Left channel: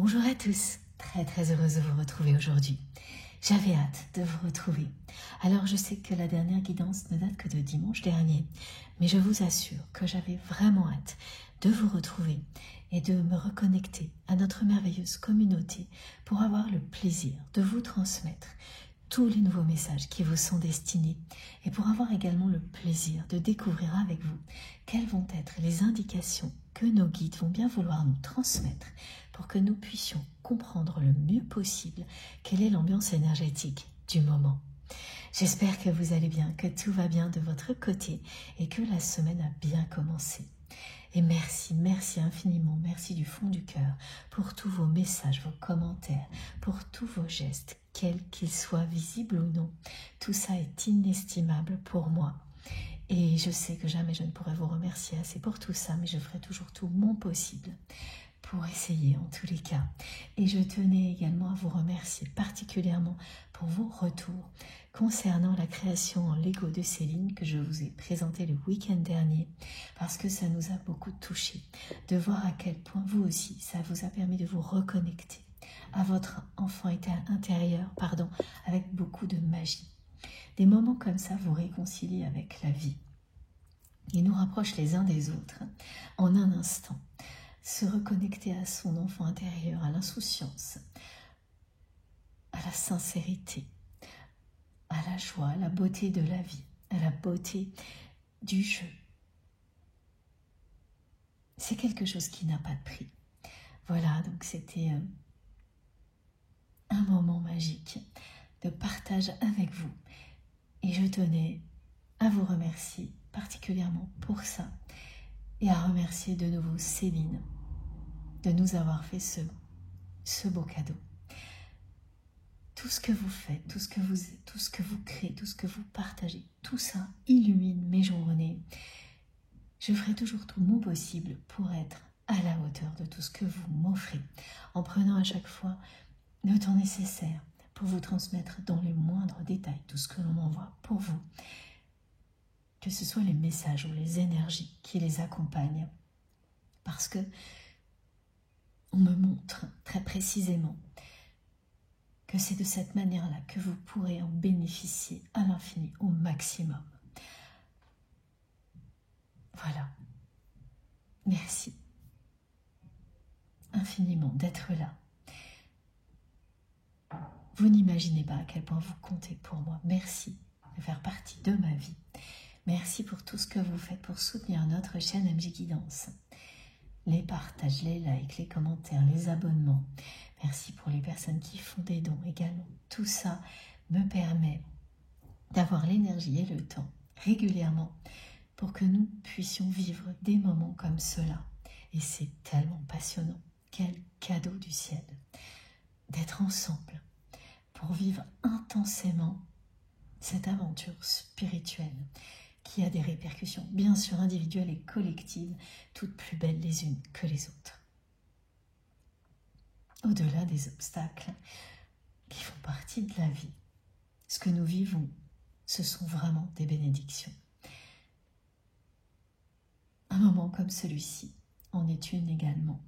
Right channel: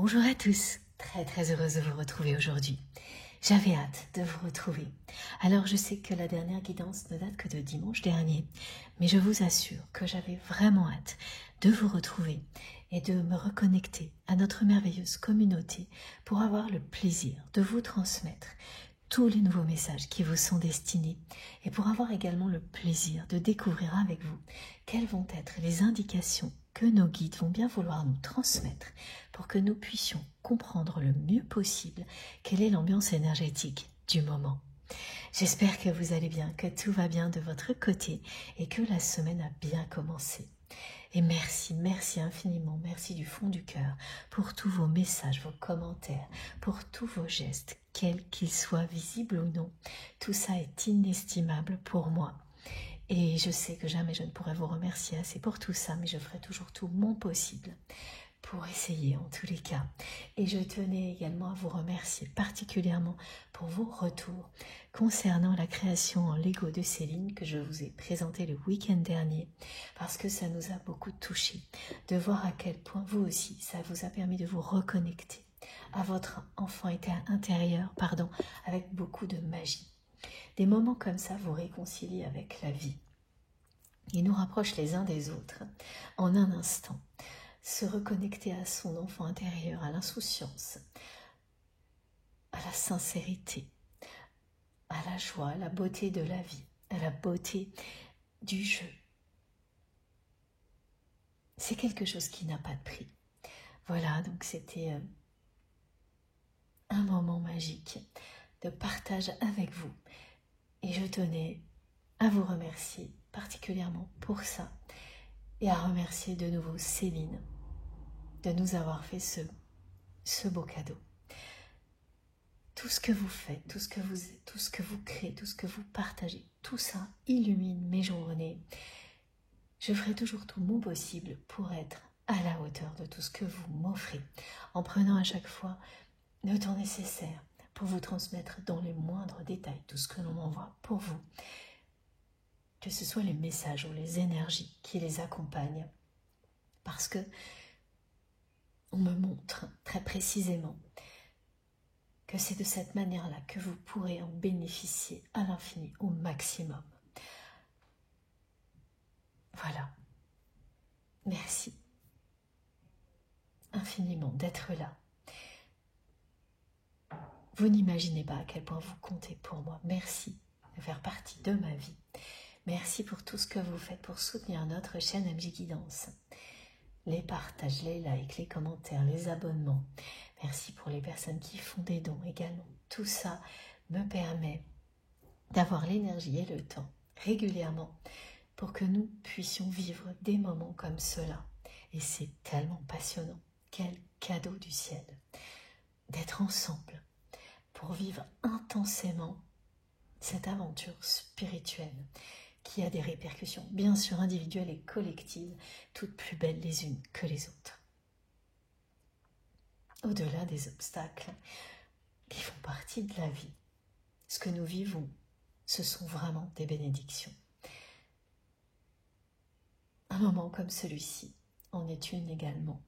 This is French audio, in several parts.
Bonjour à tous, très heureuse de vous retrouver aujourd'hui. J'avais hâte de vous retrouver. Alors je sais que la dernière guidance ne date que de dimanche dernier, mais je vous assure que j'avais vraiment hâte de vous retrouver et de me reconnecter à notre merveilleuse communauté pour avoir le plaisir de vous transmettre tous les nouveaux messages qui vous sont destinés et pour avoir également le plaisir de découvrir avec vous quelles vont être les indications que nos guides vont bien vouloir nous transmettre pour que nous puissions comprendre le mieux possible quelle est l'ambiance énergétique du moment. J'espère que vous allez bien, que tout va bien de votre côté et que la semaine a bien commencé. Et merci infiniment, merci du fond du cœur pour tous vos messages, vos commentaires, pour tous vos gestes, quels qu'ils soient visibles ou non. Tout ça est inestimable pour moi. Et je sais que jamais je ne pourrai vous remercier assez pour tout ça, mais je ferai toujours tout mon possible pour essayer en tous les cas. Et je tenais également à vous remercier particulièrement pour vos retours concernant la création en Lego de Céline que je vous ai présentée le week-end dernier, parce que ça nous a beaucoup touchés, de voir à quel point vous aussi, ça vous a permis de vous reconnecter à votre enfant intérieur, avec beaucoup de magie. Des moments comme ça vous réconcilient avec la vie. Ils nous rapprochent les uns des autres en un instant. Se reconnecter à son enfant intérieur, à l'insouciance, à la sincérité, à la joie, à la beauté de la vie, à la beauté du jeu. C'est quelque chose qui n'a pas de prix. Voilà, donc c'était un moment magique de partage avec vous. Et je tenais à vous remercier particulièrement pour ça et à remercier de nouveau Céline de nous avoir fait ce beau cadeau. Tout ce que vous faites, tout ce que vous êtes, tout ce que vous créez, tout ce que vous partagez, tout ça illumine mes journées. Je ferai toujours tout mon possible pour être à la hauteur de tout ce que vous m'offrez, en prenant à chaque fois le temps nécessaire pour vous transmettre dans les moindres détails tout ce que l'on m'envoie pour vous. Que ce soit les messages ou les énergies qui les accompagnent. Parce que on me montre très précisément que c'est de cette manière-là que vous pourrez en bénéficier à l'infini, au maximum. Voilà. Merci infiniment d'être là. Vous n'imaginez pas à quel point vous comptez pour moi. Merci de faire partie de ma vie. Merci pour tout ce que vous faites pour soutenir notre chaîne MJ Guidance. Les partages, les likes, les commentaires, les abonnements. Merci pour les personnes qui font des dons également. Tout ça me permet d'avoir l'énergie et le temps régulièrement pour que nous puissions vivre des moments comme cela. Et c'est tellement passionnant. Quel cadeau du ciel d'être ensemble pour vivre intensément cette aventure spirituelle qui a des répercussions bien sûr individuelles et collectives, toutes plus belles les unes que les autres. Au-delà des obstacles qui font partie de la vie, ce que nous vivons, ce sont vraiment des bénédictions. Un moment comme celui-ci en est une également.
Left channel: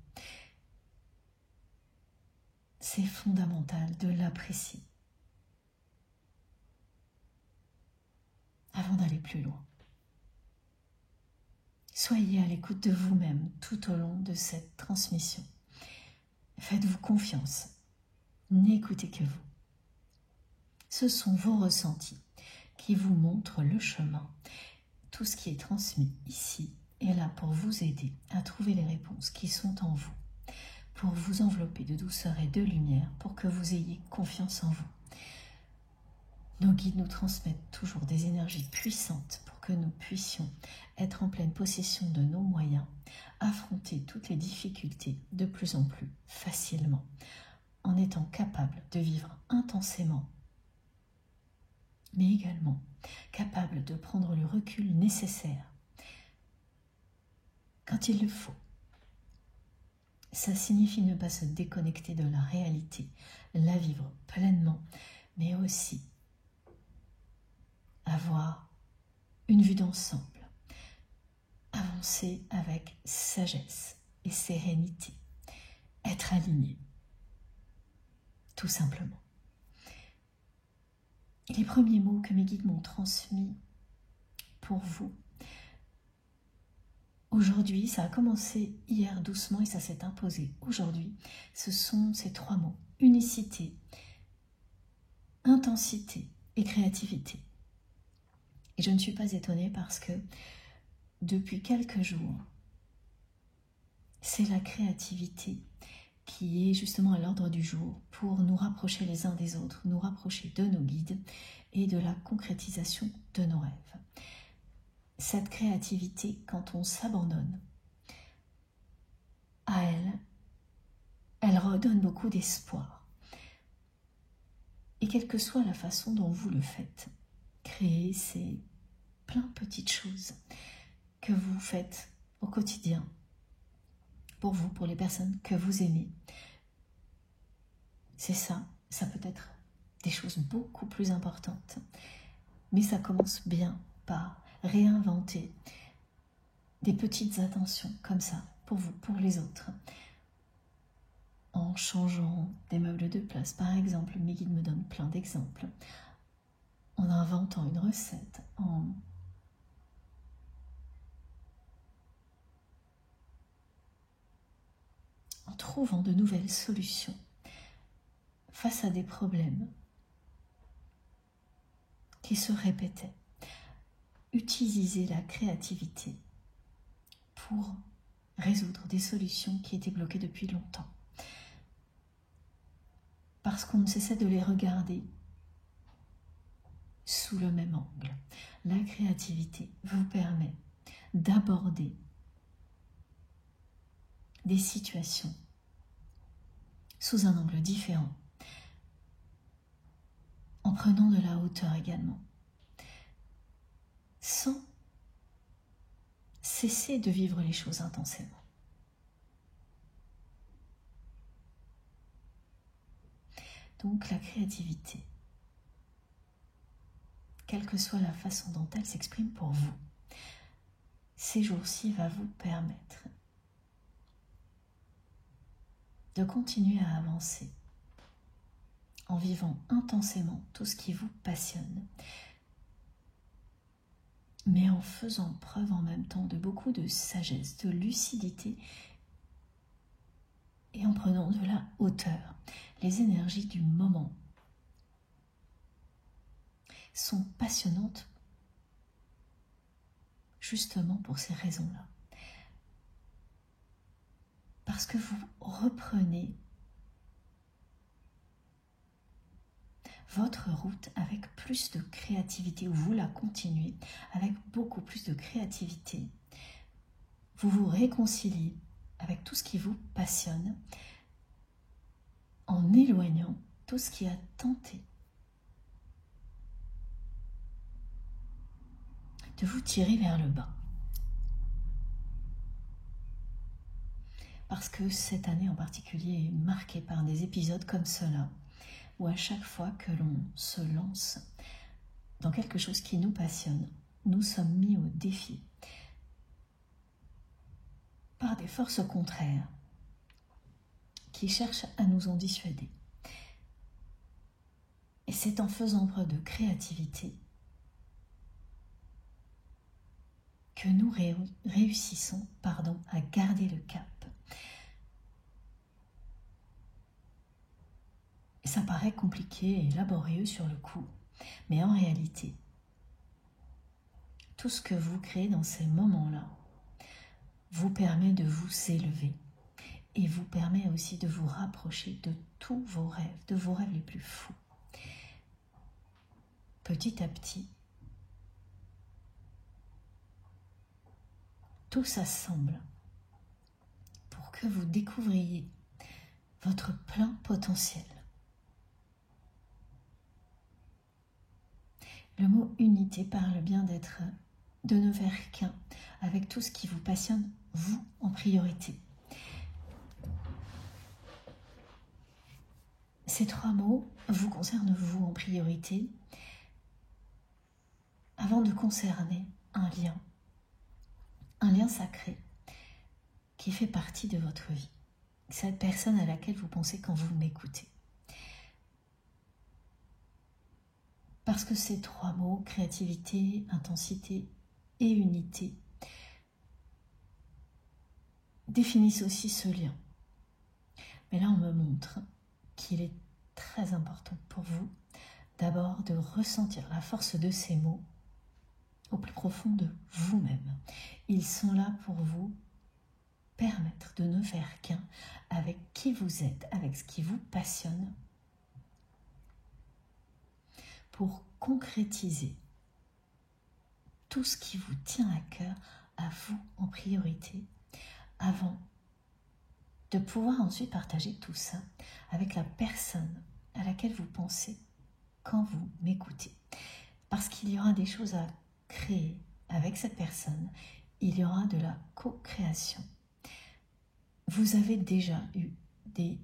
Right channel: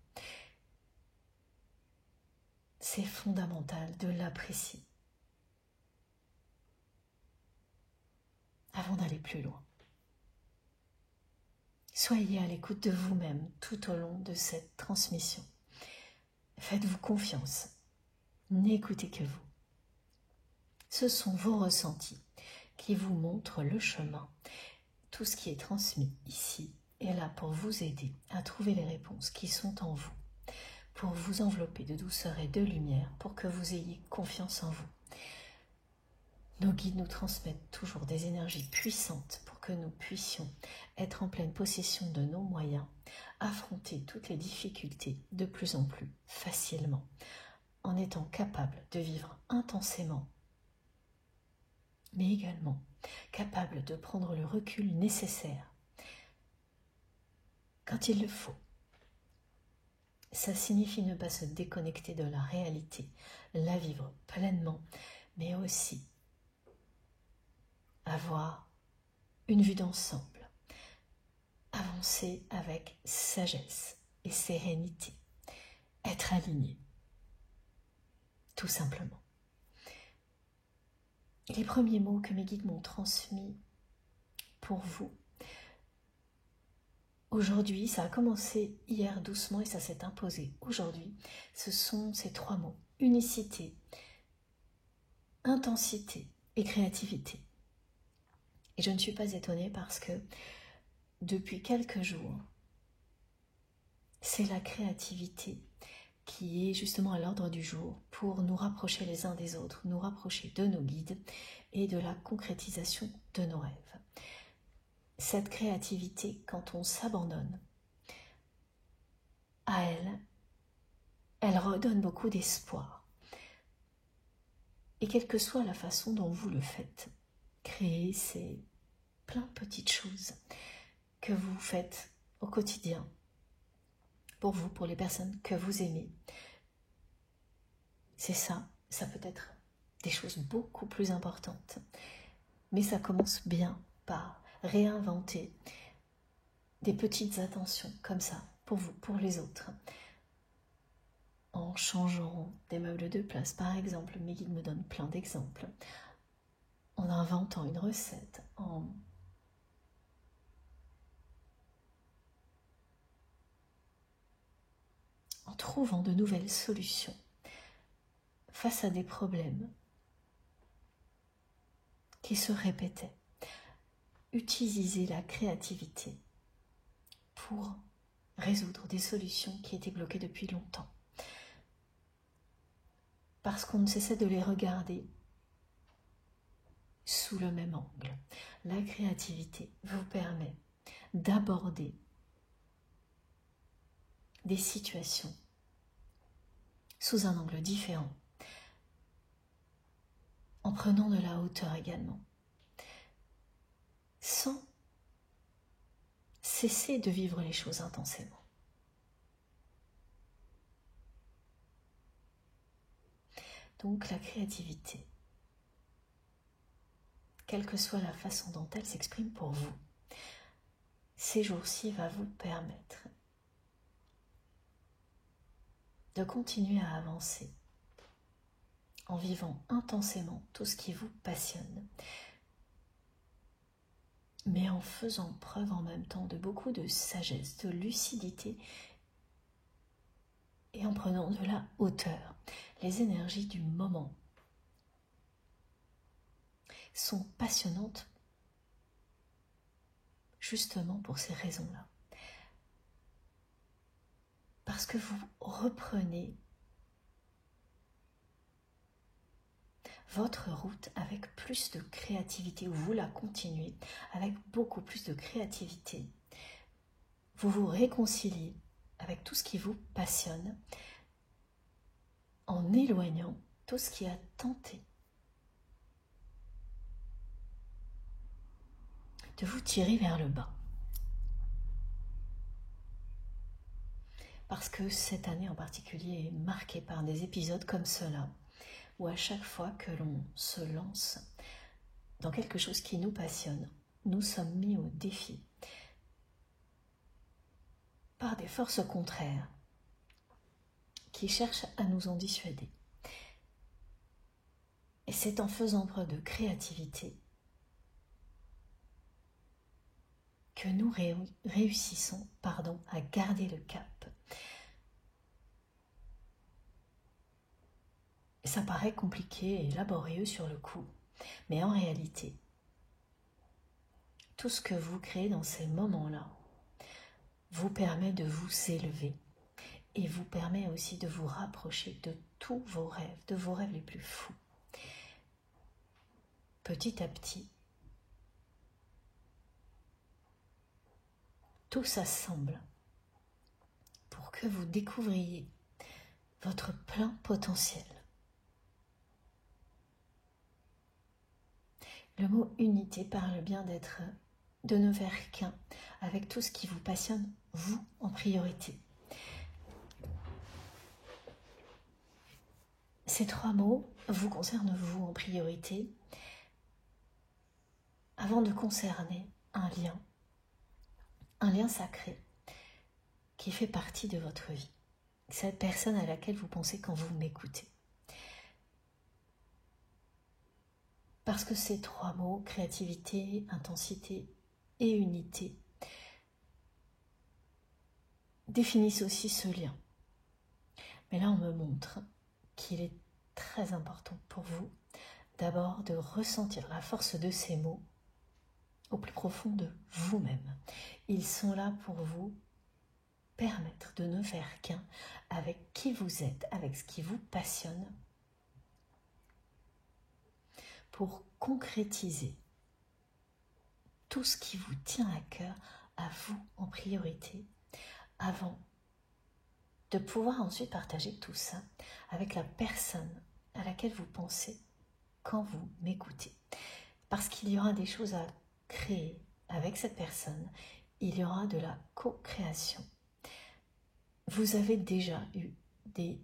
C'est fondamental de l'apprécier avant d'aller plus loin. Soyez à l'écoute de vous-même tout au long de cette transmission. Faites-vous confiance. N'écoutez que vous. Ce sont vos ressentis qui vous montrent le chemin. Tout ce qui est transmis ici est là pour vous aider à trouver les réponses qui sont en vous, pour vous envelopper de douceur et de lumière, pour que vous ayez confiance en vous. Nos guides nous transmettent toujours des énergies puissantes pour que nous puissions être en pleine possession de nos moyens, affronter toutes les difficultés de plus en plus facilement, en étant capables de vivre intensément, mais également capables de prendre le recul nécessaire quand il le faut. Ça signifie ne pas se déconnecter de la réalité, la vivre pleinement, mais aussi avoir une vue d'ensemble, avancer avec sagesse et sérénité, être aligné tout simplement. Et les premiers mots que mes guides m'ont transmis pour vous, aujourd'hui, ça a commencé hier doucement et ça s'est imposé aujourd'hui, ce sont ces 3 mots: unicité, intensité et créativité. Et je ne suis pas étonnée parce que depuis quelques jours, c'est la créativité qui est justement à l'ordre du jour pour nous rapprocher les uns des autres, nous rapprocher de nos guides et de la concrétisation de nos rêves. Cette créativité, quand on s'abandonne à elle, elle redonne beaucoup d'espoir. Et quelle que soit la façon dont vous le faites, créer ces plein de petites choses que vous faites au quotidien, pour vous, pour les personnes que vous aimez. C'est ça, ça peut être des choses beaucoup plus importantes. Mais ça commence bien par réinventer des petites attentions comme ça, pour vous, pour les autres. En changeant des meubles de place, par exemple, mes guides me donnent plein d'exemples. En inventant une recette, en trouvant de nouvelles solutions face à des problèmes qui se répétaient. Utilisez la créativité pour résoudre des solutions qui étaient bloquées depuis longtemps. Parce qu'on ne cessait de les regarder sous le même angle. La créativité vous permet d'aborder des situations sous un angle différent, en prenant de la hauteur également, sans cesser de vivre les choses intensément. Donc la créativité, quelle que soit la façon dont elle s'exprime pour vous, ces jours-ci va vous permettre de continuer à avancer en vivant intensément tout ce qui vous passionne, mais en faisant preuve en même temps de beaucoup de sagesse, de lucidité et en prenant de la hauteur. Les énergies du moment sont passionnantes justement pour ces raisons-là. Parce que vous reprenez votre route avec plus de créativité, ou vous la continuez avec beaucoup plus de créativité. Vous vous réconciliez avec tout ce qui vous passionne en éloignant tout ce qui a tenté de vous tirer vers le bas. Parce que cette année en particulier est marquée par des épisodes comme cela, où à chaque fois que l'on se lance dans quelque chose qui nous passionne, nous sommes mis au défi par des forces contraires qui cherchent à nous en dissuader. Et c'est en faisant preuve de créativité que nous réussissons à garder le cap. Et ça paraît compliqué et laborieux sur le coup, mais en réalité, tout ce que vous créez dans ces moments-là vous permet de vous élever et vous permet aussi de vous rapprocher de tous vos rêves, de vos rêves les plus fous. Petit à petit, tout s'assemble pour que vous découvriez votre plein potentiel. Le mot unité parle bien de ne faire qu'un avec tout ce qui vous passionne, vous en priorité. Ces 3 mots vous concernent vous en priorité avant de concerner un lien sacré qui fait partie de votre vie. Cette personne à laquelle vous pensez quand vous m'écoutez. Parce que ces trois mots, créativité, intensité et unité, définissent aussi ce lien. Mais là, on me montre qu'il est très important pour vous d'abord de ressentir la force de ces mots au plus profond de vous-même. Ils sont là pour vous permettre de ne faire qu'un avec qui vous êtes, avec ce qui vous passionne, pour concrétiser tout ce qui vous tient à cœur, à vous en priorité, avant de pouvoir ensuite partager tout ça avec la personne à laquelle vous pensez quand vous m'écoutez. Parce qu'il y aura des choses à créer avec cette personne, il y aura de la co-création. Vous avez déjà eu des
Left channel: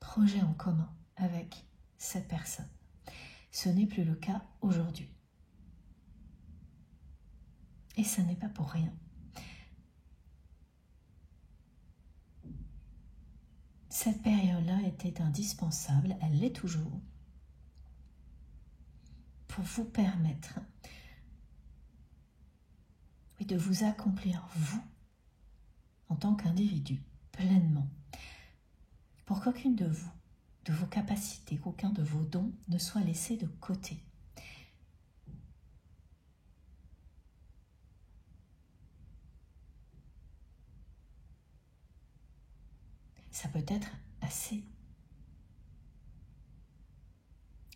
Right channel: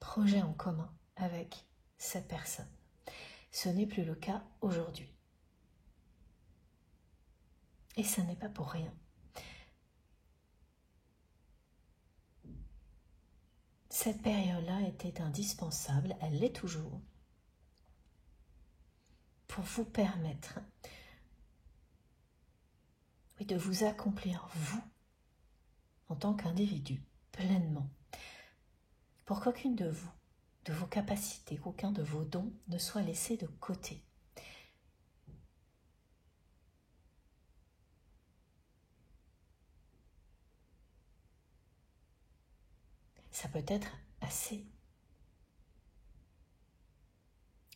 projets en commun avec cette personne. Ce n'est plus le cas aujourd'hui. Et ça n'est pas pour rien. Cette période-là était indispensable, elle l'est toujours, pour vous permettre de vous accomplir, vous, en tant qu'individu, pleinement, pour qu'aucune de vous, de vos capacités, qu'aucun de vos dons ne soit laissé de côté. Ça peut être assez,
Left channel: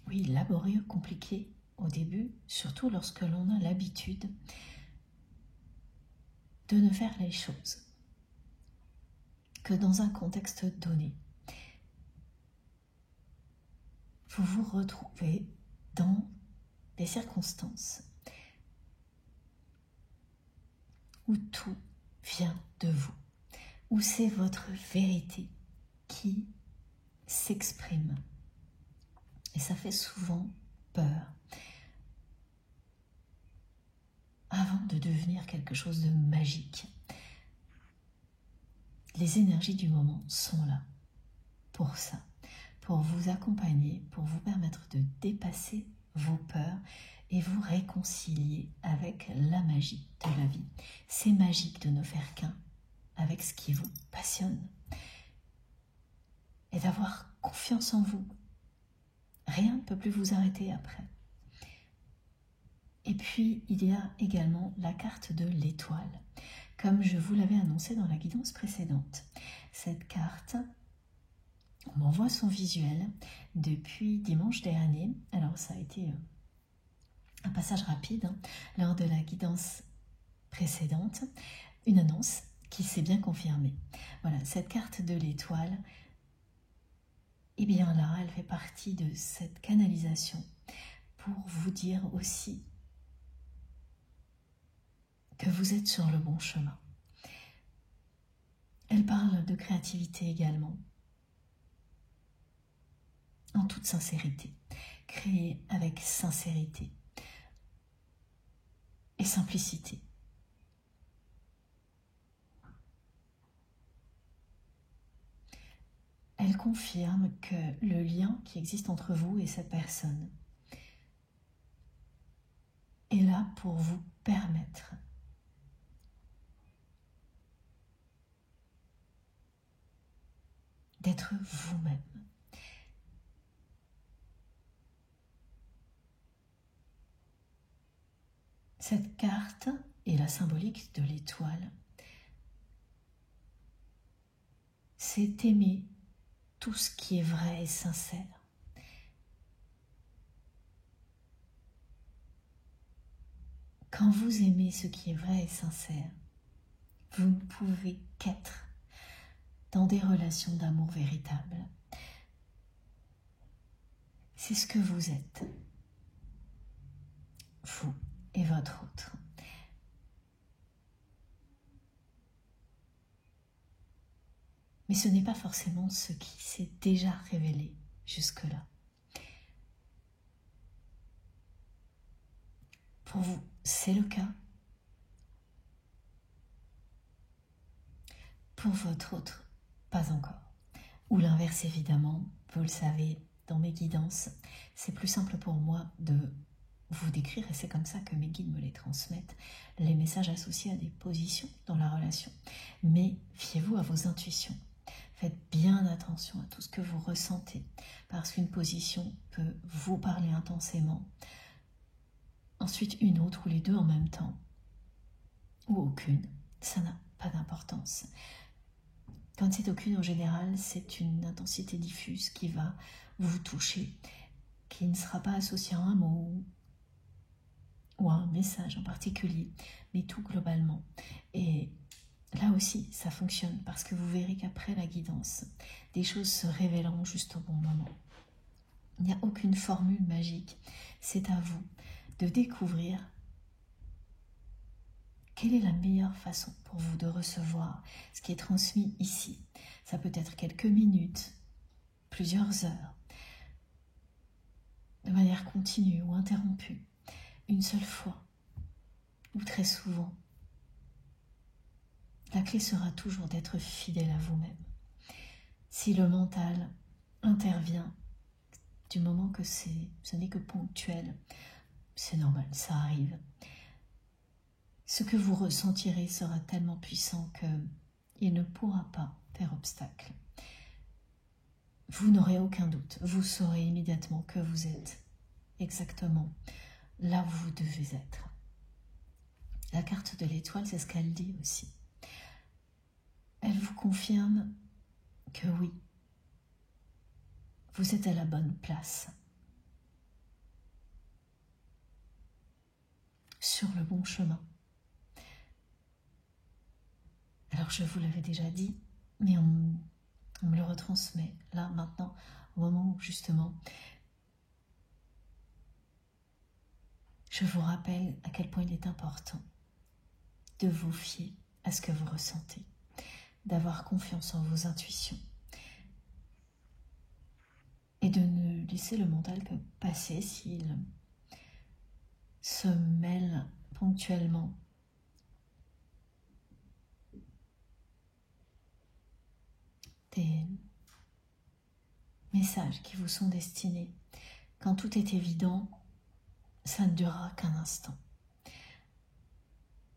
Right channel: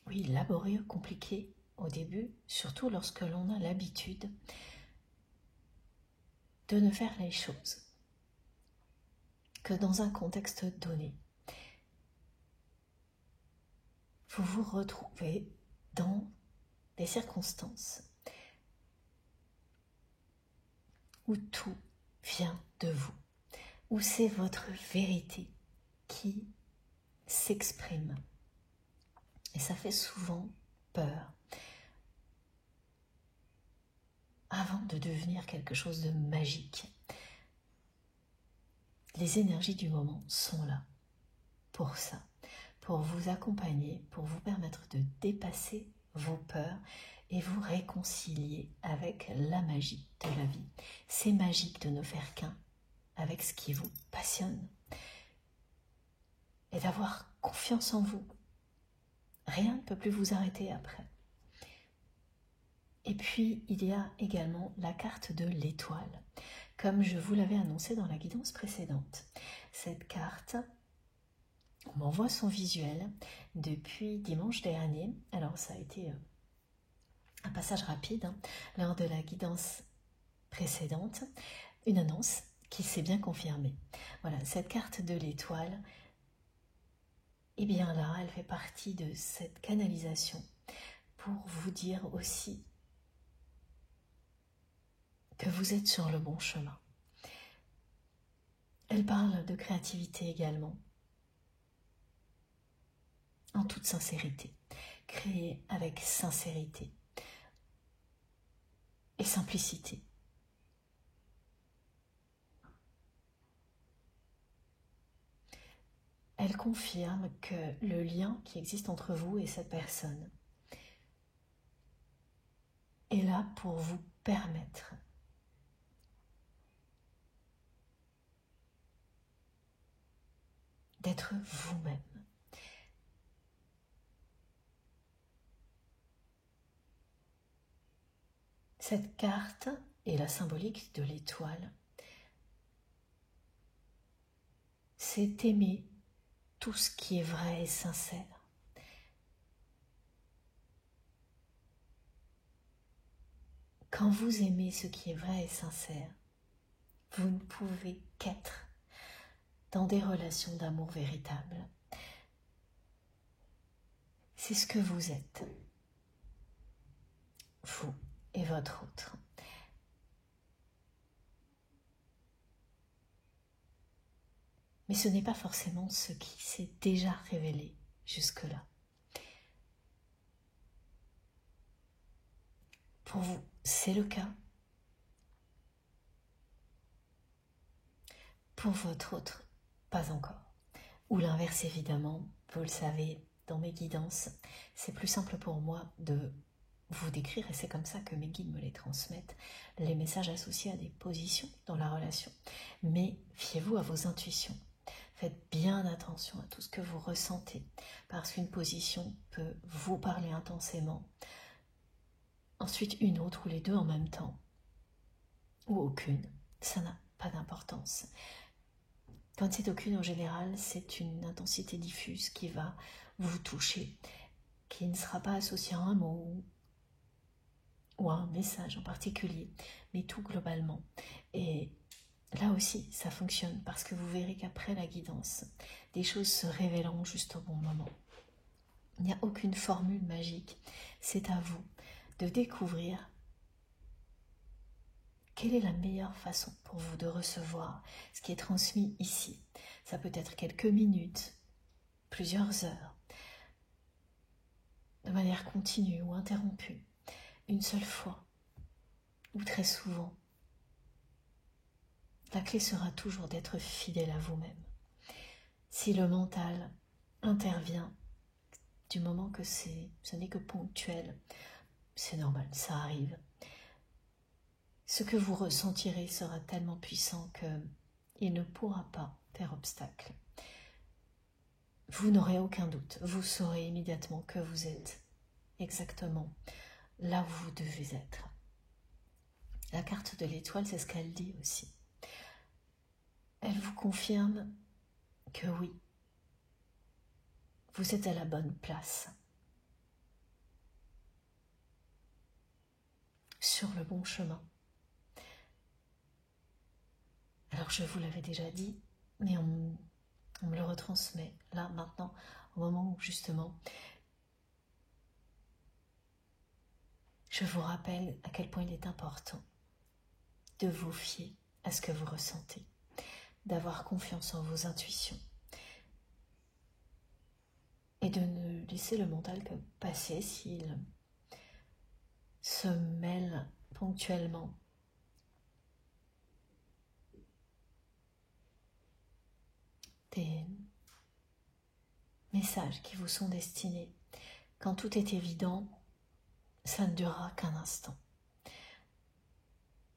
oui, laborieux, compliqué au début, surtout lorsque l'on a l'habitude de ne faire les choses que dans un contexte donné. Vous vous retrouvez dans des circonstances où tout vient de vous, où c'est votre vérité qui s'exprime. Et ça fait souvent peur avant de devenir quelque chose de magique. Les énergies du moment sont là pour ça, pour vous accompagner, pour vous permettre de dépasser vos peurs et vous réconcilier avec la magie de la vie. C'est magique de ne faire qu'un avec ce qui vous passionne et d'avoir confiance en vous. Rien ne peut plus vous arrêter après. Et puis, il y a également la carte de l'étoile, comme je vous l'avais annoncé dans la guidance précédente. Cette carte, on m'envoie son visuel depuis dimanche dernier. Alors, ça a été un passage rapide lors de la guidance précédente, une annonce qui s'est bien confirmée. Voilà, cette carte de l'étoile, et bien là, elle fait partie de cette canalisation pour vous dire aussi que vous êtes sur le bon chemin. Elle parle de créativité également, en toute sincérité, créer avec sincérité et simplicité. Elle confirme que le lien qui existe entre vous et cette personne est là pour vous permettre d'être vous-même. Cette carte et la symbolique de l'étoile, c'est aimer tout ce qui est vrai et sincère. Quand vous aimez ce qui est vrai et sincère, vous ne pouvez qu'être dans des relations d'amour véritables. C'est ce que vous êtes, vous et votre autre. Mais ce n'est pas forcément ce qui s'est déjà révélé jusque-là. Pour vous, c'est le cas. Pour votre autre, pas encore. Ou l'inverse évidemment, vous le savez, dans mes guidances, c'est plus simple pour moi de vous décrire, et c'est comme ça que mes guides me les transmettent, les messages associés à des positions dans la relation. Mais fiez-vous à vos intuitions. Faites bien attention à tout ce que vous ressentez, parce qu'une position peut vous parler intensément, ensuite une autre ou les deux en même temps, ou aucune, ça n'a pas d'importance. Quand c'est aucune, en général, c'est une intensité diffuse qui va vous toucher, qui ne sera pas associée à un mot ou à un message en particulier, mais tout globalement. Et là aussi, ça fonctionne parce que vous verrez qu'après la guidance, des choses se révéleront juste au bon moment. Il n'y a aucune formule magique, c'est à vous de découvrir quelle est la meilleure façon pour vous de recevoir ce qui est transmis ici. Ça peut être quelques minutes, plusieurs heures, de manière continue ou interrompue, une seule fois ou très souvent. La clé sera toujours d'être fidèle à vous-même. Si le mental intervient, du moment que ce n'est que ponctuel, c'est normal, ça arrive. Ce que vous ressentirez sera tellement puissant qu'il ne pourra pas faire obstacle. Vous n'aurez aucun doute, vous saurez immédiatement que vous êtes exactement là où vous devez être. La carte de l'étoile, c'est ce qu'elle dit aussi. Elle vous confirme que oui, vous êtes à la bonne place, sur le bon chemin. Alors je vous l'avais déjà dit, mais on me le retransmet là, maintenant, au moment où justement, je vous rappelle à quel point il est important de vous fier à ce que vous ressentez, d'avoir confiance en vos intuitions et de ne laisser le mental que passer s'il se mêle ponctuellement des messages qui vous sont destinés. Quand tout est évident, ça ne durera qu'un instant.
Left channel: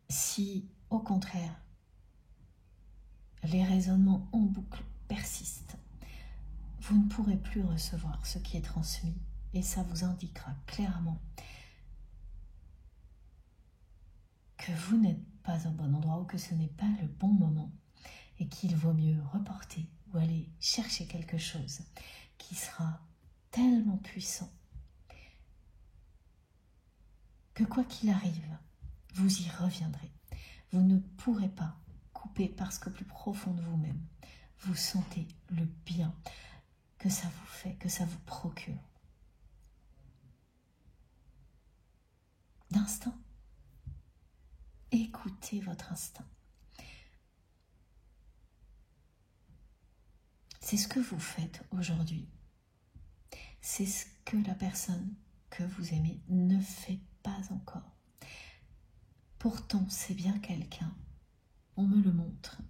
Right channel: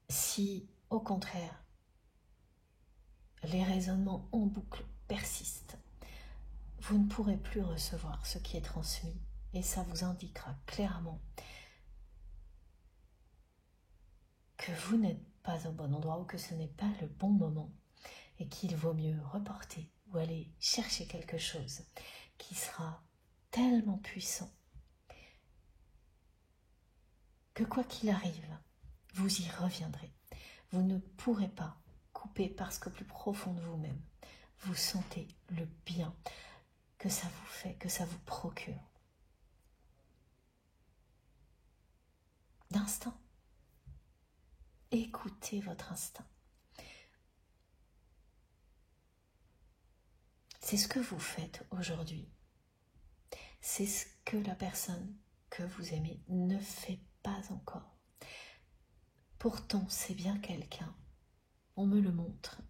Si, au contraire, les raisonnements en boucle persistent, vous ne pourrez plus recevoir ce qui est transmis et ça vous indiquera clairement que vous n'êtes pas au bon endroit ou que ce n'est pas le bon moment et qu'il vaut mieux reporter ou aller chercher quelque chose qui sera tellement puissant que quoi qu'il arrive, vous y reviendrez. Vous ne pourrez pas couper parce qu'au plus profond de vous-même, vous sentez le bien que ça vous fait, que ça vous procure. D'instinct. Écoutez votre instinct. C'est ce que vous faites aujourd'hui. C'est ce que la personne que vous aimez ne fait pas encore. Pourtant, c'est bien quelqu'un, on me le montre,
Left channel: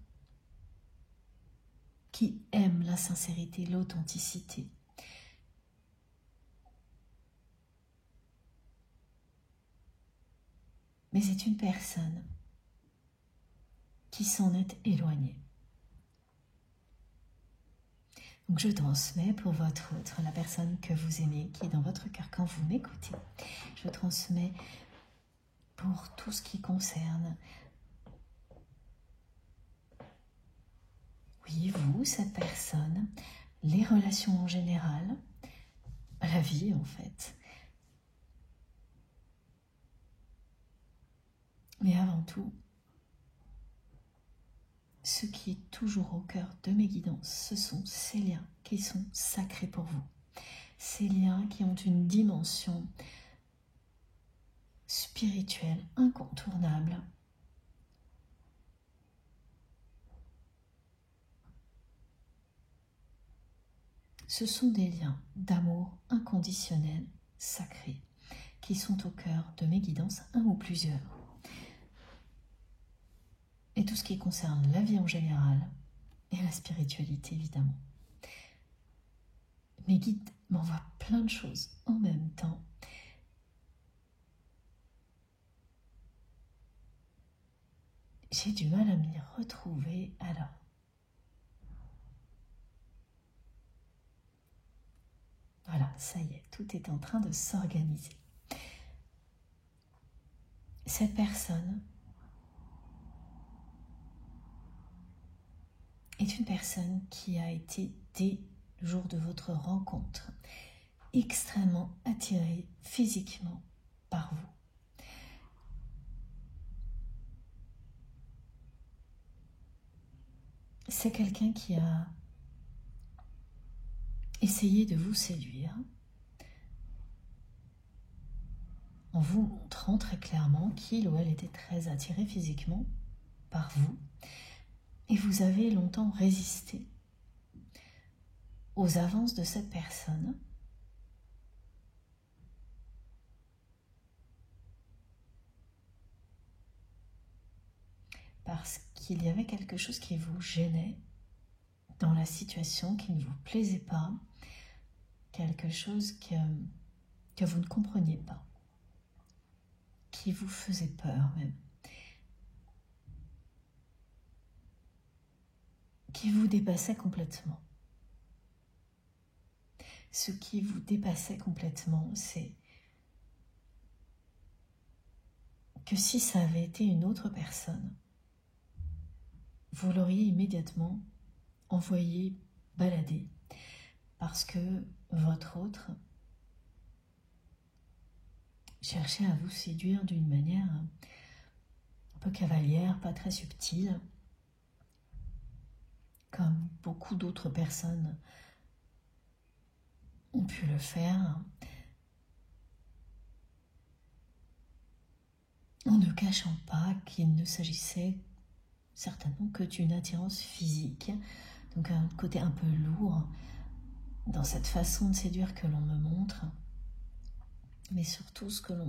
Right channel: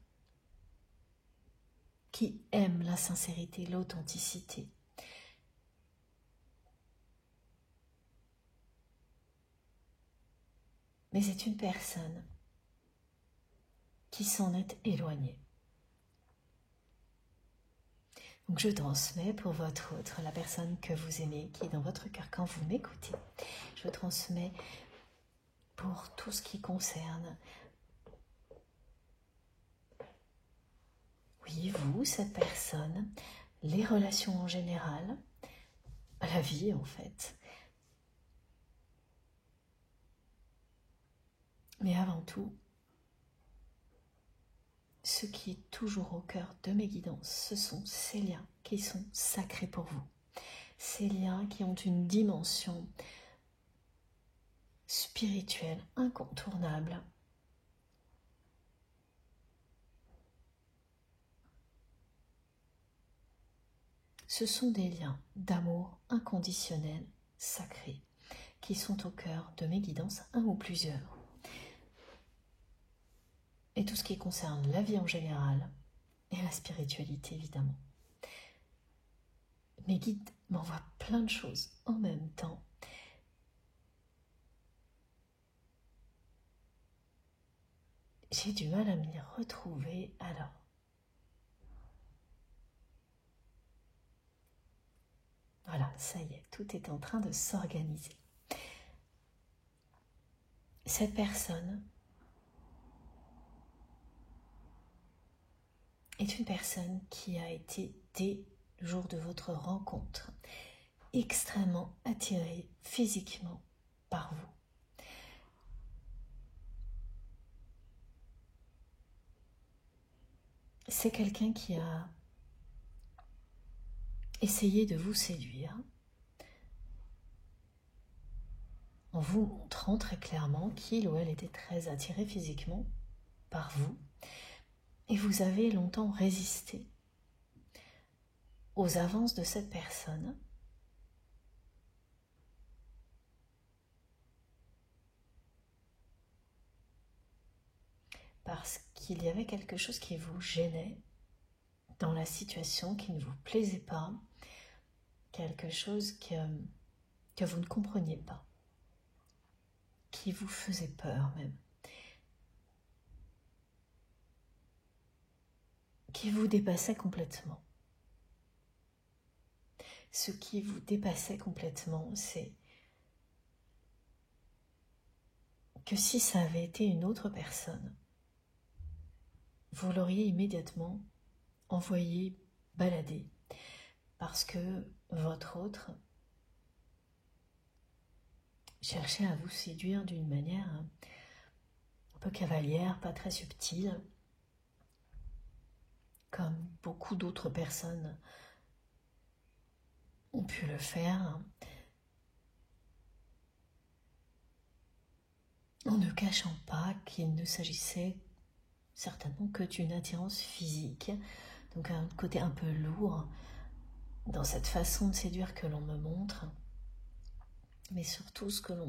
qui aime la sincérité, l'authenticité. Mais c'est une personne qui s'en est éloignée. Donc je transmets pour votre autre, la personne que vous aimez, qui est dans votre cœur quand vous m'écoutez. Je transmets pour tout ce qui concerne, oui, vous, cette personne, les relations en général, la vie en fait. Mais avant tout, ce qui est toujours au cœur de mes guidances, ce sont ces liens qui sont sacrés pour vous. Ces liens qui ont une dimension spirituelle incontournable. Ce sont des liens d'amour inconditionnel, sacrés, qui sont au cœur de mes guidances, un ou plusieurs. Et tout ce qui concerne la vie en général et la spiritualité, évidemment. Mes guides m'envoie plein de choses en même temps. J'ai du mal à m'y retrouver. Alors, voilà, ça y est, tout est en train de s'organiser. Cette personne est une personne qui a été, dès le jour de votre rencontre, extrêmement attirée physiquement par vous. C'est quelqu'un qui a essayé de vous séduire en vous montrant très clairement qu'il ou elle était très attiré physiquement par vous, et vous avez longtemps résisté aux avances de cette personne parce qu'il y avait quelque chose qui vous gênait dans la situation, qui ne vous plaisait pas, quelque chose que vous ne compreniez pas, qui vous faisait peur même, qui vous dépassait complètement. Ce qui vous dépassait complètement, c'est que si ça avait été une autre personne, vous l'auriez immédiatement envoyé balader parce que votre autre cherchait à vous séduire d'une manière un peu cavalière, pas très subtile, comme beaucoup d'autres personnes ont pu le faire, en ne cachant pas qu'il ne s'agissait certainement que d'une attirance physique, donc un côté un peu lourd dans cette façon de séduire que l'on me montre, mais surtout ce que l'on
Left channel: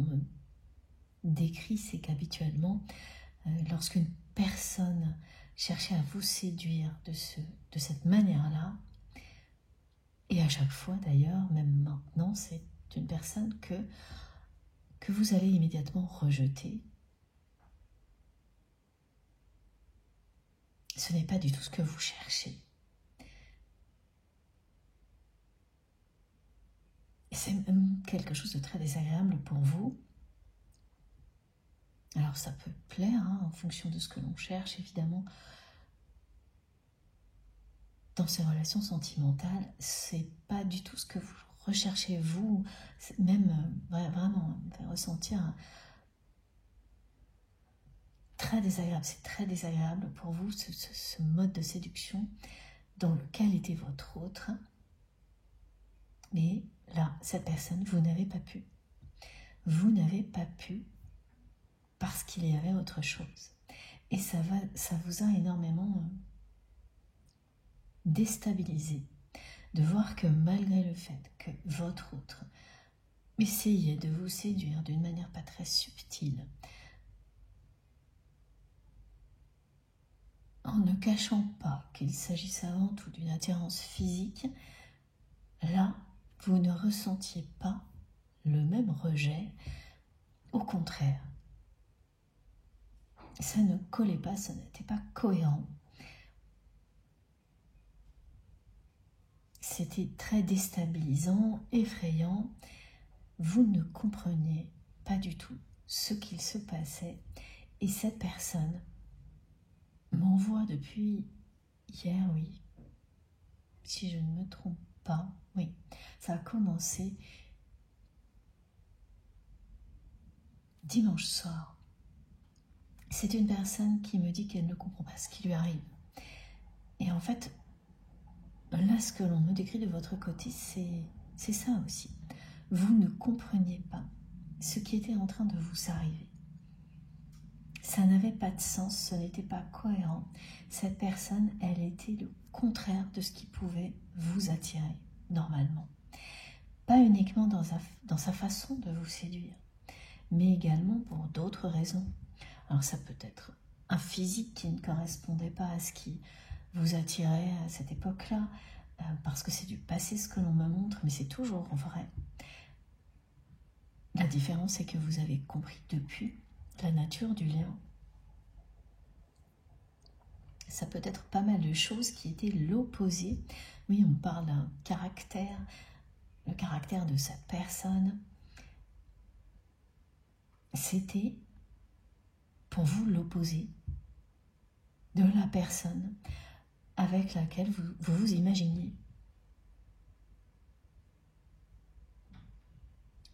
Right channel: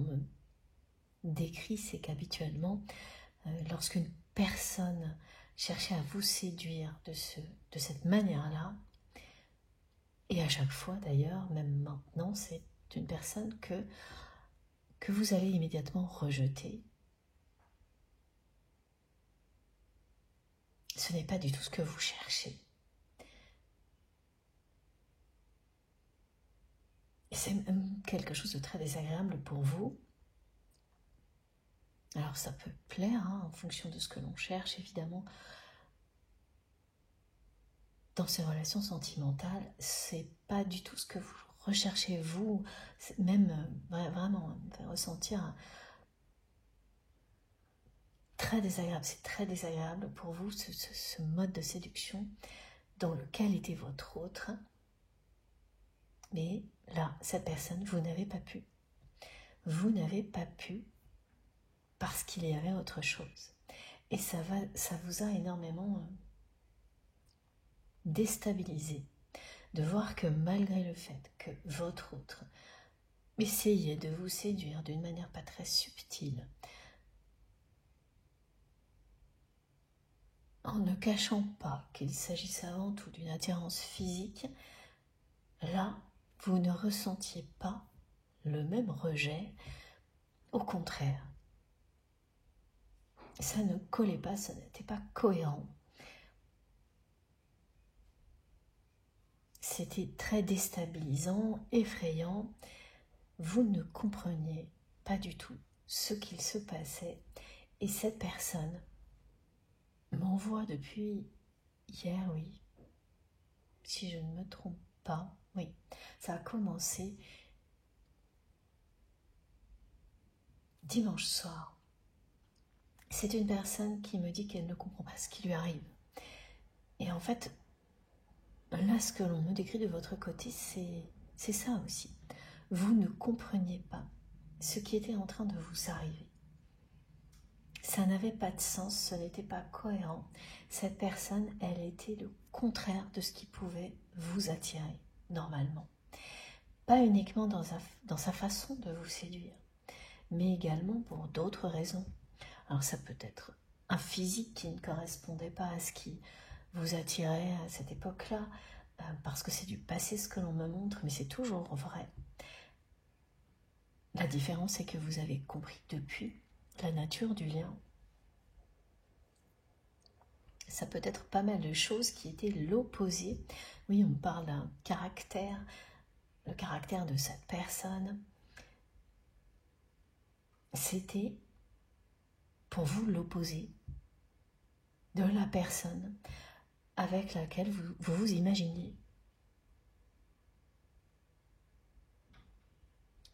me décrit, c'est qu'habituellement, lorsqu'une personne cherchait à vous séduire de cette manière-là, et à chaque fois d'ailleurs, même maintenant, c'est une personne que vous allez immédiatement rejeter. Ce n'est pas du tout ce que vous cherchez. C'est même quelque chose de très désagréable pour vous. Alors ça peut plaire en fonction de ce que l'on cherche, évidemment. Dans ces relations sentimentales, c'est pas du tout ce que vous recherchez vous, même vraiment ressentir très désagréable. C'est très désagréable pour vous ce mode de séduction dans lequel était votre autre. Mais là, cette personne, vous n'avez pas pu. Vous n'avez pas pu parce qu'il y avait autre chose. Et ça vous a énormément déstabilisé de voir que malgré le fait que votre autre essayait de vous séduire d'une manière pas très subtile, en ne cachant pas qu'il s'agissait avant tout d'une attirance physique, là, vous ne ressentiez pas le même rejet, au contraire. Ça ne collait pas, ça n'était pas cohérent. C'était très déstabilisant, effrayant. Vous ne compreniez pas du tout ce qu'il se passait. Et cette personne m'envoie depuis hier, oui, si je ne me trompe pas, oui, ça a commencé dimanche soir. C'est une personne qui me dit qu'elle ne comprend pas ce qui lui arrive. Et en fait, là, ce que l'on me décrit de votre côté, c'est ça aussi. Vous ne compreniez pas ce qui était en train de vous arriver. Ça n'avait pas de sens, ce n'était pas cohérent. Cette personne, elle était le contraire de ce qui pouvait vous attirer, normalement. Pas uniquement dans sa façon de vous séduire, mais également pour d'autres raisons. Alors ça peut être un physique qui ne correspondait pas à ce qui vous attirait à cette époque-là, parce que c'est du passé ce que l'on me montre, mais c'est toujours vrai. La différence, c'est que vous avez compris depuis la nature du lien. Ça peut être pas mal de choses qui étaient l'opposé. Oui, on parle d'un caractère, le caractère de cette personne. C'était pour vous l'opposé de la personne avec laquelle vous vous imaginiez.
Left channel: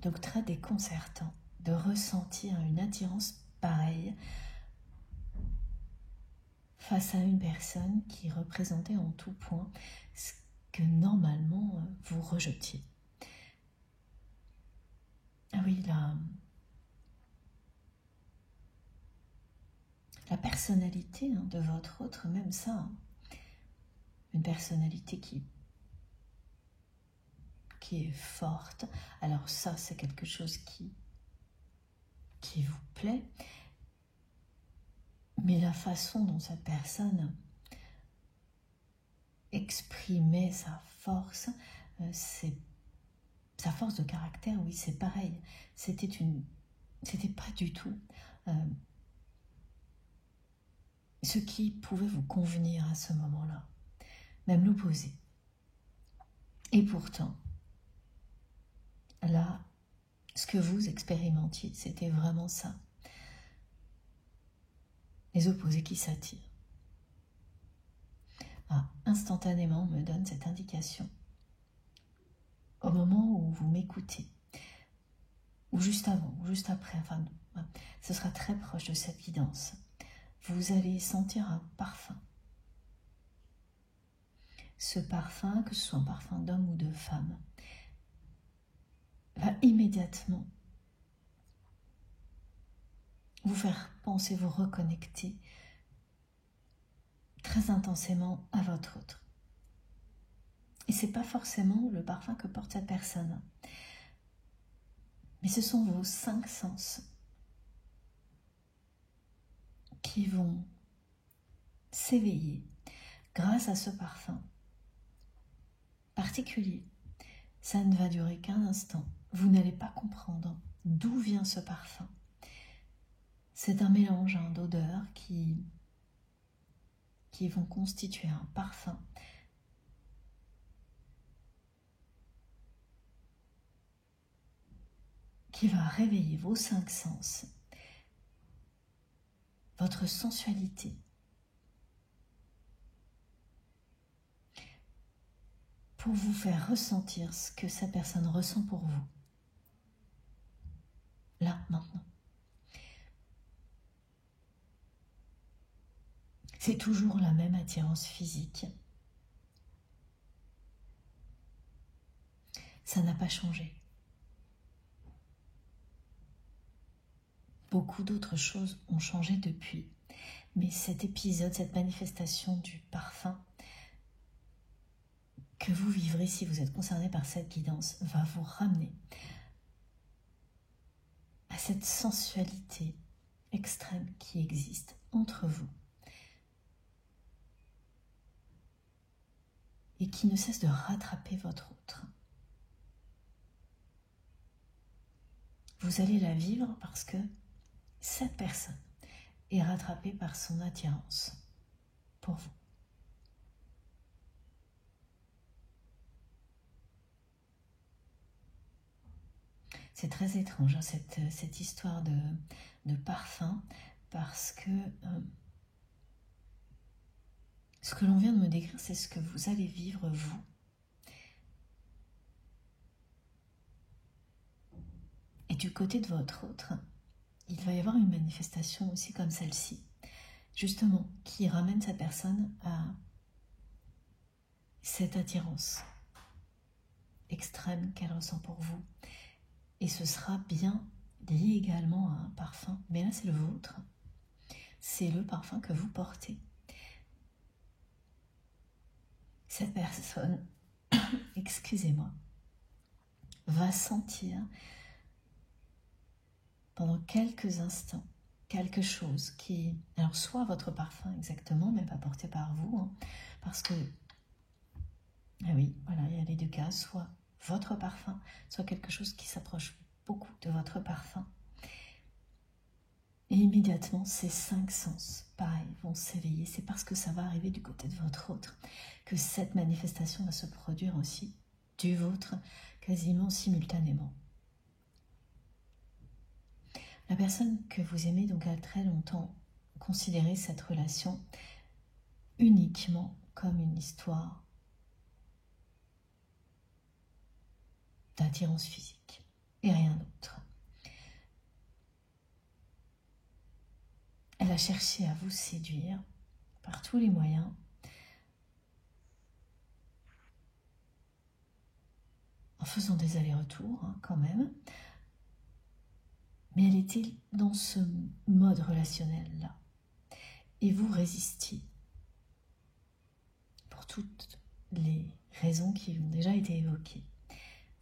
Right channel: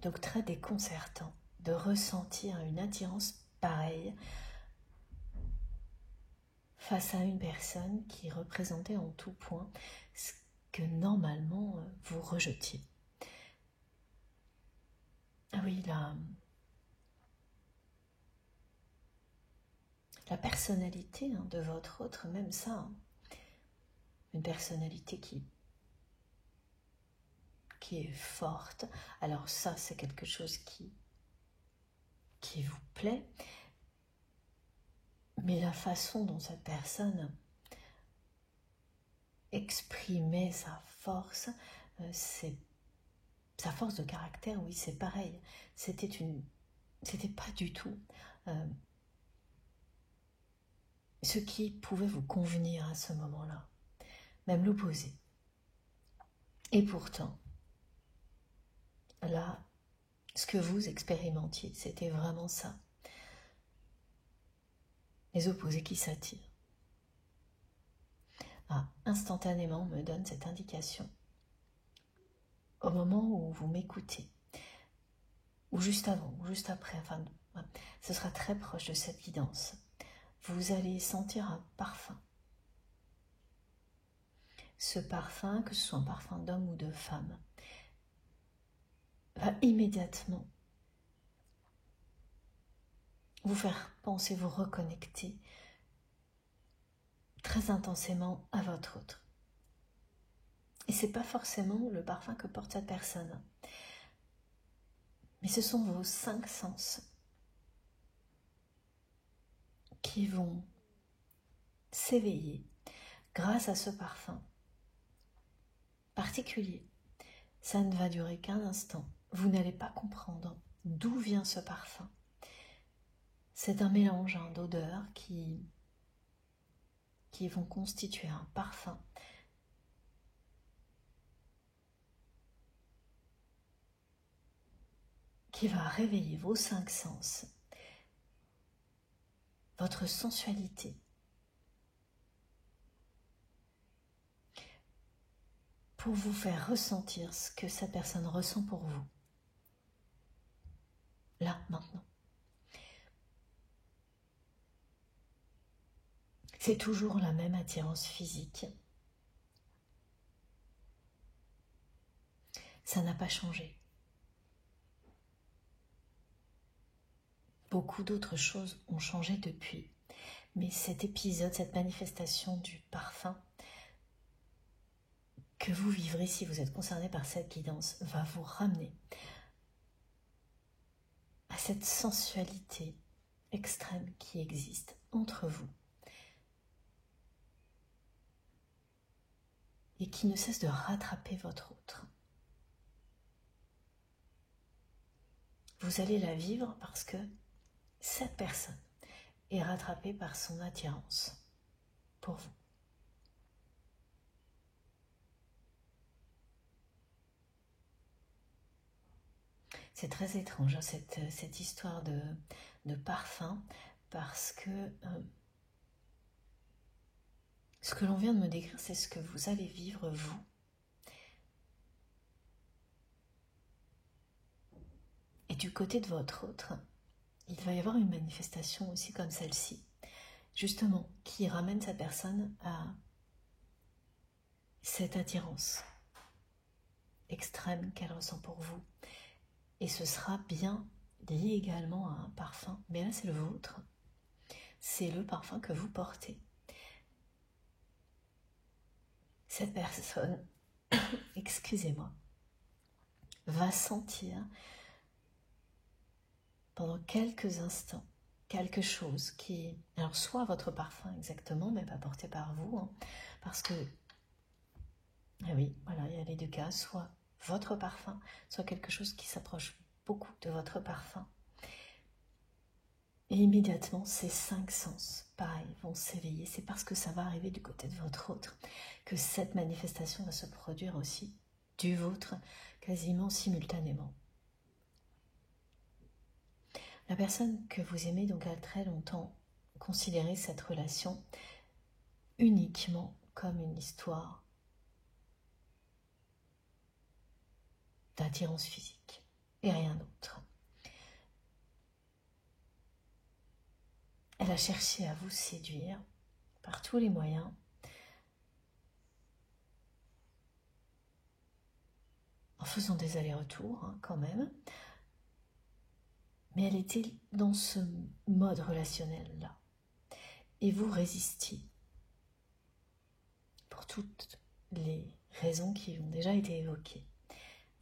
Donc très déconcertant de ressentir une attirance pareille face à une personne qui représentait en tout point ce que normalement vous rejetiez. Ah oui, la personnalité de votre autre, même ça, une personnalité qui est forte. Alors ça, c'est quelque chose qui vous plaît, mais la façon dont cette personne exprimait sa force, sa force de caractère, oui, c'est pareil. C'était pas du tout ce qui pouvait vous convenir à ce moment-là, même l'opposé. Et pourtant, là, ce que vous expérimentiez, c'était vraiment ça. Les opposés qui s'attirent. Instantanément, on me donne cette indication. Au moment où vous m'écoutez, ou juste avant, ou juste après, enfin, ce sera très proche de cette guidance. Vous allez sentir un parfum. Ce parfum, que ce soit un parfum d'homme ou de femme, va immédiatement vous faire penser, vous reconnecter très intensément à votre autre. Et ce n'est pas forcément le parfum que porte cette personne, mais ce sont vos 5 sens qui vont s'éveiller grâce à ce parfum particulier. Ça ne va durer qu'un instant. Vous n'allez pas comprendre d'où vient ce parfum. C'est un mélange d'odeurs qui vont constituer un parfum qui va réveiller vos 5 sens, votre sensualité, pour vous faire ressentir ce que cette personne ressent pour vous. Là, maintenant. C'est toujours la même attirance physique. Ça n'a pas changé. Beaucoup d'autres choses ont changé depuis. Mais cet épisode, cette manifestation du parfum que vous vivrez si vous êtes concerné par cette guidance va vous ramener à cette sensualité extrême qui existe entre vous et qui ne cesse de rattraper votre autre. Vous allez la vivre parce que cette personne est rattrapée par son attirance pour vous. C'est très étrange cette histoire de parfum, parce que ce que l'on vient de me décrire, c'est ce que vous allez vivre vous. Et du côté de votre autre, il va y avoir une manifestation aussi comme celle-ci, justement, qui ramène sa personne à cette attirance extrême qu'elle ressent pour vous. Et ce sera bien lié également à un parfum, mais là c'est le vôtre. C'est le parfum que vous portez. Cette personne, excusez-moi, va sentir pendant quelques instants quelque chose qui, alors soit votre parfum exactement, mais pas porté par vous, parce que Et oui, voilà, il y a les deux cas, soit votre parfum, soit quelque chose qui s'approche beaucoup de votre parfum. Et immédiatement, ces 5 sens, pareil, vont s'éveiller. C'est parce que ça va arriver du côté de votre autre que cette manifestation va se produire aussi du vôtre, quasiment simultanément. La personne que vous aimez donc a très longtemps considéré cette relation uniquement comme une histoire d'attirance physique et rien d'autre. Elle a cherché à vous séduire par tous les moyens. En faisant des allers-retours quand même. Mais elle était dans ce mode relationnel-là. Et vous résistiez. Pour toutes les raisons qui ont déjà été évoquées.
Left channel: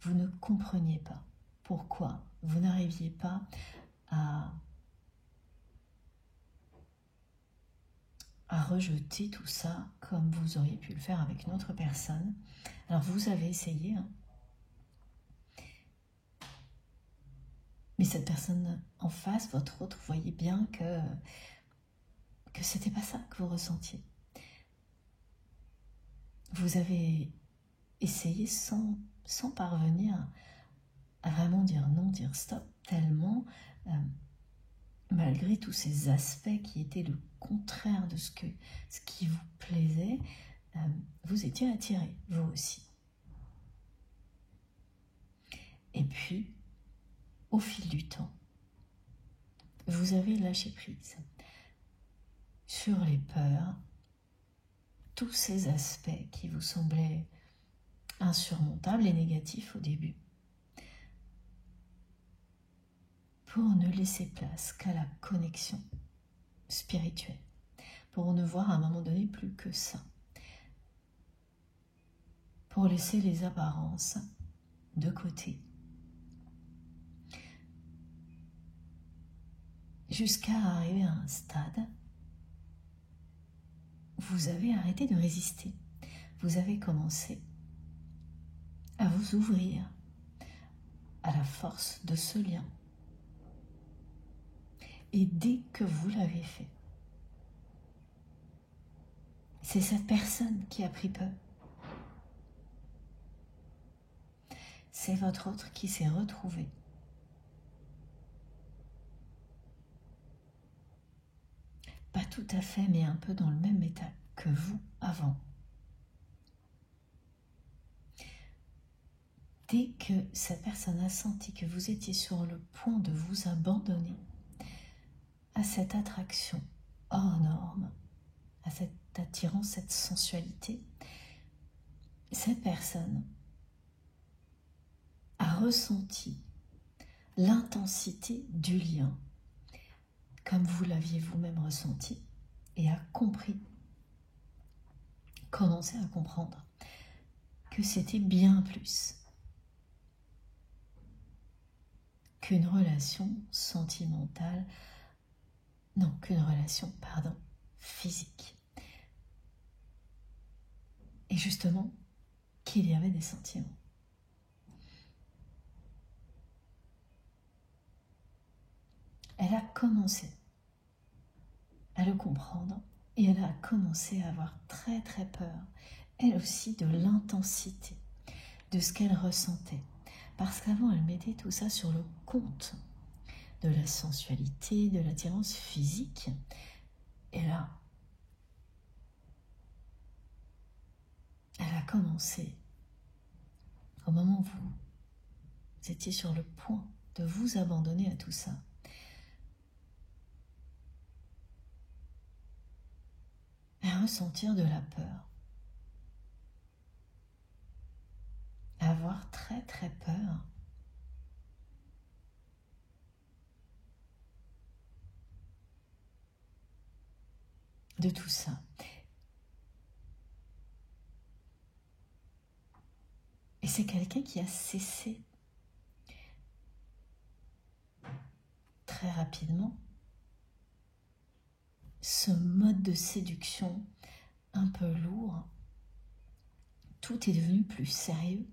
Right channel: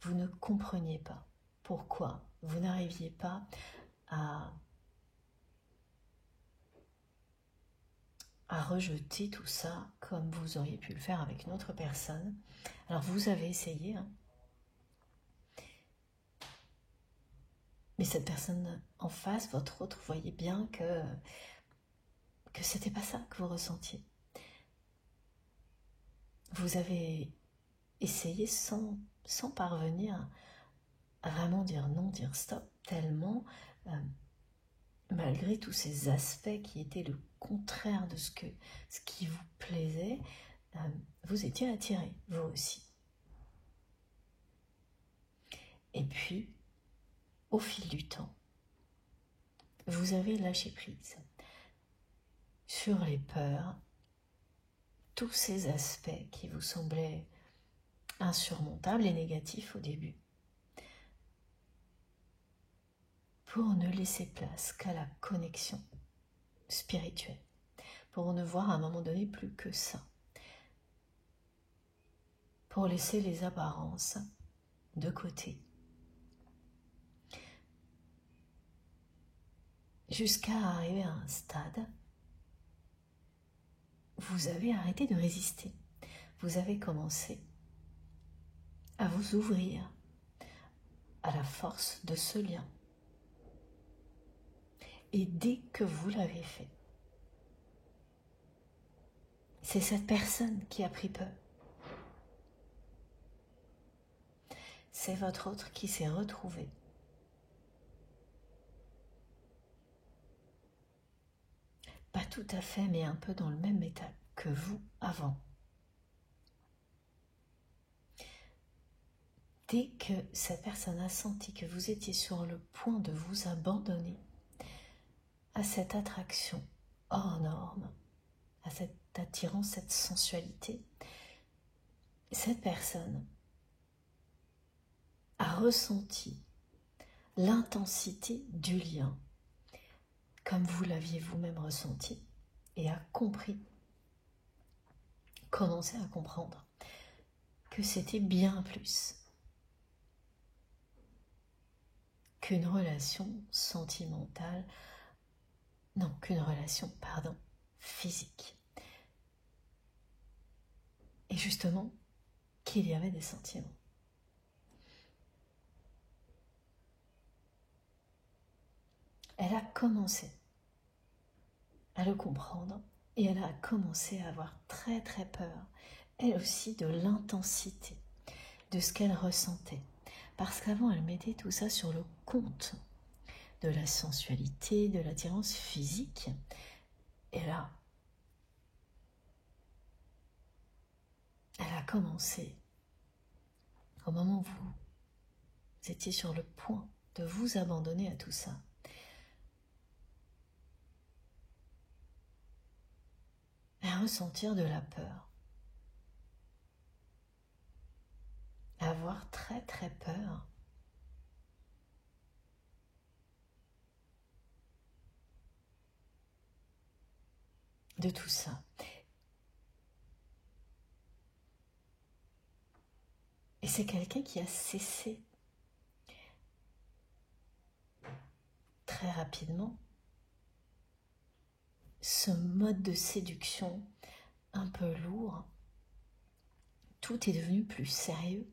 Vous ne compreniez pas pourquoi vous n'arriviez pas à rejeter tout ça comme vous auriez pu le faire avec une autre personne. Alors vous avez essayé, hein. Mais cette personne en face, votre autre, voyait bien que c'était pas ça que vous ressentiez. Vous avez essayé sans parvenir à vraiment dire non, dire stop, tellement, malgré tous ces aspects qui étaient le contraire de ce qui vous plaisait, vous étiez attiré, vous aussi. Et puis, au fil du temps, vous avez lâché prise sur les peurs, tous ces aspects qui vous semblaient insurmontables et négatifs au début, pour ne laisser place qu'à la connexion spirituelle, pour ne voir à un moment donné plus que ça, pour laisser les apparences de côté, jusqu'à arriver à un stade, vous avez arrêté de résister. Vous avez commencé à vous ouvrir à la force de ce lien. Et dès que vous l'avez fait, c'est cette personne qui a pris peur. C'est votre autre qui s'est retrouvé. Pas tout à fait, mais un peu dans le même état que vous avant. Dès que cette personne a senti que vous étiez sur le point de vous abandonner à cette attraction hors norme, à cette attirance, cette sensualité, cette personne a ressenti l'intensité du lien, comme vous l'aviez vous-même ressenti, et a compris, commencé à comprendre que c'était bien plus qu'une relation sentimentale, non, qu'une relation, physique. Et justement, qu'il y avait des sentiments. Elle a commencé à le comprendre et elle a commencé à avoir très très peur, elle aussi, de l'intensité de ce qu'elle ressentait. Parce qu'avant, elle mettait tout ça sur le compte de la sensualité, de l'attirance physique. Et là, elle a commencé, au moment où vous étiez sur le point de vous abandonner à tout ça, à ressentir de la peur, à avoir très très peur de tout ça. Et c'est quelqu'un qui a cessé très rapidement ce mode de séduction un peu lourd tout est devenu plus sérieux.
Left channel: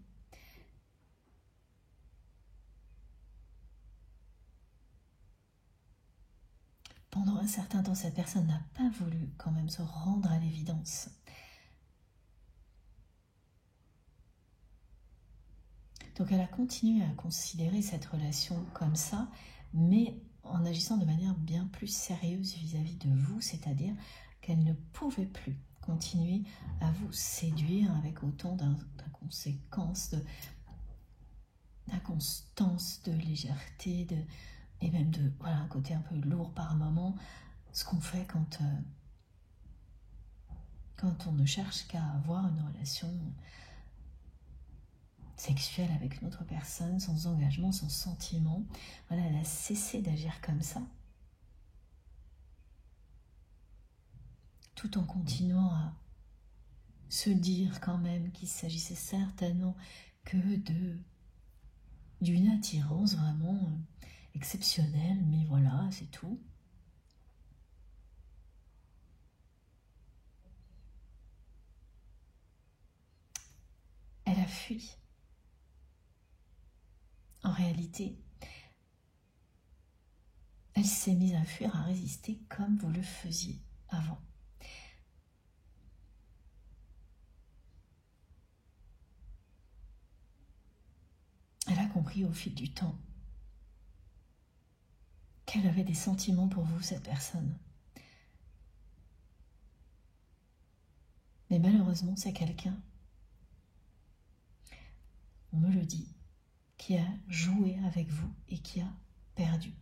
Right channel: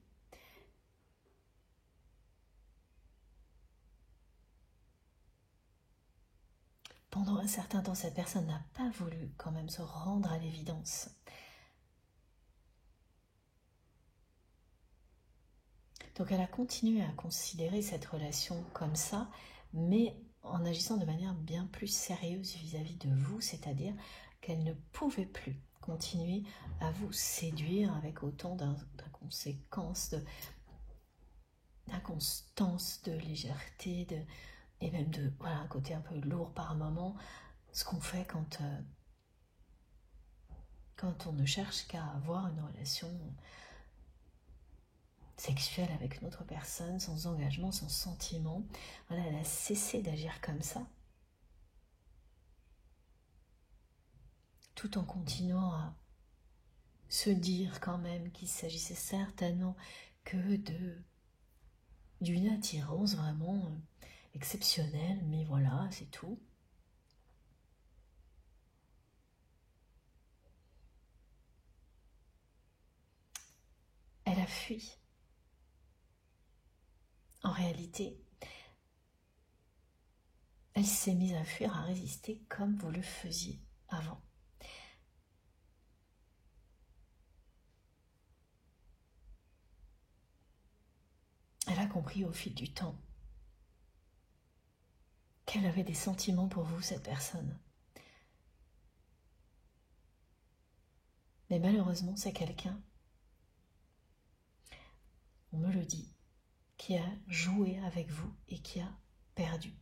Pendant un certain temps, cette personne n'a pas voulu quand même se rendre à l'évidence. Donc elle a continué à considérer cette relation comme ça, mais en agissant de manière bien plus sérieuse vis-à-vis de vous, c'est-à-dire qu'elle ne pouvait plus continuer à vous séduire avec autant d'inconséquences, d'inconstance, de légèreté, et même de un côté un peu lourd par moment, ce qu'on fait quand on ne cherche qu'à avoir une relation sexuelle avec une autre personne, sans engagement, sans sentiment. Voilà, elle a cessé d'agir comme ça, tout en continuant à se dire quand même qu'il s'agissait certainement que d'une attirance vraiment exceptionnelle, mais voilà, c'est tout. Elle a fui. En réalité, elle s'est mise à fuir, à résister comme vous le faisiez avant. Elle a compris au fil du temps qu'elle avait des sentiments pour vous, cette personne. Mais malheureusement, c'est quelqu'un, on me le dit, qui a joué avec vous et qui a perdu.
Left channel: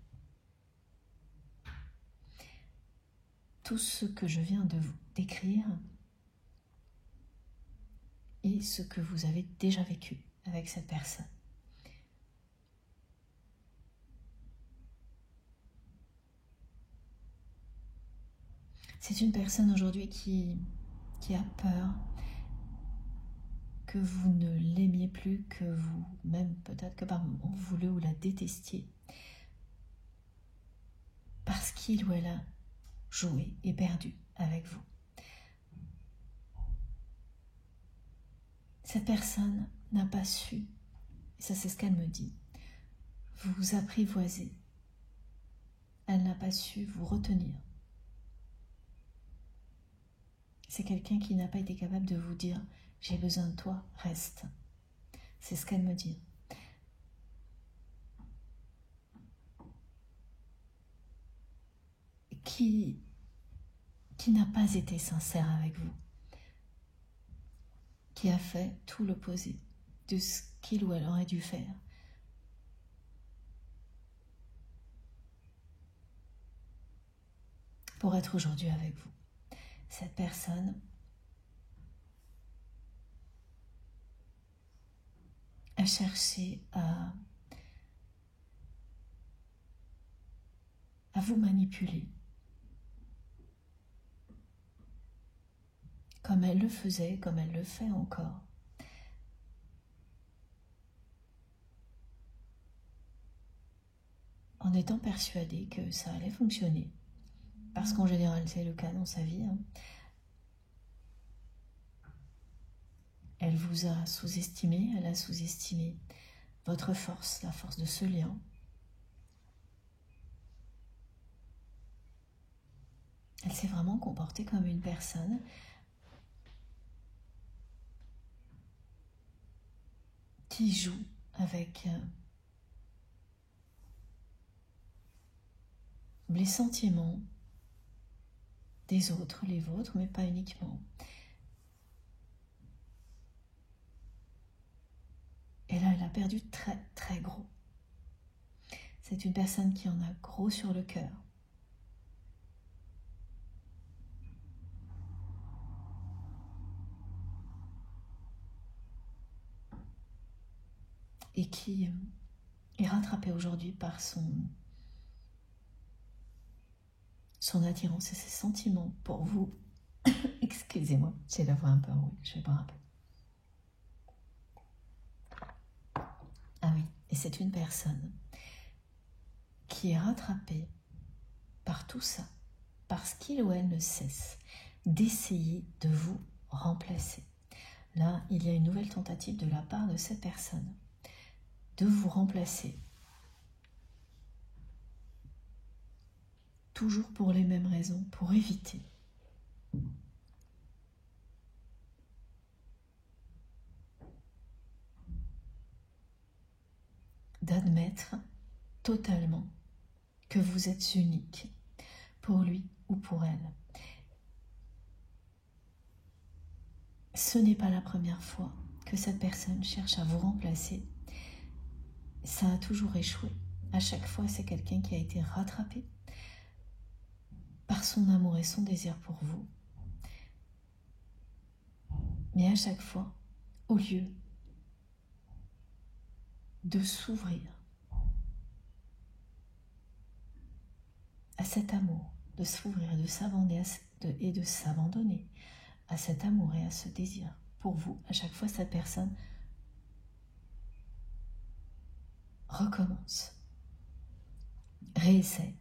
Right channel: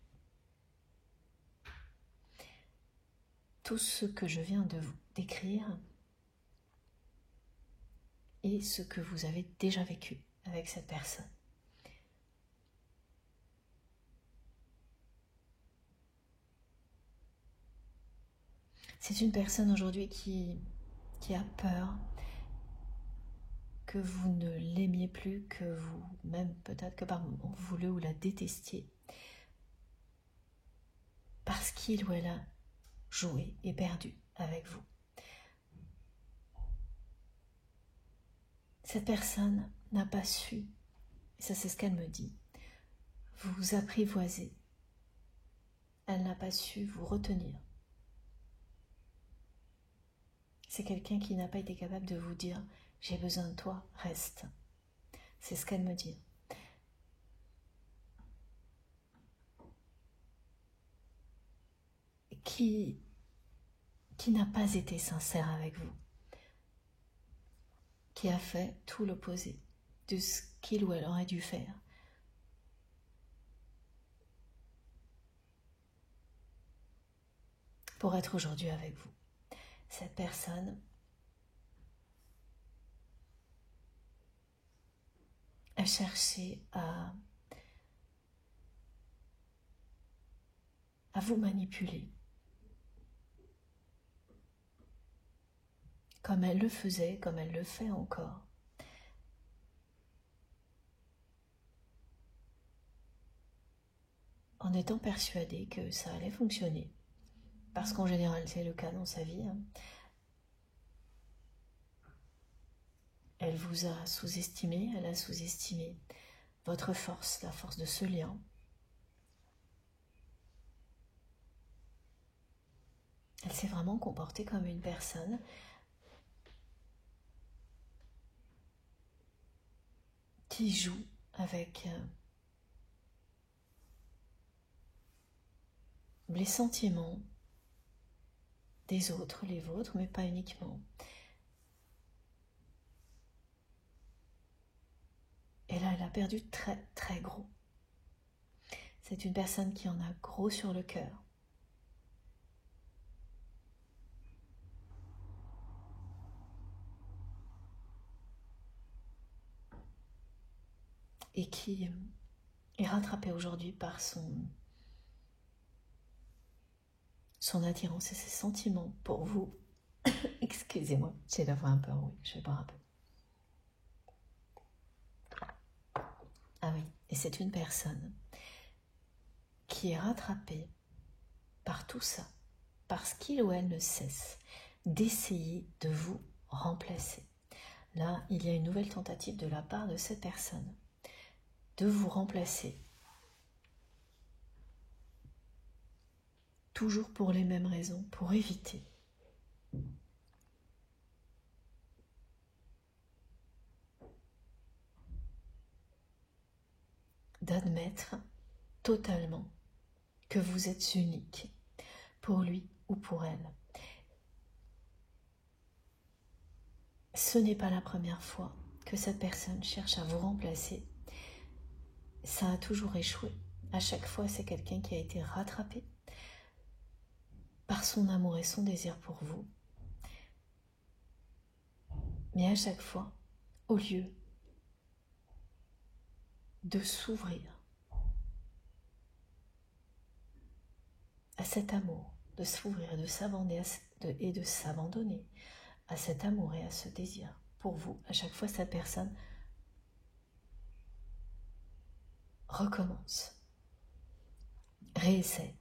Tout ce que je viens de vous décrire est ce que vous avez déjà vécu avec cette personne. C'est une personne aujourd'hui qui a peur que vous ne l'aimiez plus, que vous, même peut-être que par moments, vous le ou la détestiez. Parce qu'il ou elle a joué et perdu avec vous. Cette personne n'a pas su, ça c'est ce qu'elle me dit, vous apprivoiser. Elle n'a pas su vous retenir. C'est quelqu'un qui n'a pas été capable de vous dire « j'ai besoin de toi, reste ». C'est ce qu'elle me dit. Qui n'a pas été sincère avec vous. Qui a fait tout l'opposé de ce qu'il ou elle aurait dû faire. Pour être aujourd'hui avec vous. Cette personne a cherché à vous manipuler comme elle le faisait, comme elle le fait encore. En étant persuadée que ça allait fonctionner. Parce qu'en général, c'est le cas dans sa vie. Elle vous a sous-estimé, elle a sous-estimé votre force, la force de ce lien. Elle s'est vraiment comportée comme une personne qui joue avec les sentiments des autres, les vôtres, mais pas uniquement. Et là, elle a perdu très très gros. C'est une personne qui en a gros sur le cœur. Et qui est rattrapée aujourd'hui par son attirance et ses sentiments pour vous. Excusez-moi, j'ai la voix un peu rouge, je vais boire un peu. Ah oui, et c'est une personne qui est rattrapée par tout ça, parce qu'il ou elle ne cesse d'essayer de vous remplacer. Là, il y a une nouvelle tentative de la part de cette personne de vous remplacer. Toujours pour les mêmes raisons, pour éviter d'admettre totalement que vous êtes unique pour lui ou pour elle. Ce n'est pas la première fois que cette personne cherche à vous remplacer. Ça a toujours échoué. À chaque fois, c'est quelqu'un qui a été rattrapé par son amour et son désir pour vous. Mais à chaque fois, au lieu de s'ouvrir à cet amour, de s'ouvrir et de s'abandonner à cet amour et à ce désir pour vous, à chaque fois, cette personne recommence, réessaie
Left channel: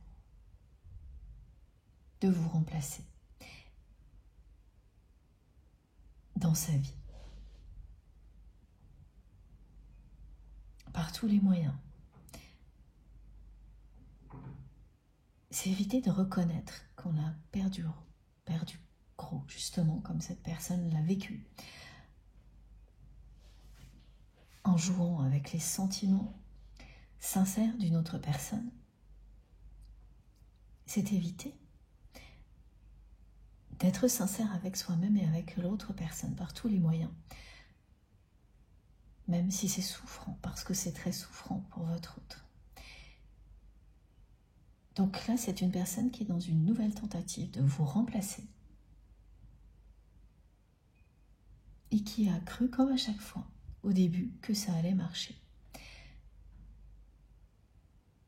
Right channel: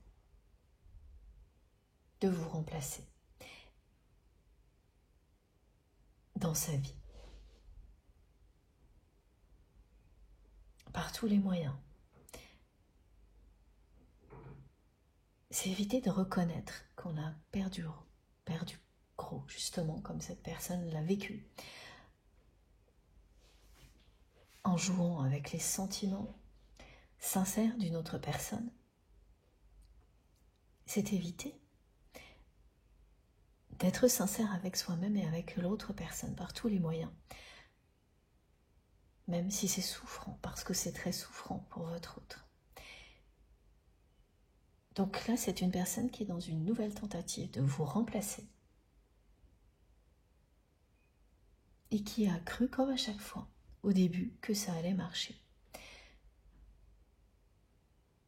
de vous remplacer dans sa vie. Par tous les moyens. C'est éviter de reconnaître qu'on a perdu gros, justement, comme cette personne l'a vécu. En jouant avec les sentiments sincères d'une autre personne, c'est éviter d'être sincère avec soi-même et avec l'autre personne par tous les moyens. Même si c'est souffrant, parce que c'est très souffrant pour votre autre. Donc là, c'est une personne qui est dans une nouvelle tentative de vous remplacer. Et qui a cru, comme à chaque fois, au début, que ça allait marcher.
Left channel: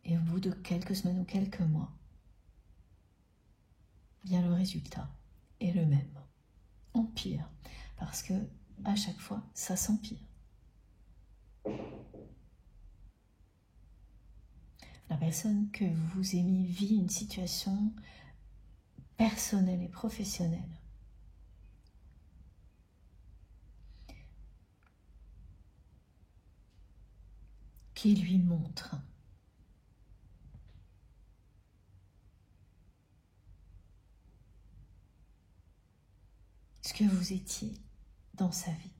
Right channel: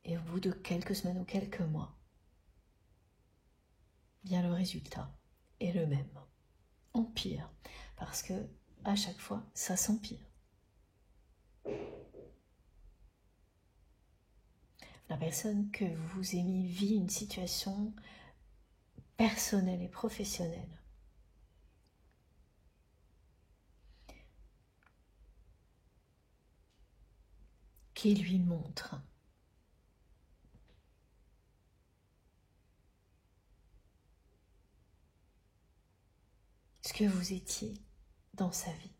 Et au bout de quelques semaines ou quelques mois, bien le résultat est le même. Empire. Parce que, à chaque fois, ça s'empire. La personne que vous aimez vit une situation personnelle et professionnelle qui lui montre ce que vous étiez dans sa vie.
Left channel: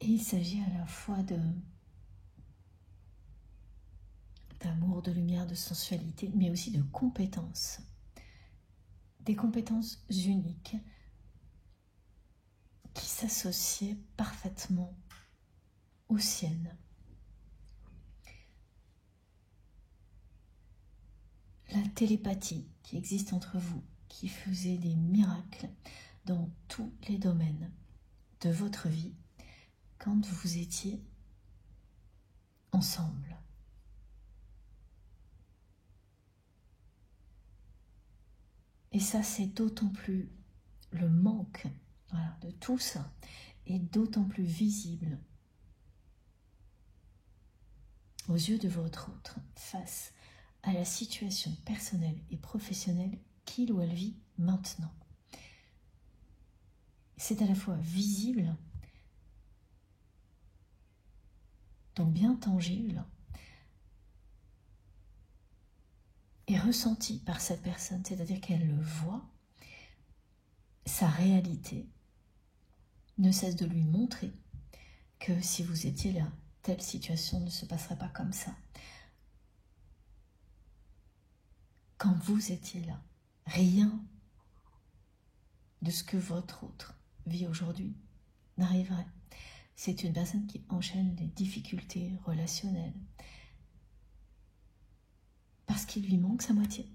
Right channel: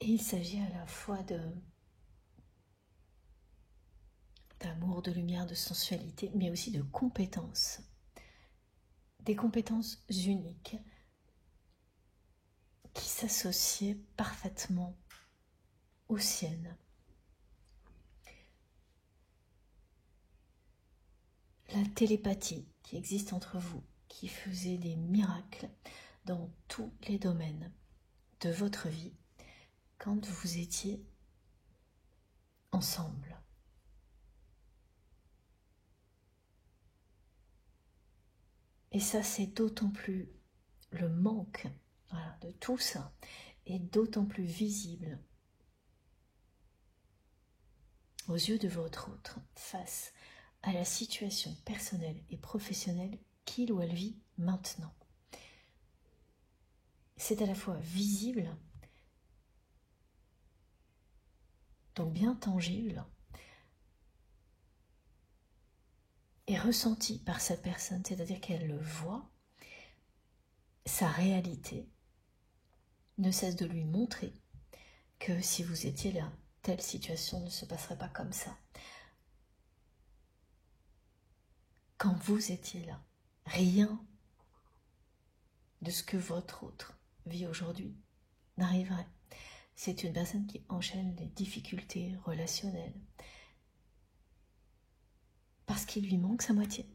Et il s'agit à la fois d'amour, de lumière, de sensualité, mais aussi de compétences. Des compétences uniques qui s'associent parfaitement aux siennes. La télépathie qui existe entre vous, qui faisait des miracles dans tous les domaines de votre vie quand vous étiez ensemble. Et ça, c'est d'autant plus le manque, voilà, de tout ça est d'autant plus visible aux yeux de votre autre face à la situation personnelle et professionnelle qu'il ou elle vit maintenant. C'est à la fois visible, donc bien tangible, et ressenti par cette personne, c'est-à-dire qu'elle le voit, sa réalité ne cesse de lui montrer que si vous étiez là, telle situation ne se passerait pas comme ça. Quand vous étiez là, rien de ce que votre autre vit aujourd'hui n'arriverait. C'est une personne qui enchaîne des difficultés relationnelles parce qu'il lui manque sa moitié.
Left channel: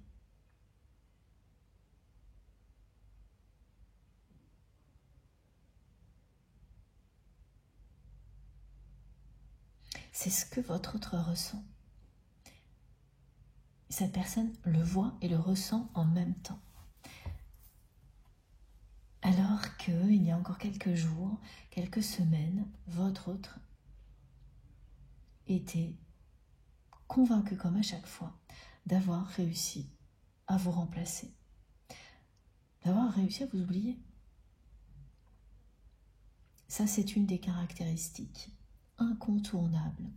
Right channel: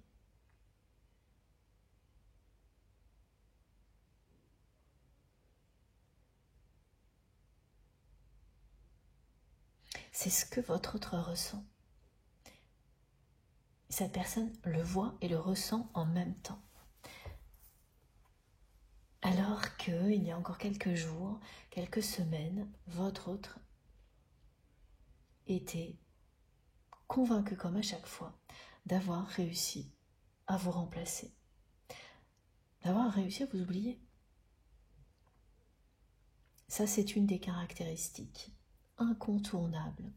C'est ce que votre autre ressent. Cette personne le voit et le ressent en même temps. Alors qu'il y a encore quelques jours, quelques semaines, votre autre était convaincu comme à chaque fois d'avoir réussi à vous remplacer, d'avoir réussi à vous oublier. Ça, c'est une des caractéristiques incontournables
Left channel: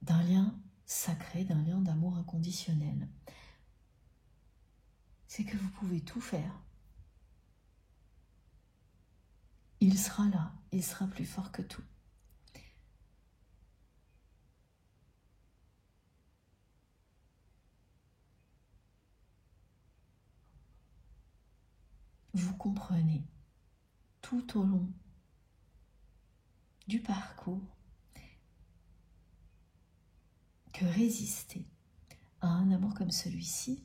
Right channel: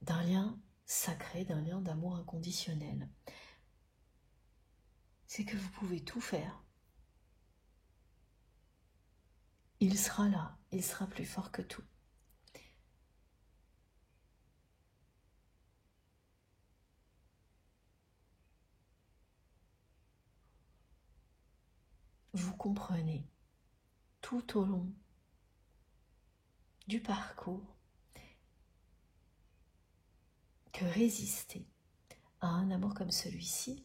d'un lien sacré, d'un lien d'amour inconditionnel. C'est que vous pouvez tout faire. Il sera là, il sera plus fort que tout. Vous comprenez tout au long du parcours que résister à un amour comme celui-ci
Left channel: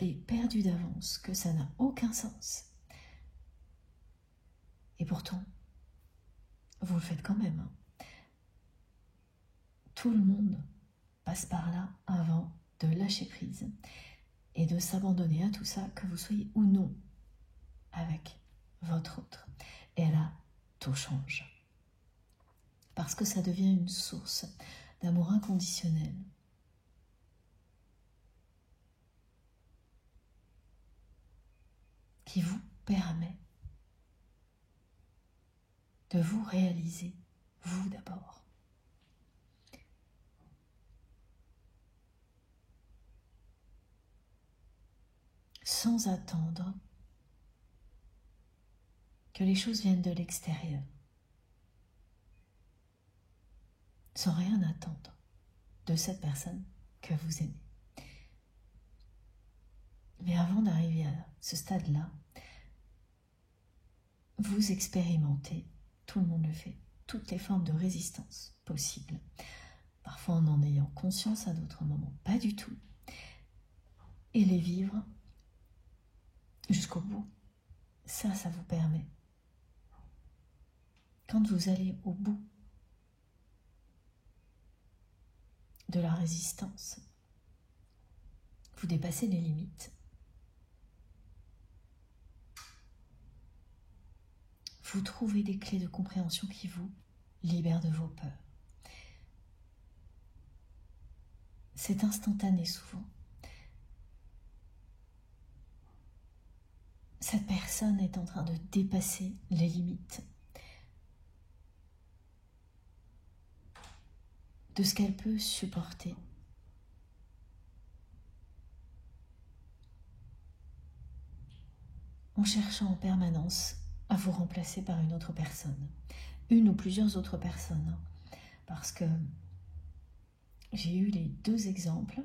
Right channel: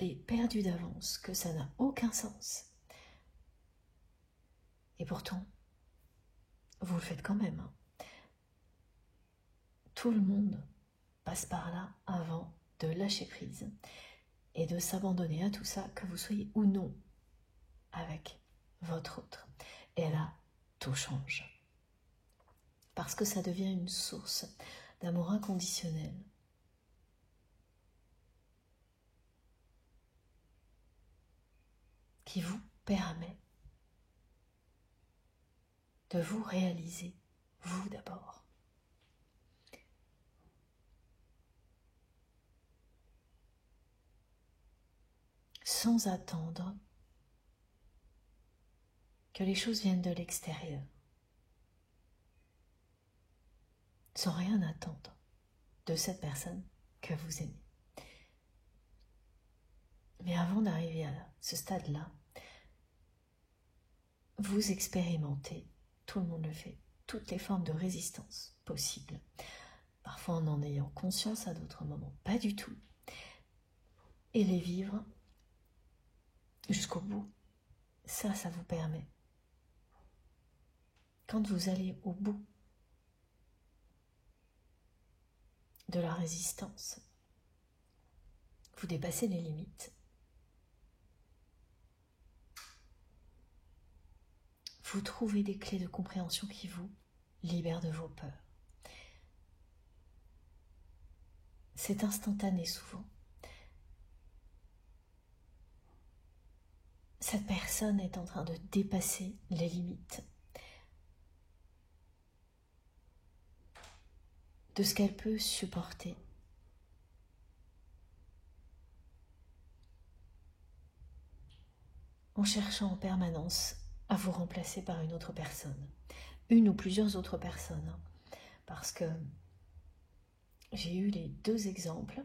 est perdu d'avance, que ça n'a aucun sens. Et pourtant, vous le faites quand même. Tout le monde passe par là avant de lâcher prise et de s'abandonner à tout ça, que vous soyez ou non avec votre autre. Et là, tout change. Parce que ça devient une source d'amour inconditionnel. Qui vous permet de vous réaliser, vous d'abord. Sans attendre que les choses viennent de l'extérieur. Sans rien attendre de cette personne que vous aimez. Mais avant d'arriver à ce stade-là, vous expérimentez, tout le monde le fait, toutes les formes de résistance possibles. Parfois en ayant conscience, à d'autres moments pas du tout. Et les vivre jusqu'au bout. Ça vous permet. Quand vous allez au bout de la résistance, vous dépassez les limites. Vous trouvez des clés de compréhension qui vous libèrent de vos peurs. C'est instantané souvent. Cette personne est en train de dépasser les limites de ce qu'elle peut supporter. En cherchant en permanence à vous remplacer par une autre personne, une ou plusieurs autres personnes, parce que j'ai eu les deux exemples.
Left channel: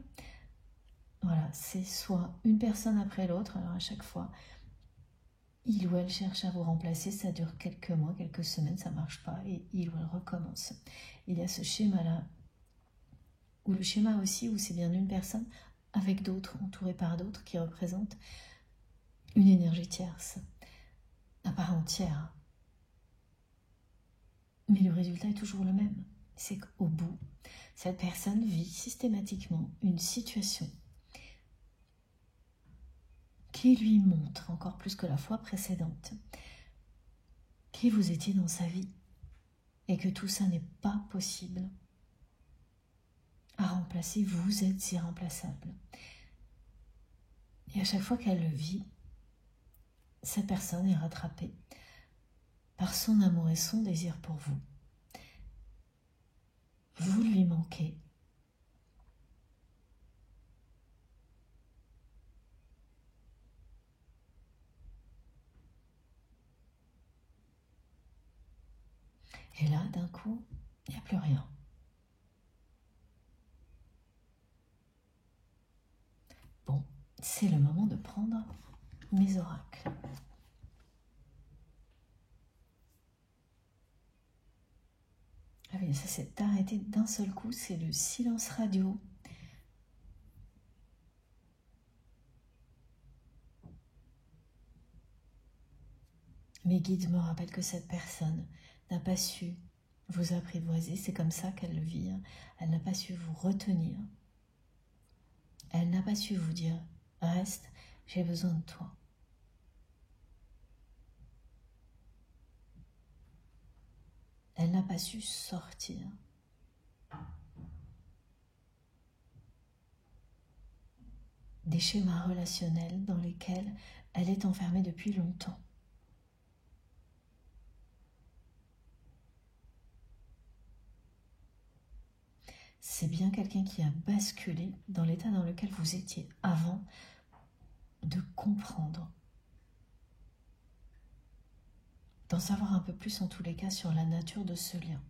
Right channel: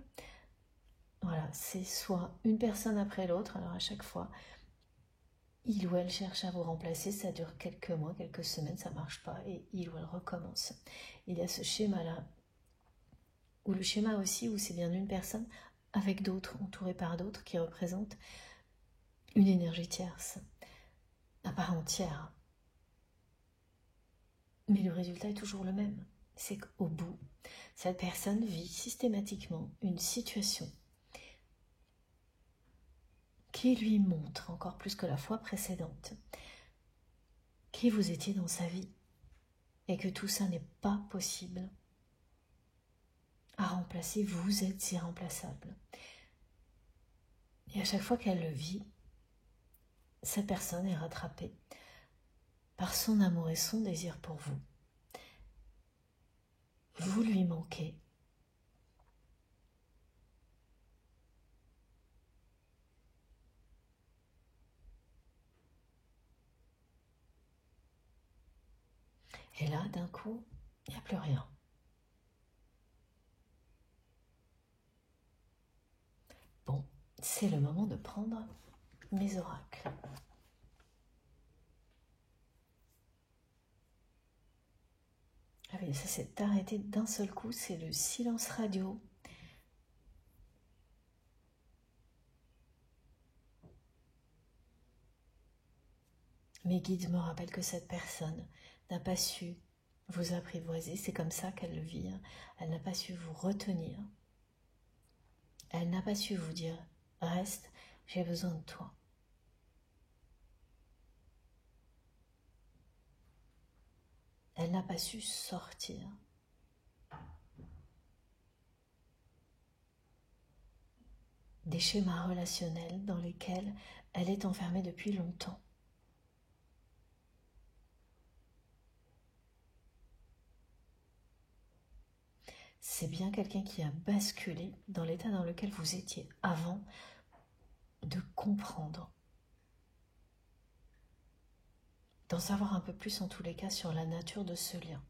Voilà, c'est soit une personne après l'autre, alors à chaque fois, il ou elle cherche à vous remplacer, ça dure quelques mois, quelques semaines, ça ne marche pas, et il ou elle recommence. Il y a ce schéma-là, ou le schéma aussi où c'est bien une personne avec d'autres, entourée par d'autres, qui représentent une énergie tierce, à part entière. Mais le résultat est toujours le même, c'est qu'au bout, cette personne vit systématiquement une situation qui lui montre, encore plus que la fois précédente, qui vous étiez dans sa vie et que tout ça n'est pas possible à remplacer, vous êtes irremplaçable. Et à chaque fois qu'elle le vit, cette personne est rattrapée par son amour et son désir pour vous. Vous lui manquez. Et là, d'un coup, il n'y a plus rien. Bon, c'est le moment de prendre mes oracles. Ah oui, ça s'est arrêté d'un seul coup, c'est le silence radio. Mes guides me rappellent que cette personne n'a pas su vous apprivoiser, c'est comme ça qu'elle le vit. Elle n'a pas su vous retenir. Elle n'a pas su vous dire « Reste, j'ai besoin de toi ». Elle n'a pas su sortir. Des schémas relationnels dans lesquels elle est enfermée depuis longtemps. C'est bien quelqu'un qui a basculé dans l'état dans lequel vous étiez avant de comprendre, d'en savoir un peu plus en tous les cas sur la nature de ce lien,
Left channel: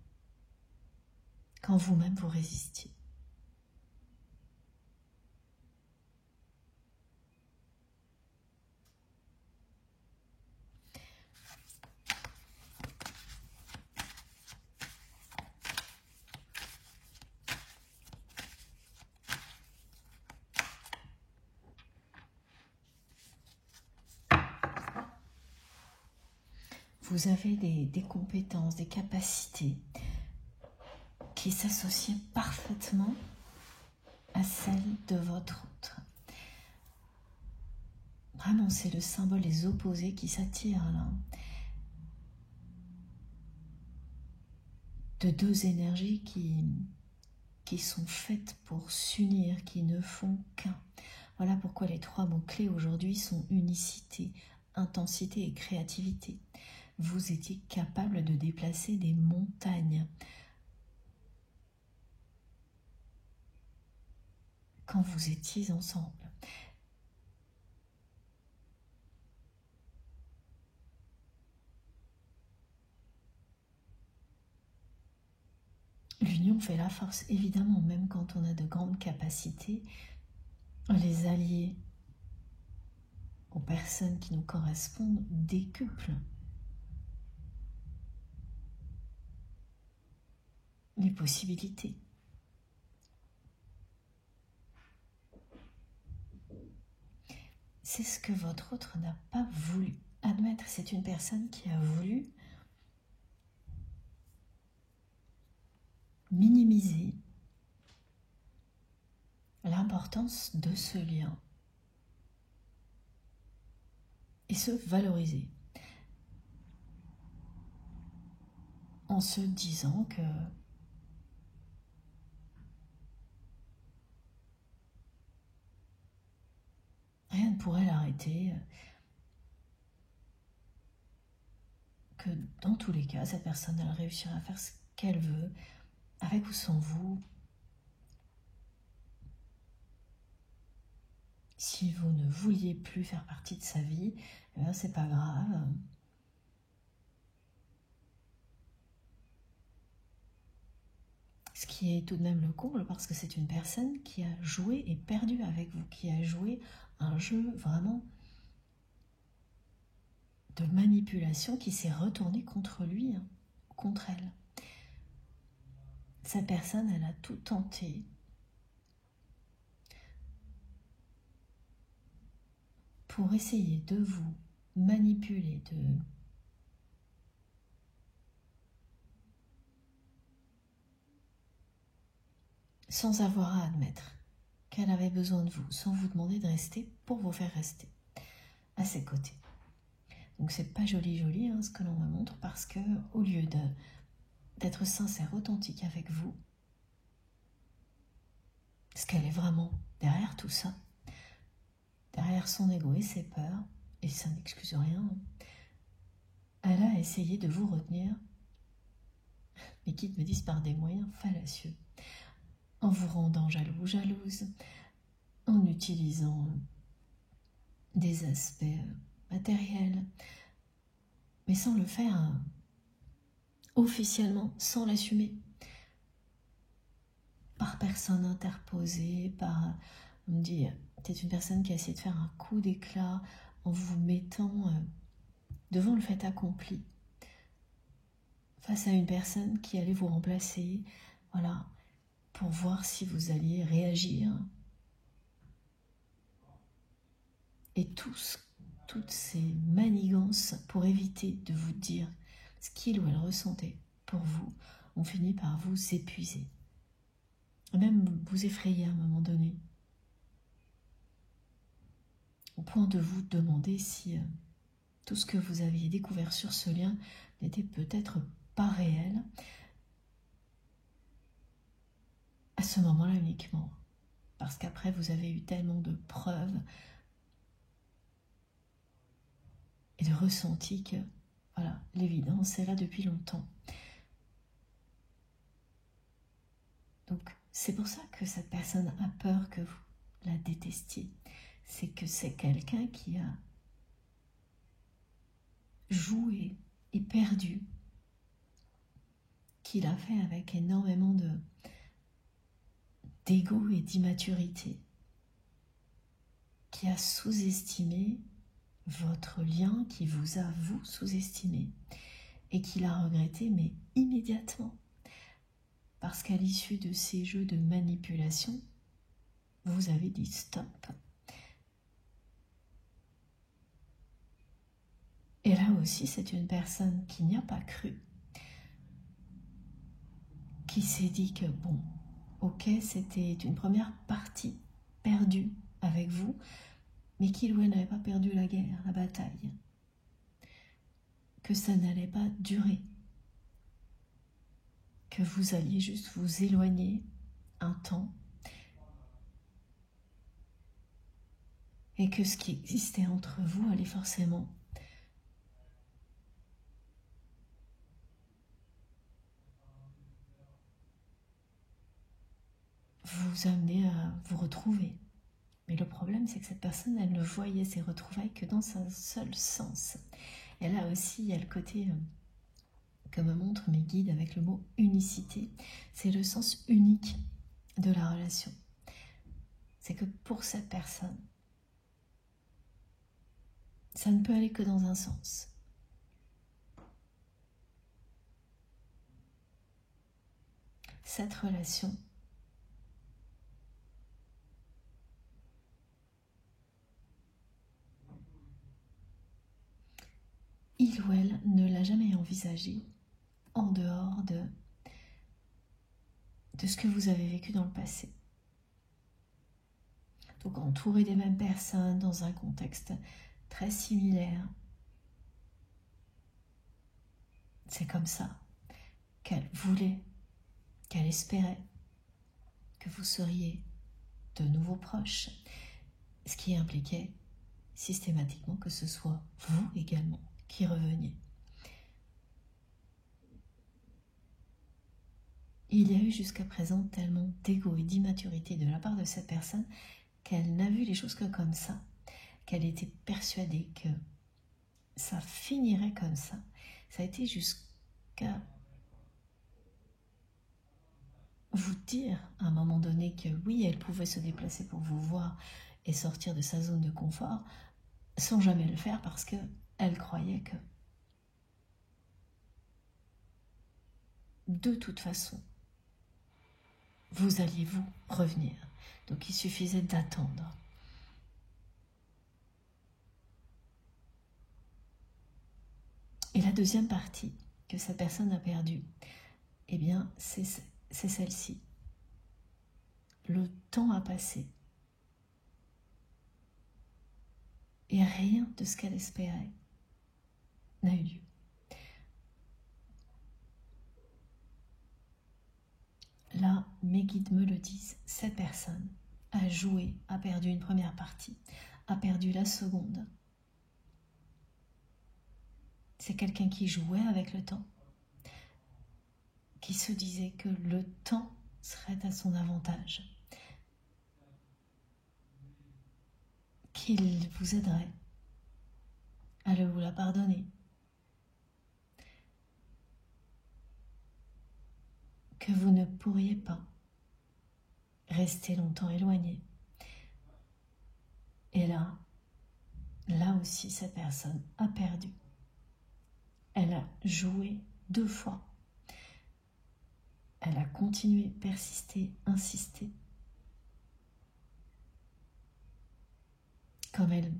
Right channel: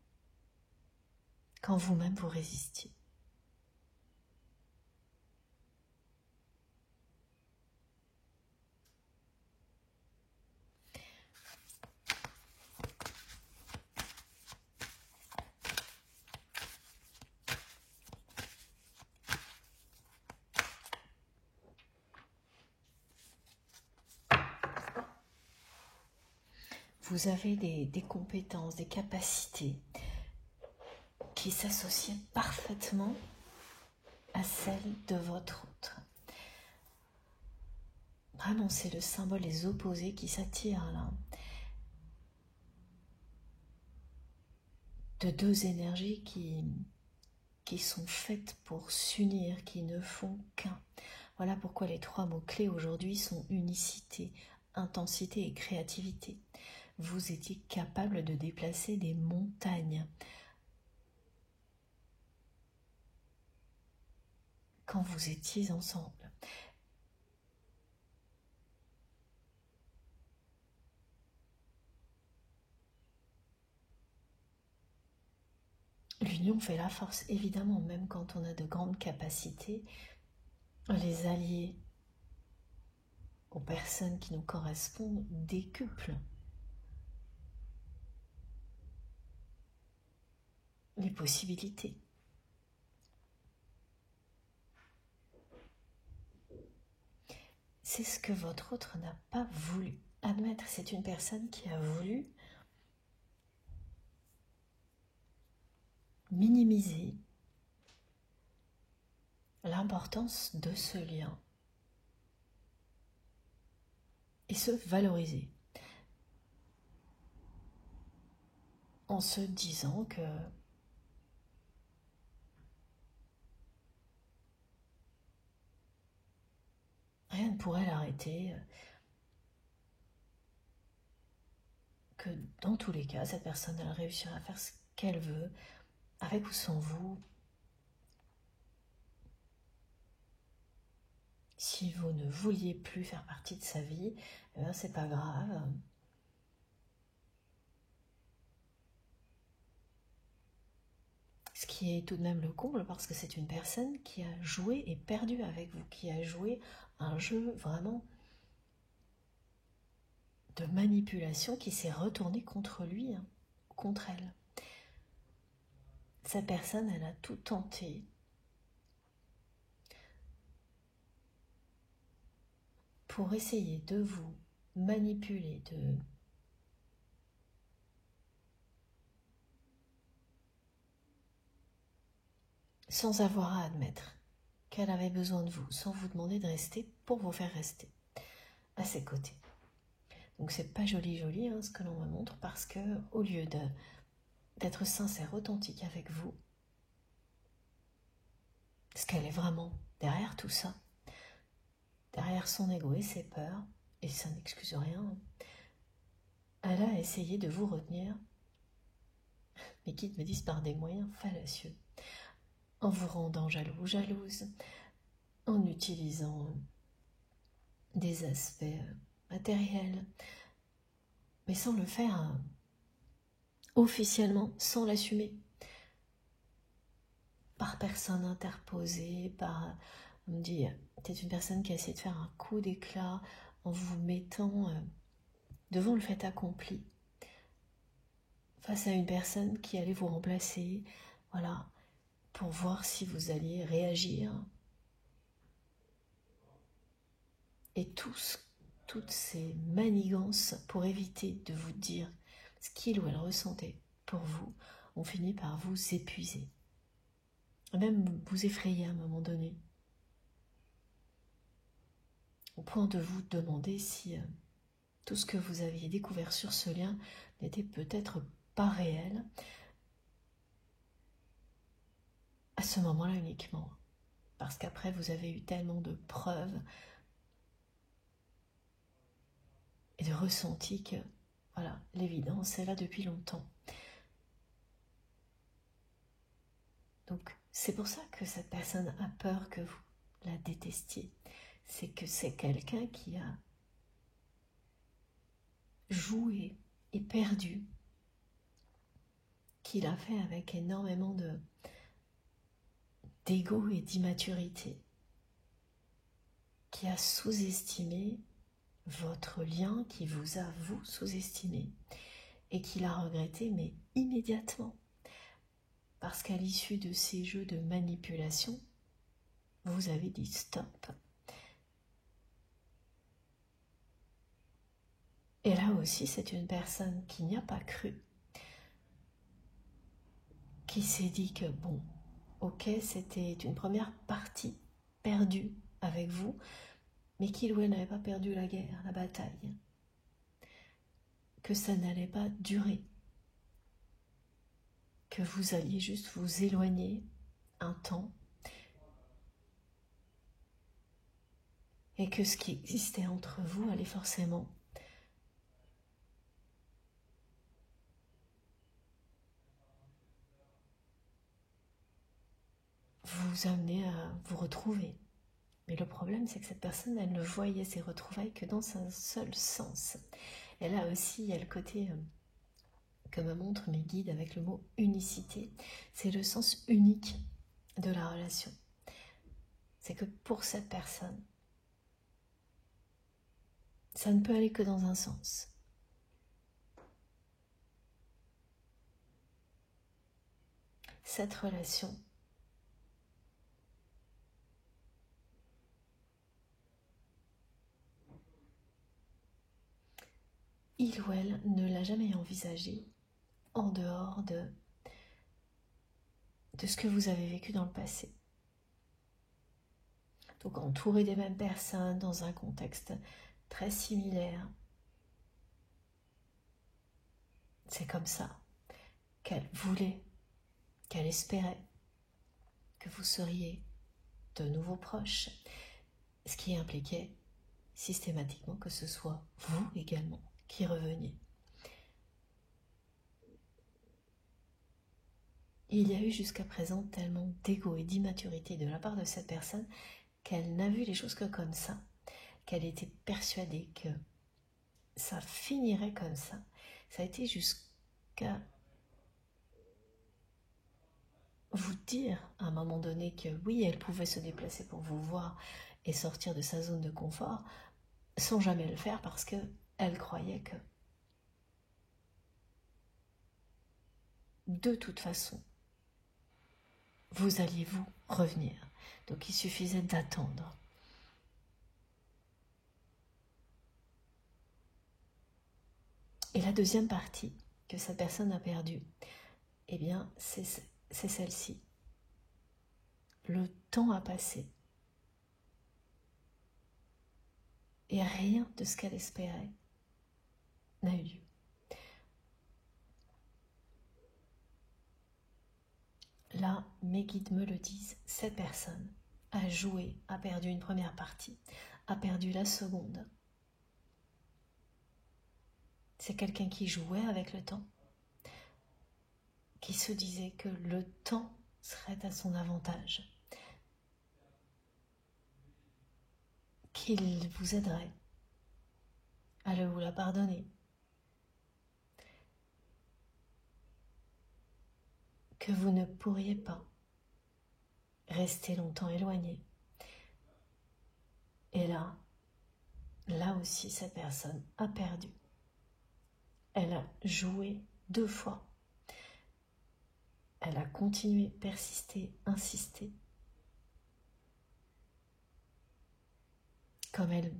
quand vous-même vous résistiez. Vous avez des compétences, des capacités qui s'associent parfaitement à celles de votre autre. Vraiment, c'est le symbole des opposés qui s'attirent là. De deux énergies qui sont faites pour s'unir, qui ne font qu'un. Voilà pourquoi les trois mots-clés aujourd'hui sont unicité, intensité et créativité. Vous étiez capable de déplacer des montagnes. Quand vous étiez ensemble. L'union fait la force, évidemment, même quand on a de grandes capacités, les alliés aux personnes qui nous correspondent décuplent les possibilités. C'est ce que votre autre n'a pas voulu admettre. C'est une personne qui a voulu minimiser l'importance de ce lien et se valoriser en se disant que rien ne pourrait l'arrêter, que dans tous les cas, cette personne elle réussira à faire ce qu'elle veut, avec ou sans vous. Si vous ne vouliez plus faire partie de sa vie, eh ben c'est pas grave. Ce qui est tout de même le comble, parce que c'est une personne qui a joué et perdu avec vous, qui a joué un jeu vraiment de manipulation qui s'est retourné contre lui, contre elle. Cette personne, elle a tout tenté pour essayer de vous manipuler, sans avoir à admettre qu'elle avait besoin de vous, sans vous demander de rester pour vous faire rester à ses côtés. Donc c'est pas joli hein, ce que l'on me montre, parce que au lieu d'être sincère, authentique avec vous, ce qu'elle est vraiment derrière tout ça, derrière son ego et ses peurs, et ça n'excuse rien, elle a essayé de vous retenir, mais quitte me disent par des moyens fallacieux, en vous rendant jaloux ou jalouse, en utilisant des aspects matériels, mais sans le faire officiellement, sans l'assumer, par personne interposée, par on dit, c'est une personne qui essaie de faire un coup d'éclat en vous mettant devant le fait accompli, face à une personne qui allait vous remplacer, voilà, pour voir si vous alliez réagir. Et toutes ces manigances pour éviter de vous dire ce qu'il ou elle ressentait pour vous, ont fini par vous épuiser. Même vous effrayer à un moment donné, au point de vous demander si tout ce que vous aviez découvert sur ce lien n'était peut-être pas réel, à ce moment-là uniquement. Parce qu'après, vous avez eu tellement de preuves et de ressentis que, voilà, l'évidence est là depuis longtemps. Donc, c'est pour ça que cette personne a peur que vous la détestiez. C'est que c'est quelqu'un qui a joué et perdu, qu'il a fait avec énormément d'ego et d'immaturité, qui a sous-estimé votre lien, qui vous a vous sous-estimé et qui l'a regretté, mais immédiatement. Parce qu'à l'issue de ces jeux de manipulation, vous avez dit stop. Et là aussi, c'est une personne qui n'y a pas cru, qui s'est dit que bon, ok, c'était une première partie perdue avec vous, mais qu'il ou elle n'avait pas perdu la guerre, la bataille, que ça n'allait pas durer, que vous alliez juste vous éloigner un temps, et que ce qui existait entre vous allait forcément vous amener à vous retrouver. Mais le problème, c'est que cette personne, elle ne voyait ses retrouvailles que dans un seul sens. Et là aussi, il y a le côté que me montrent mes guides avec le mot unicité. C'est le sens unique de la relation. C'est que pour cette personne, ça ne peut aller que dans un sens. Cette relation il ou elle ne l'a jamais envisagé en dehors de ce que vous avez vécu dans le passé. Donc entouré des mêmes personnes, dans un contexte très similaire, c'est comme ça qu'elle voulait, qu'elle espérait que vous seriez de nouveau proches, ce qui impliquait systématiquement que ce soit vous également qui reveniez. Il y a eu jusqu'à présent tellement d'ego et d'immaturité de la part de cette personne qu'elle n'a vu les choses que comme ça, qu'elle était persuadée que ça finirait comme ça. Ça a été jusqu'à vous dire à un moment donné que oui, elle pouvait se déplacer pour vous voir et sortir de sa zone de confort sans jamais le faire parce qu'elle croyait que de toute façon, vous alliez vous revenir. Donc il suffisait d'attendre. Et la deuxième partie que cette personne a perdue, eh bien, c'est celle-ci. Le temps a passé. Et rien de ce qu'elle espérait n'a eu lieu. Là, mes guides me le disent, cette personne a joué, a perdu une première partie, a perdu la seconde. C'est quelqu'un qui jouait avec le temps, qui se disait que le temps serait à son avantage, qu'il vous aiderait à le ou la pardonner, que vous ne pourriez pas rester longtemps éloigné. Et là aussi, cette personne a perdu. Elle a joué 2 fois. Elle a continué, persisté, insisté. Comme elle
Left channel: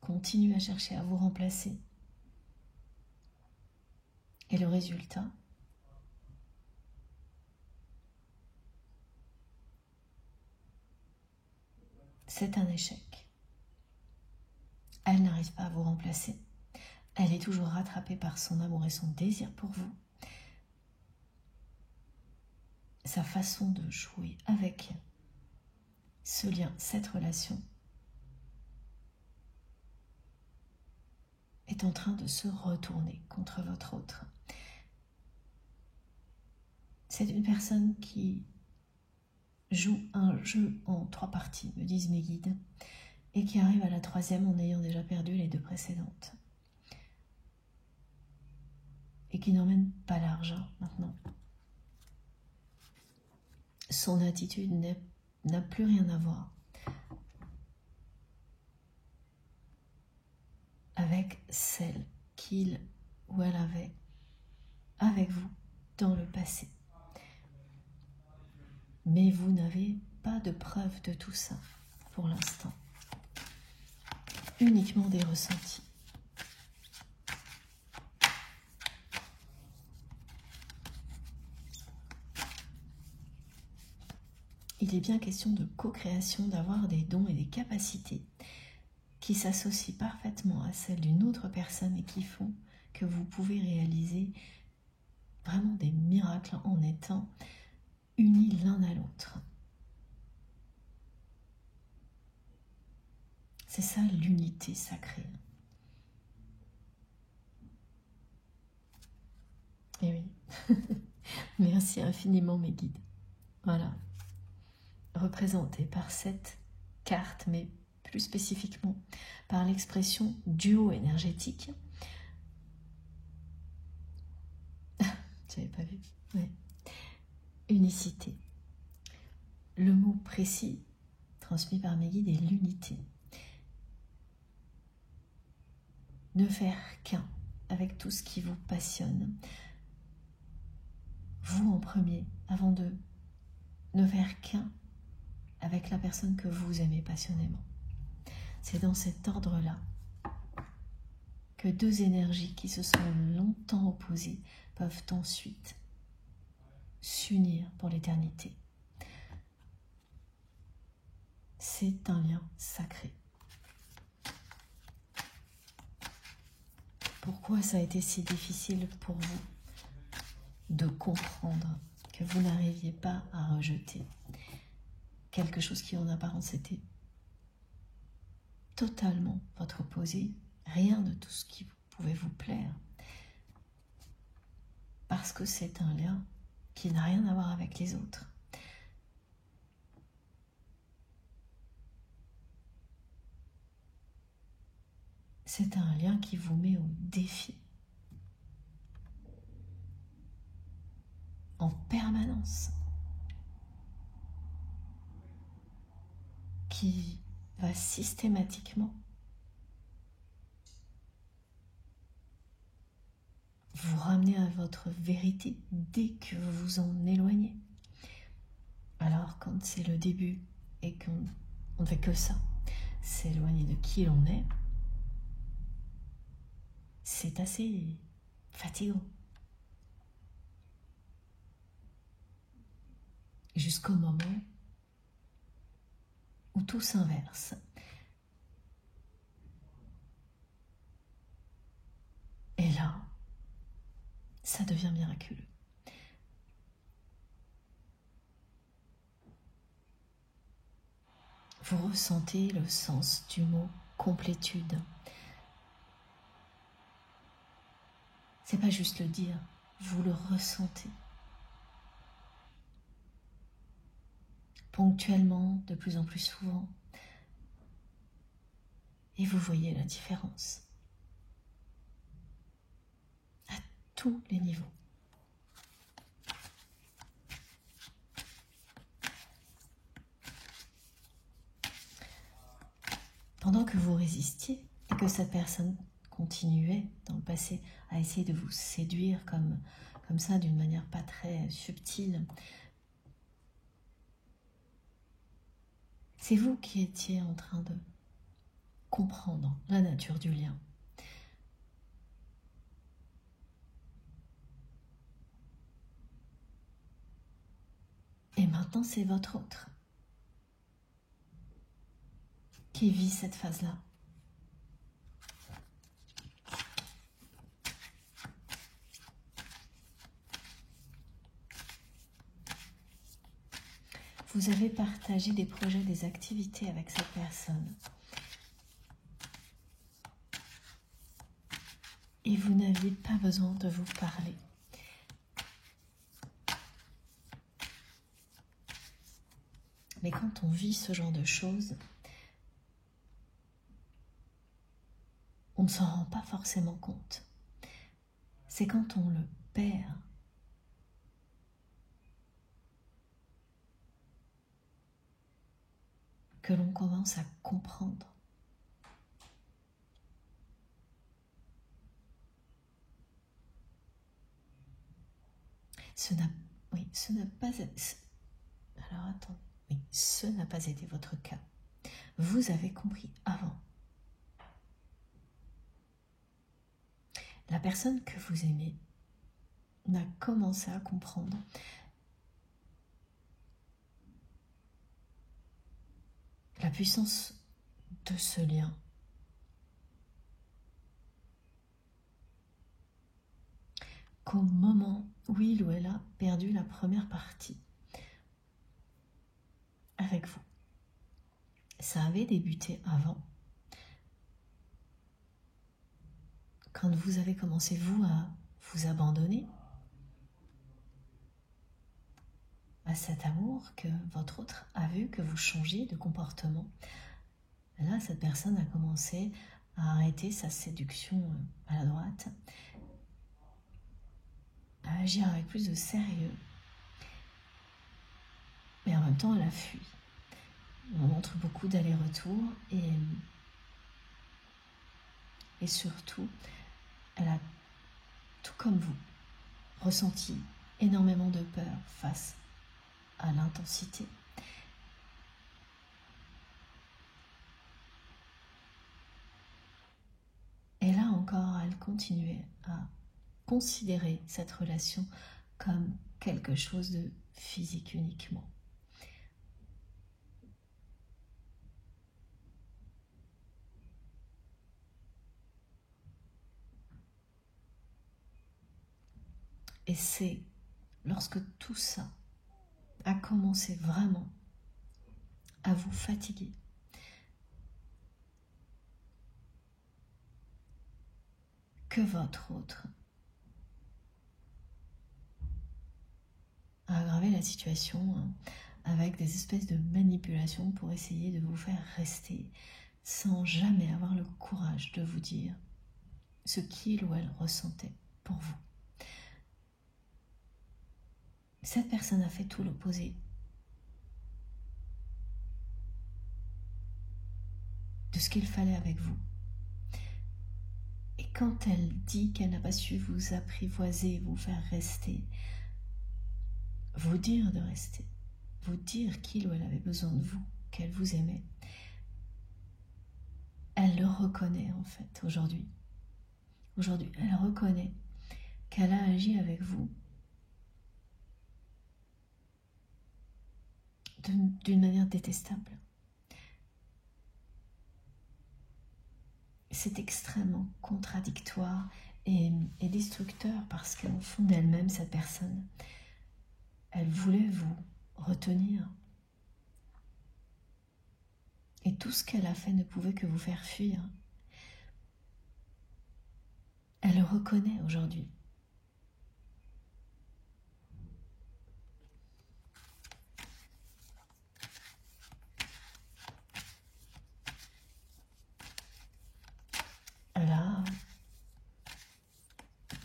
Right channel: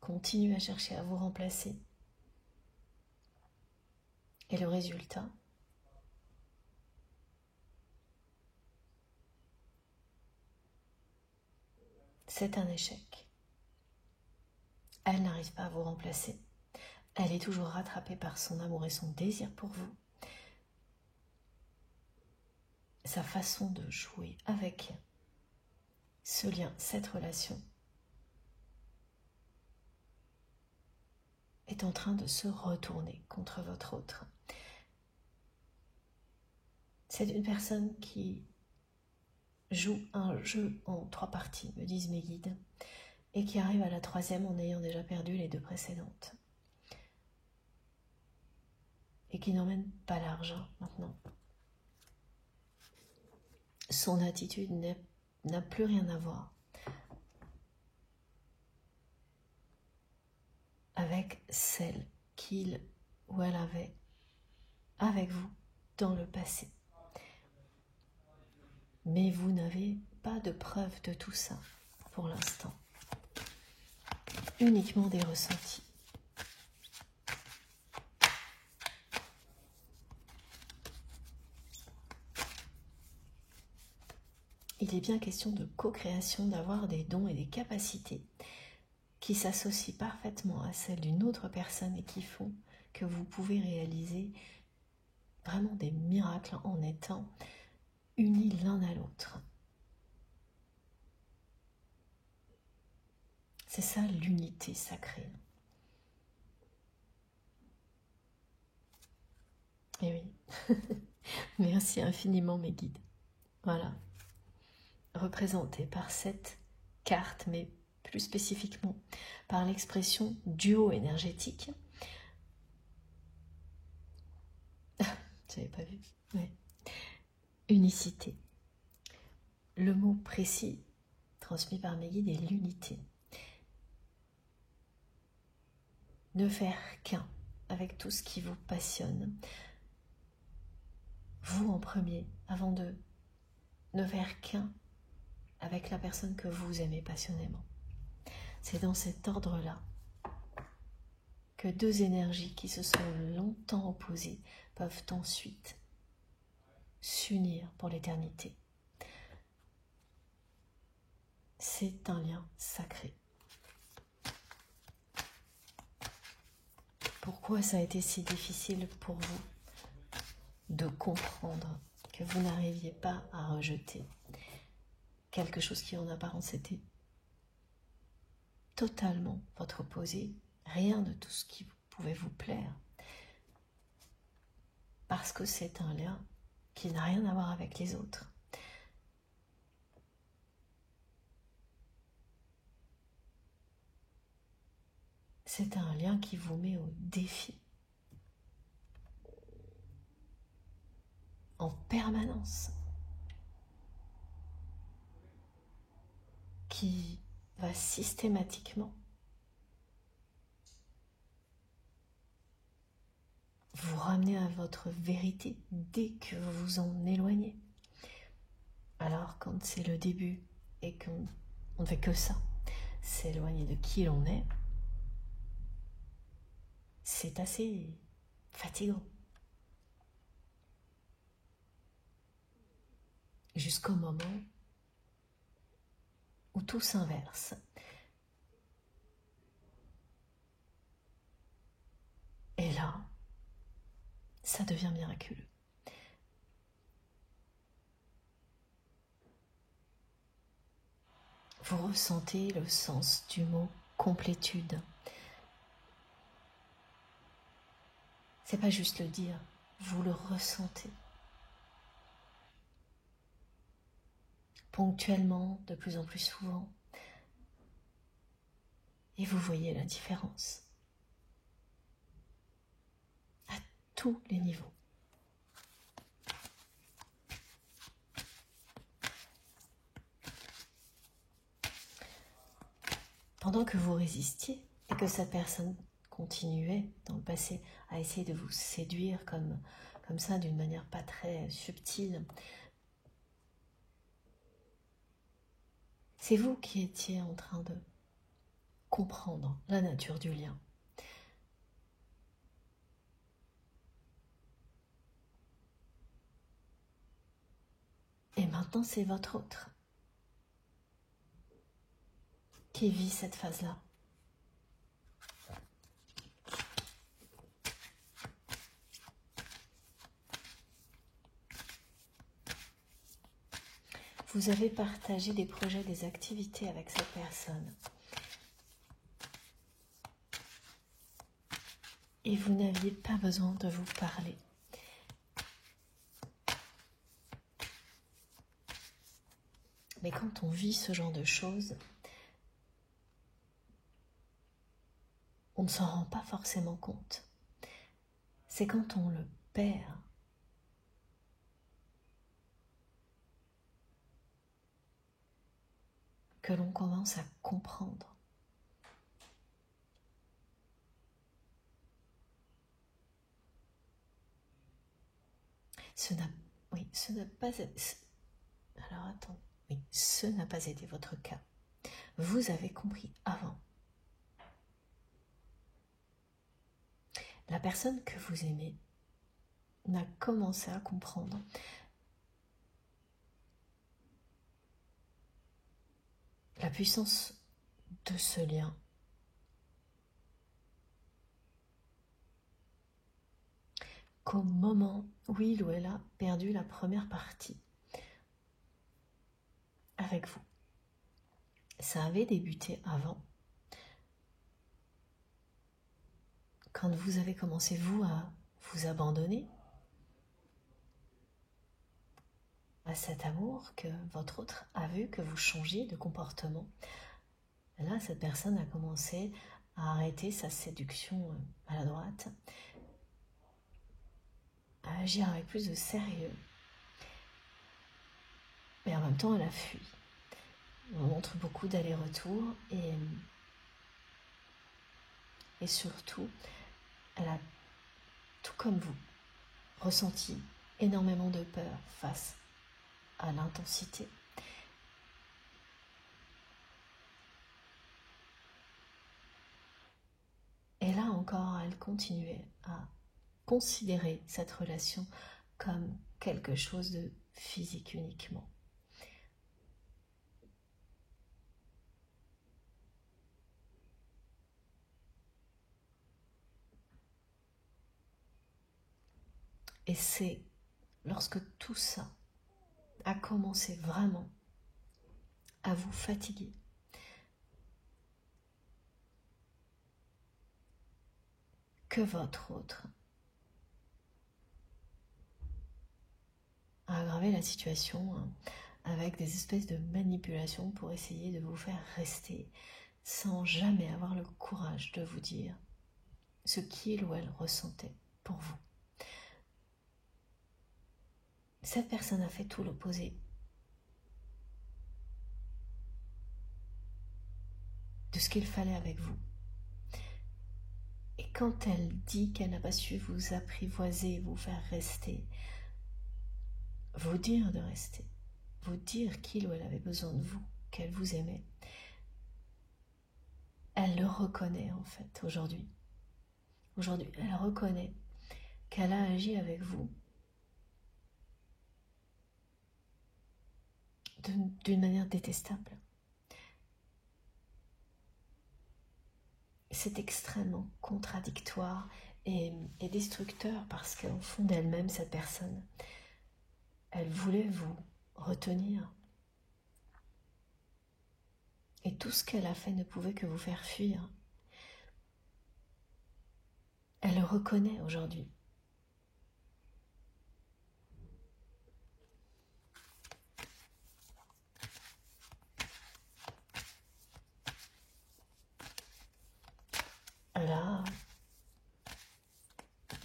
continue à chercher à vous remplacer. Et le résultat, c'est un échec. Elle n'arrive pas à vous remplacer. Elle est toujours rattrapée par son amour et son désir pour vous. sa façon de jouer avec ce lien, cette relation, est en train de se retourner contre votre autre. C'est une personne qui joue un jeu en 3 parties, me disent mes guides, et qui arrive à la 3e en ayant déjà perdu les 2 précédentes. Et qui n'emmène pas l'argent maintenant. Son attitude n'a plus rien à voir avec celle qu'il ou elle avait avec vous dans le passé. Mais vous n'avez pas de preuve de tout ça pour l'instant. Uniquement des ressentis. Il est bien question de co-création, d'avoir des dons et des capacités qui s'associent parfaitement à celles d'une autre personne et qui font que vous pouvez réaliser vraiment des miracles en étant unis l'un à l'autre. C'est ça l'unité sacrée. Et oui, merci infiniment mes guides. Voilà, représenté par cette carte, mais plus spécifiquement par l'expression duo énergétique. J'avais pas vu. Oui. Unicité. Le mot précis transmis par mes guides est l'unité. Ne faire qu'un avec tout ce qui vous passionne. Vous en premier, avant de ne faire qu'un avec la personne que vous aimez passionnément. C'est dans cet ordre-là que 2 énergies qui se sont longtemps opposées peuvent ensuite s'unir pour l'éternité. C'est un lien sacré. Pourquoi ça a été si difficile pour vous de comprendre que vous n'arriviez pas à rejeter quelque chose qui en apparence était totalement votre opposé, rien de tout ce qui pouvait vous plaire, parce que c'est un lien qui n'a rien à voir avec les autres. C'est un lien qui vous met au défi en permanence, qui va systématiquement vous ramener à votre vérité dès que vous vous en éloignez. Alors quand c'est le début et qu'on ne fait que ça, s'éloigner de qui l'on est, c'est assez fatigant. Jusqu'au moment où tout s'inverse. Et là, ça devient miraculeux. Vous ressentez le sens du mot complétude. C'est pas juste le dire, vous le ressentez. Ponctuellement, de plus en plus souvent. Et vous voyez la différence. À tous les niveaux. Pendant que vous résistiez et que cette personne continuait dans le passé à essayer de vous séduire comme ça d'une manière pas très subtile, c'est vous qui étiez en train de comprendre la nature du lien. Et maintenant, c'est votre autre qui vit cette phase-là. vous avez partagé des projets, des activités avec cette personne. Et vous n'aviez pas besoin de vous parler. Mais quand on vit ce genre de choses, on ne s'en rend pas forcément compte. C'est quand on le perd que l'on commence à comprendre. Ce n'a pas été... Alors attends, oui, ce n'a pas été votre cas. Vous avez compris avant. La personne que vous aimez n'a commencé à comprendre la puissance de ce lien. Qu'au moment où il ou elle a perdu la première partie avec vous, ça avait débuté avant. Quand vous avez commencé, vous, à vous abandonner à cet amour que votre autre a vu que vous changiez de comportement, là, cette personne a commencé à arrêter sa séduction maladroite, à agir avec plus de sérieux, mais en même temps, elle a fui. On montre beaucoup d'allers-retours et surtout, elle a, tout comme vous, ressenti énormément de peur face à l'intensité. Et là encore, elle continuait à considérer cette relation comme quelque chose de physique uniquement. Et c'est lorsque tout ça a commencé vraiment à vous fatiguer, que votre autre a aggravé la situation avec des espèces de manipulations pour essayer de vous faire rester sans jamais avoir le courage de vous dire ce qu'il ou elle ressentait pour vous. Cette personne a fait tout l'opposé de ce qu'il fallait avec vous. Et quand elle dit qu'elle n'a pas su vous apprivoiser, vous faire rester, vous dire de rester, vous dire qu'il ou elle avait besoin de vous, qu'elle vous aimait, elle le reconnaît en fait aujourd'hui. Aujourd'hui, elle reconnaît qu'elle a agi avec vous d'une manière détestable. C'est extrêmement contradictoire et destructeur parce qu'au fond d'elle-même, cette personne, elle voulait vous retenir. Et tout ce qu'elle a fait ne pouvait que vous faire fuir. Elle le reconnaît aujourd'hui. Elle a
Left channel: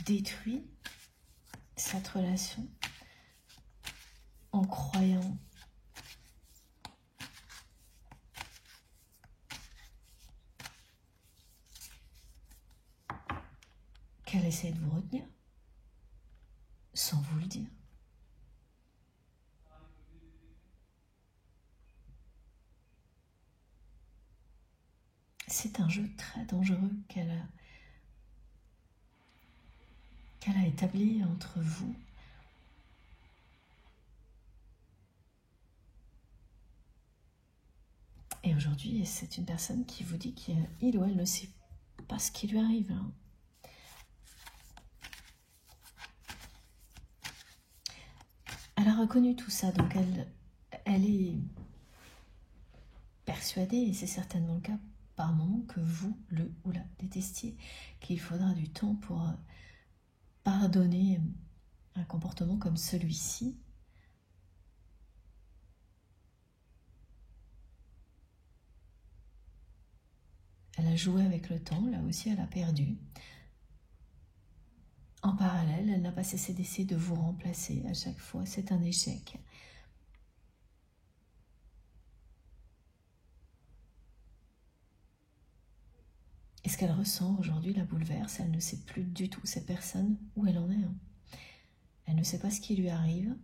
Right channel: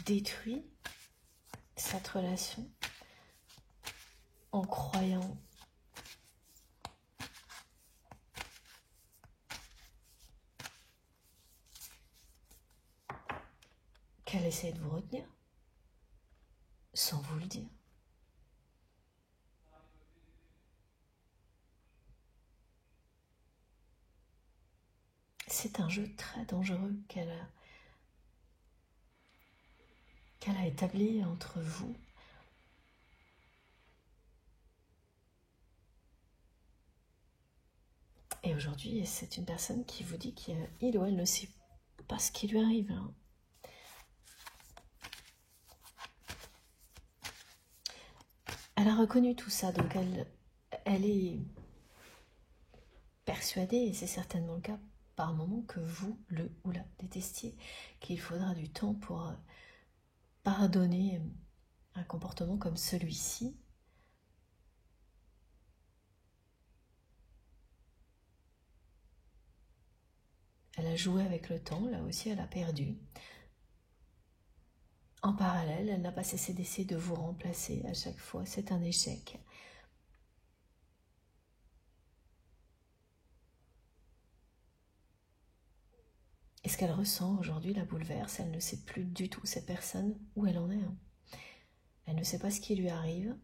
détruit cette relation en croyant qu'elle essaie de vous retenir sans vous le dire. C'est un jeu très dangereux qu'elle a établi entre vous. Et aujourd'hui, c'est une personne qui vous dit qu'il ou elle ne sait pas ce qui lui arrive. Hein. Elle a reconnu tout ça, donc elle est persuadée, et c'est certainement le cas par moment, que vous, le ou la détestiez, qu'il faudra du temps pour pardonner un comportement comme celui-ci. Elle a joué avec le temps, là aussi elle a perdu. En parallèle, elle n'a pas cessé d'essayer de vous remplacer. À chaque fois, c'est un échec. Et ce qu'elle ressent aujourd'hui la bouleverse. Elle ne sait plus du tout, cette personne, où elle en est. Elle ne sait pas ce qui lui arrive.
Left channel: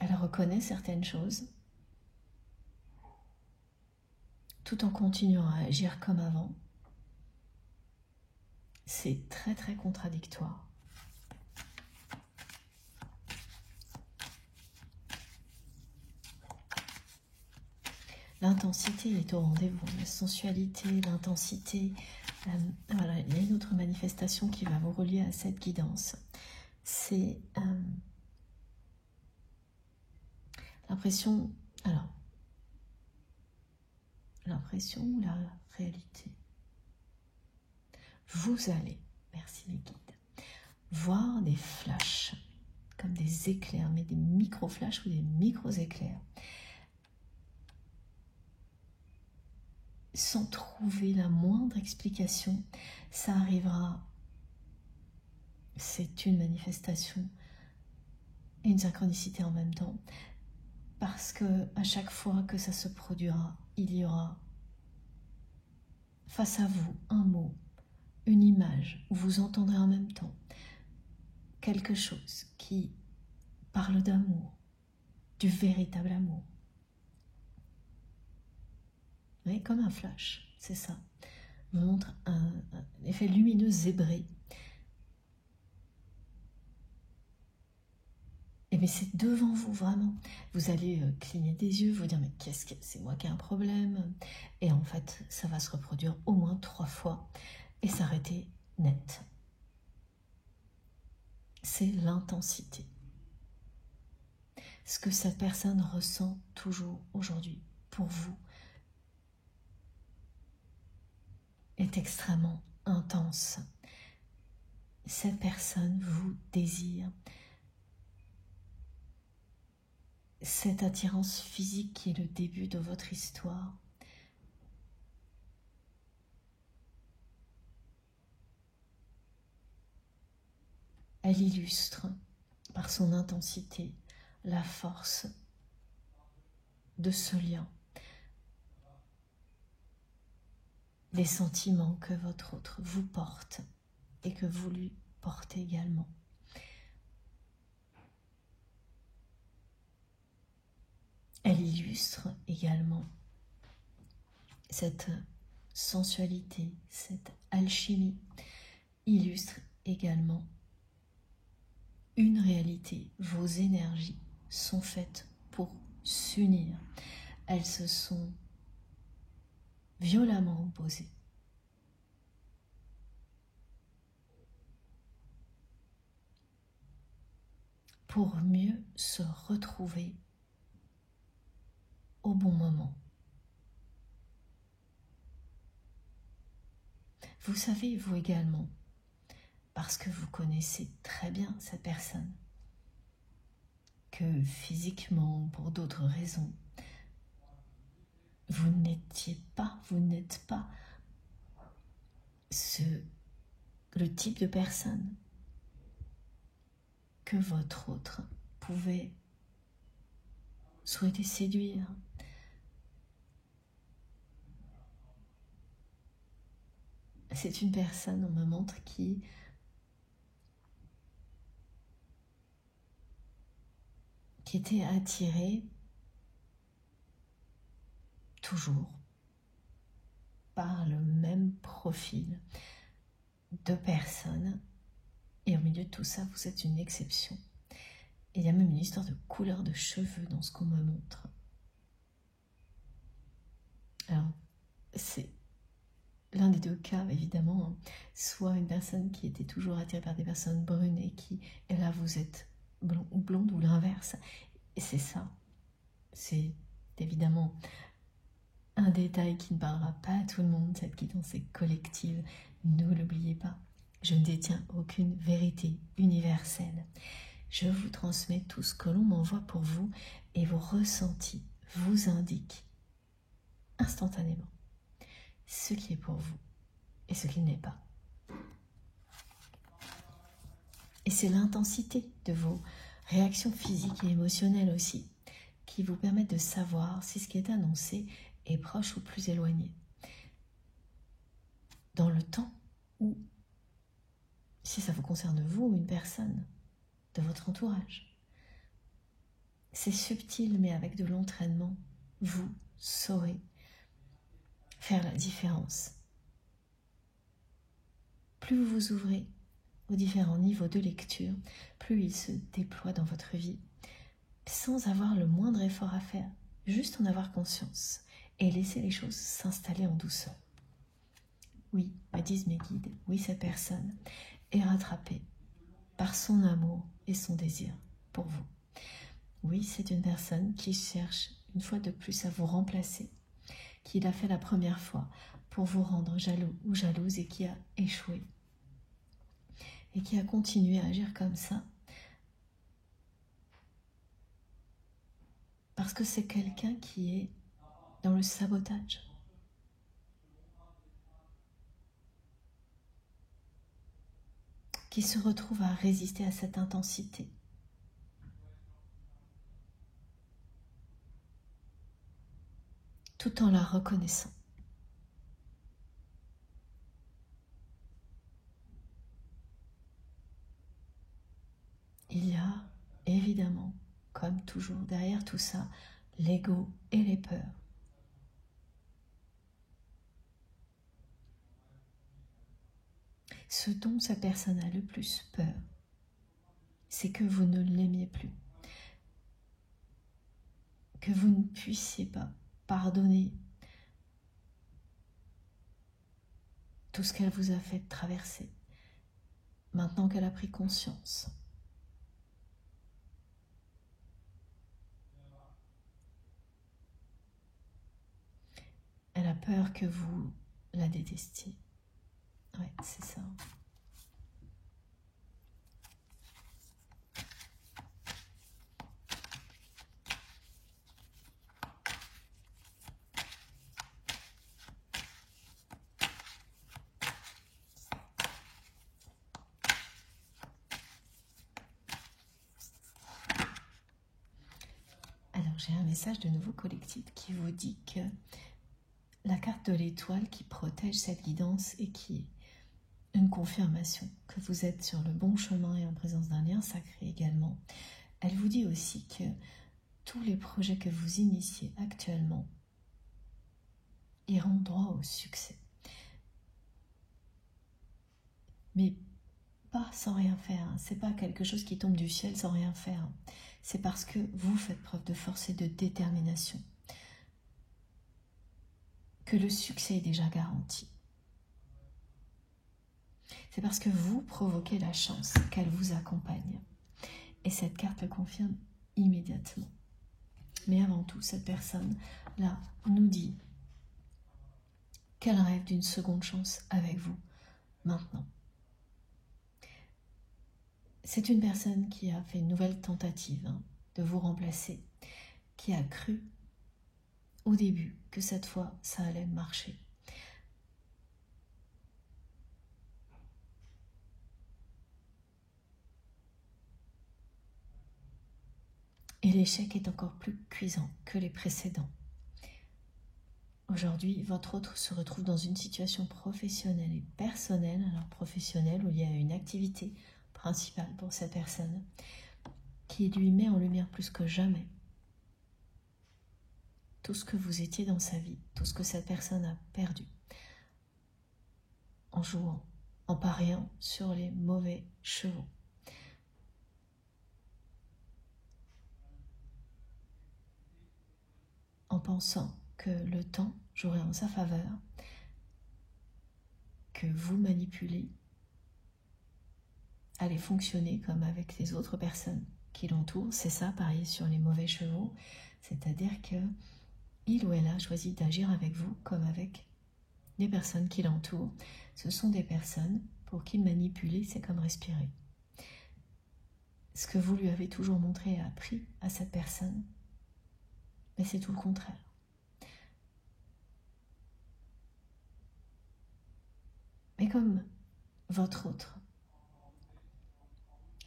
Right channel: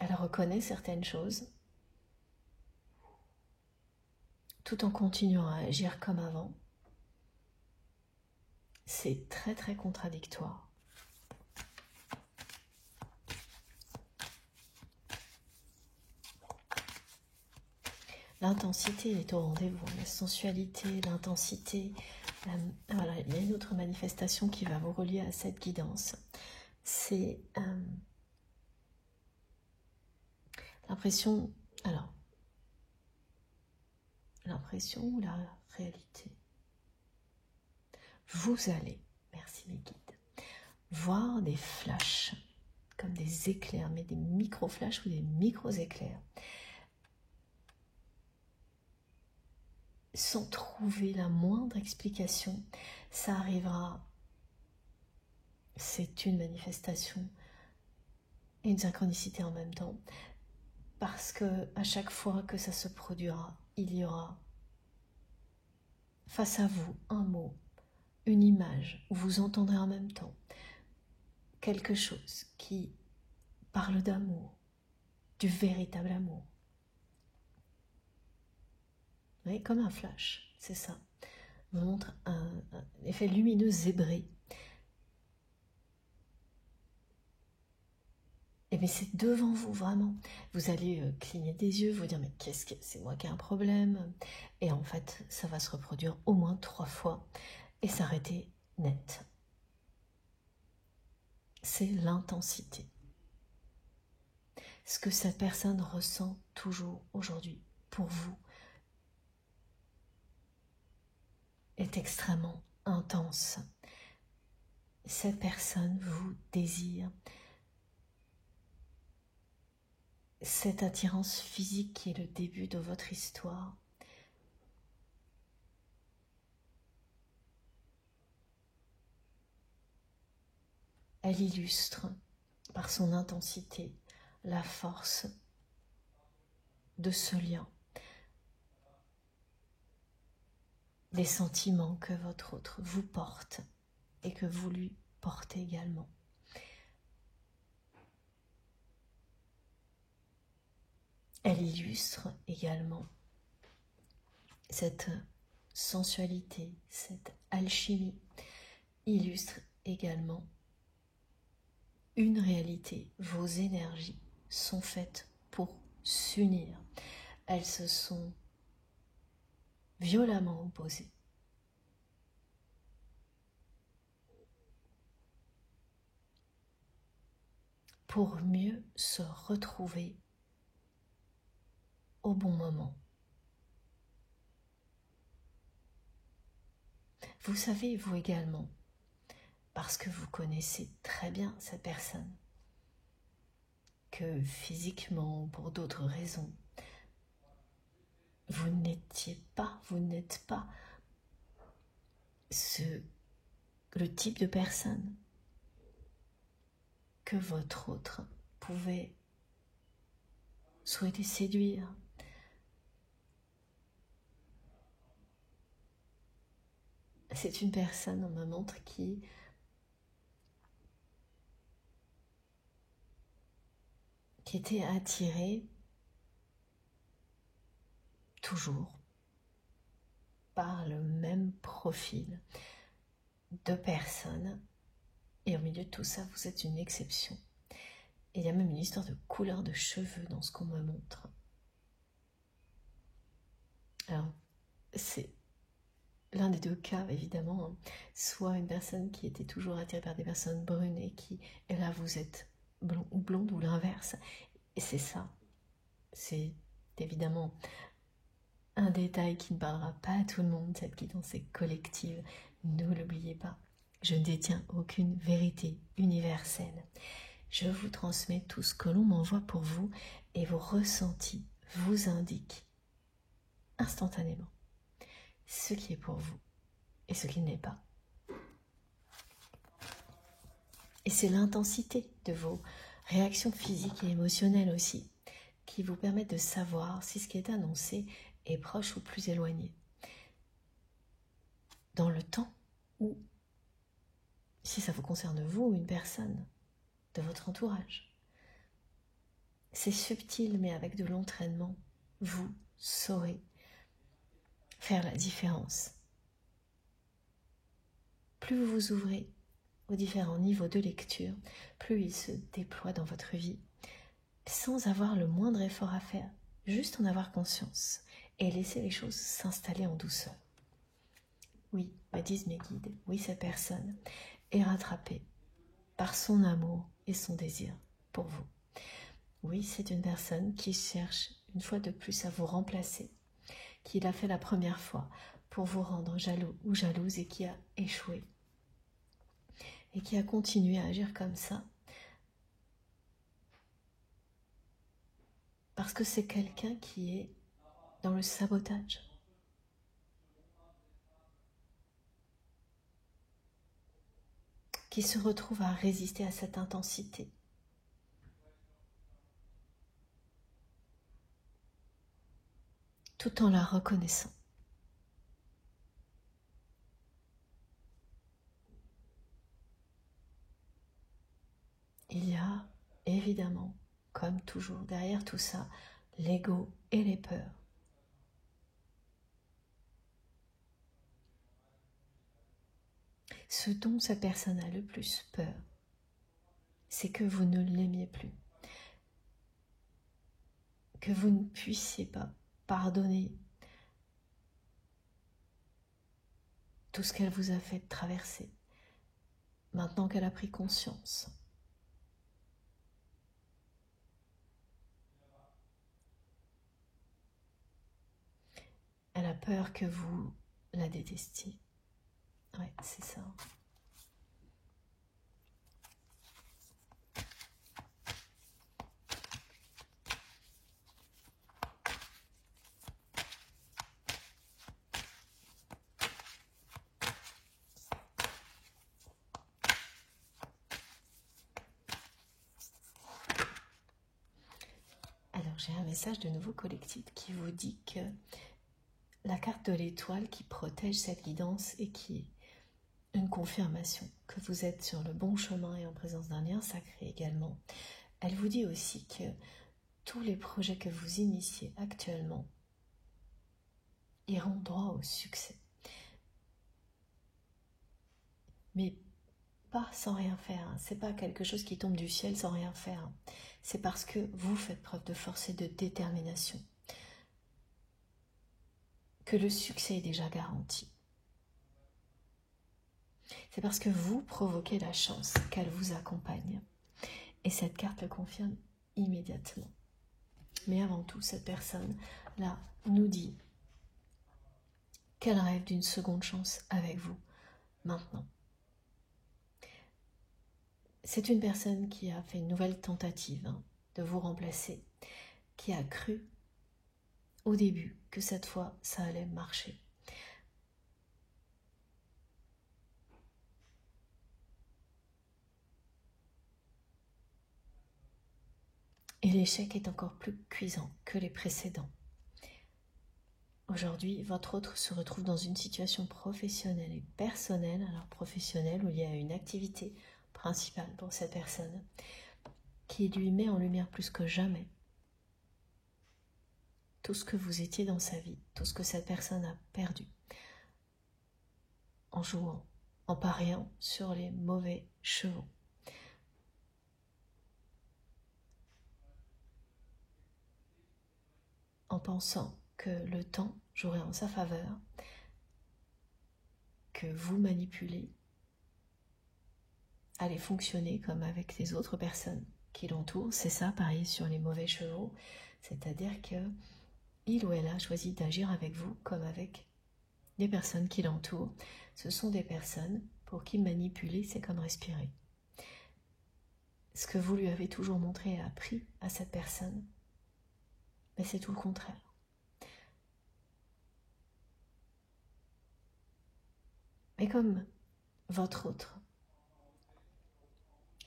Elle reconnaît certaines choses, tout en continuant à agir comme avant. C'est très très contradictoire. L'intensité, elle est au rendez-vous, la sensualité, l'intensité. Voilà, il y a une autre manifestation qui va vous relier à cette guidance. C'est l'impression, alors, l'impression ou la réalité. Vous allez, merci les guides, voir des flashs, comme des éclairs, mais des micro-flashs ou des micro-éclairs. Sans trouver la moindre explication, ça arrivera. C'est une manifestation et une synchronicité en même temps, parce que à chaque fois que ça se produira, il y aura face à vous un mot, une image, où vous entendrez en même temps quelque chose qui parle d'amour, du véritable amour. Vous voyez, comme un flash, c'est ça. On montre un effet lumineux zébré. Et bien c'est devant vous, vraiment. Vous allez cligner des yeux, vous dire, mais qu'est-ce que c'est, moi qui ai un problème? Et en fait, ça va se reproduire au moins 3 fois et s'arrêter net. C'est l'intensité. Ce que cette personne ressent toujours aujourd'hui pour vous est extrêmement intense. Cette personne vous désire. Cette attirance physique qui est le début de votre histoire. Elle illustre par son intensité la force de ce lien. Les sentiments que votre autre vous porte et que vous lui portez également. Elle illustre également cette sensualité, cette alchimie, illustre également une réalité. Vos énergies sont faites pour s'unir. Elles se sont violemment opposées. Pour mieux se retrouver au bon moment. Vous savez, vous également, parce que vous connaissez très bien cette personne, que physiquement, pour d'autres raisons, vous n'êtes pas le type de personne que votre autre pouvait souhaiter séduire. C'est une personne, on me montre, qui était attirée toujours par le même profil de personnes, et au milieu de tout ça, vous êtes une exception. Et il y a même une histoire de couleur de cheveux dans ce qu'on me montre. Alors, c'est l'un des deux cas, évidemment, soit une personne qui était toujours attirée par des personnes brunes et là vous êtes blond ou blonde, ou l'inverse. Et c'est ça, c'est évidemment un détail qui ne parlera pas à tout le monde, cette guidance est collective, ne l'oubliez pas. Je ne détiens aucune vérité universelle. Je vous transmets tout ce que l'on m'envoie pour vous et vos ressentis vous indiquent instantanément ce qui est pour vous et ce qui n'est pas. Et c'est l'intensité de vos réactions physiques et émotionnelles aussi qui vous permettent de savoir si ce qui est annoncé est proche ou plus éloigné. Dans le temps où, si ça vous concerne vous ou une personne de votre entourage, c'est subtil mais avec de l'entraînement, vous saurez faire la différence. Plus vous vous ouvrez aux différents niveaux de lecture, plus il se déploie dans votre vie, sans avoir le moindre effort à faire, juste en avoir conscience et laisser les choses s'installer en douceur. Oui, me disent mes guides, oui, cette personne est rattrapée par son amour et son désir pour vous. Oui, c'est une personne qui cherche une fois de plus à vous remplacer, qui l'a fait la première fois pour vous rendre jaloux ou jalouse et qui a échoué. Et qui a continué à agir comme ça parce que c'est quelqu'un qui est dans le sabotage. Qui se retrouve à résister à cette intensité. Tout en la reconnaissant. Il y a évidemment, comme toujours, derrière tout ça, l'ego et les peurs. Ce dont cette personne a le plus peur, c'est que vous ne l'aimiez plus. Que vous ne puissiez pas pardonner tout ce qu'elle vous a fait traverser, maintenant qu'elle a pris conscience. Elle a peur que vous la détestiez. Ouais, c'est ça. Alors, j'ai un message de nouveau collectif qui vous dit que la carte de l'étoile qui protège cette guidance et qui est une confirmation que vous êtes sur le bon chemin et en présence d'un lien sacré également. Elle vous dit aussi que tous les projets que vous initiez actuellement iront droit au succès. Mais pas sans rien faire, hein. C'est pas quelque chose qui tombe du ciel sans rien faire. Hein. C'est parce que vous faites preuve de force et de détermination que le succès est déjà garanti. C'est parce que vous provoquez la chance qu'elle vous accompagne. Et cette carte le confirme immédiatement. Mais avant tout, cette personne-là nous dit qu'elle rêve d'une seconde chance avec vous, maintenant. C'est une personne qui a fait une nouvelle tentative de vous remplacer, qui a cru au début que cette fois, ça allait marcher. Et l'échec est encore plus cuisant que les précédents. Aujourd'hui, votre autre se retrouve dans une situation professionnelle et personnelle, alors professionnelle où il y a une activité principale pour cette personne qui lui met en lumière plus que jamais tout ce que vous étiez dans sa vie, tout ce que cette personne a perdu en jouant, en pariant sur les mauvais chevaux. En pensant que le temps jouerait en sa faveur, que vous manipulez, allez fonctionner comme avec les autres personnes qui l'entourent. C'est ça, pareil sur les mauvais chevaux, c'est-à-dire que il ou elle a choisi d'agir avec vous comme avec les personnes qui l'entourent. Ce sont des personnes pour qui manipuler, c'est comme respirer. Ce que vous lui avez toujours montré et appris à cette personne, mais c'est tout le contraire. Mais comme votre autre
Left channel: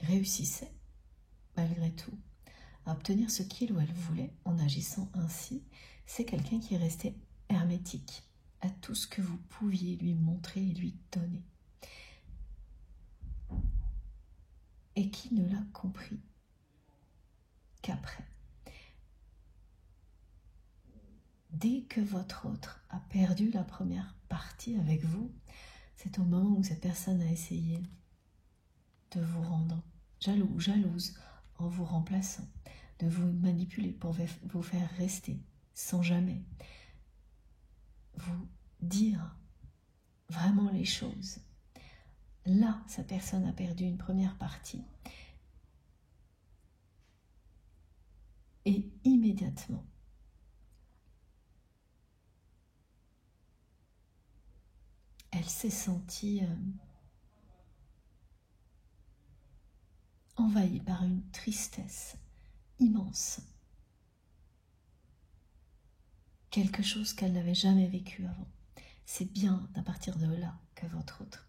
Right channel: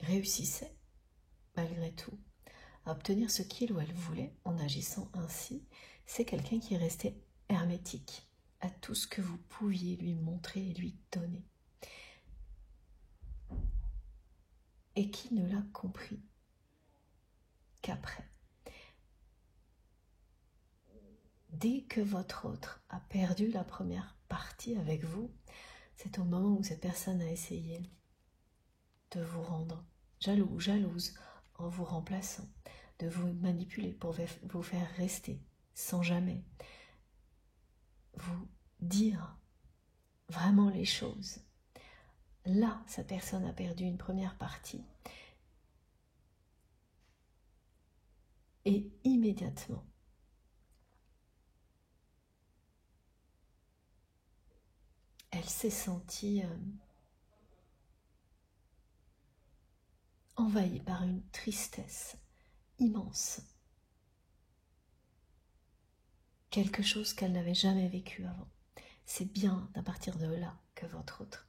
réussissait, malgré tout, à obtenir ce qu'il ou elle voulait en agissant ainsi, c'est quelqu'un qui restait hermétique à tout ce que vous pouviez lui montrer et lui donner. Et qui ne l'a compris qu'après. Dès que votre autre a perdu la première partie avec vous, c'est au moment où cette personne a essayé de vous rendre jaloux ou jalouse en vous remplaçant, de vous manipuler pour vous faire rester sans jamais vous dire vraiment les choses. Là, cette personne a perdu une première partie. Et immédiatement, elle s'est sentie envahie par une tristesse immense. Quelque chose qu'elle n'avait jamais vécu avant. C'est bien à partir de là que votre autre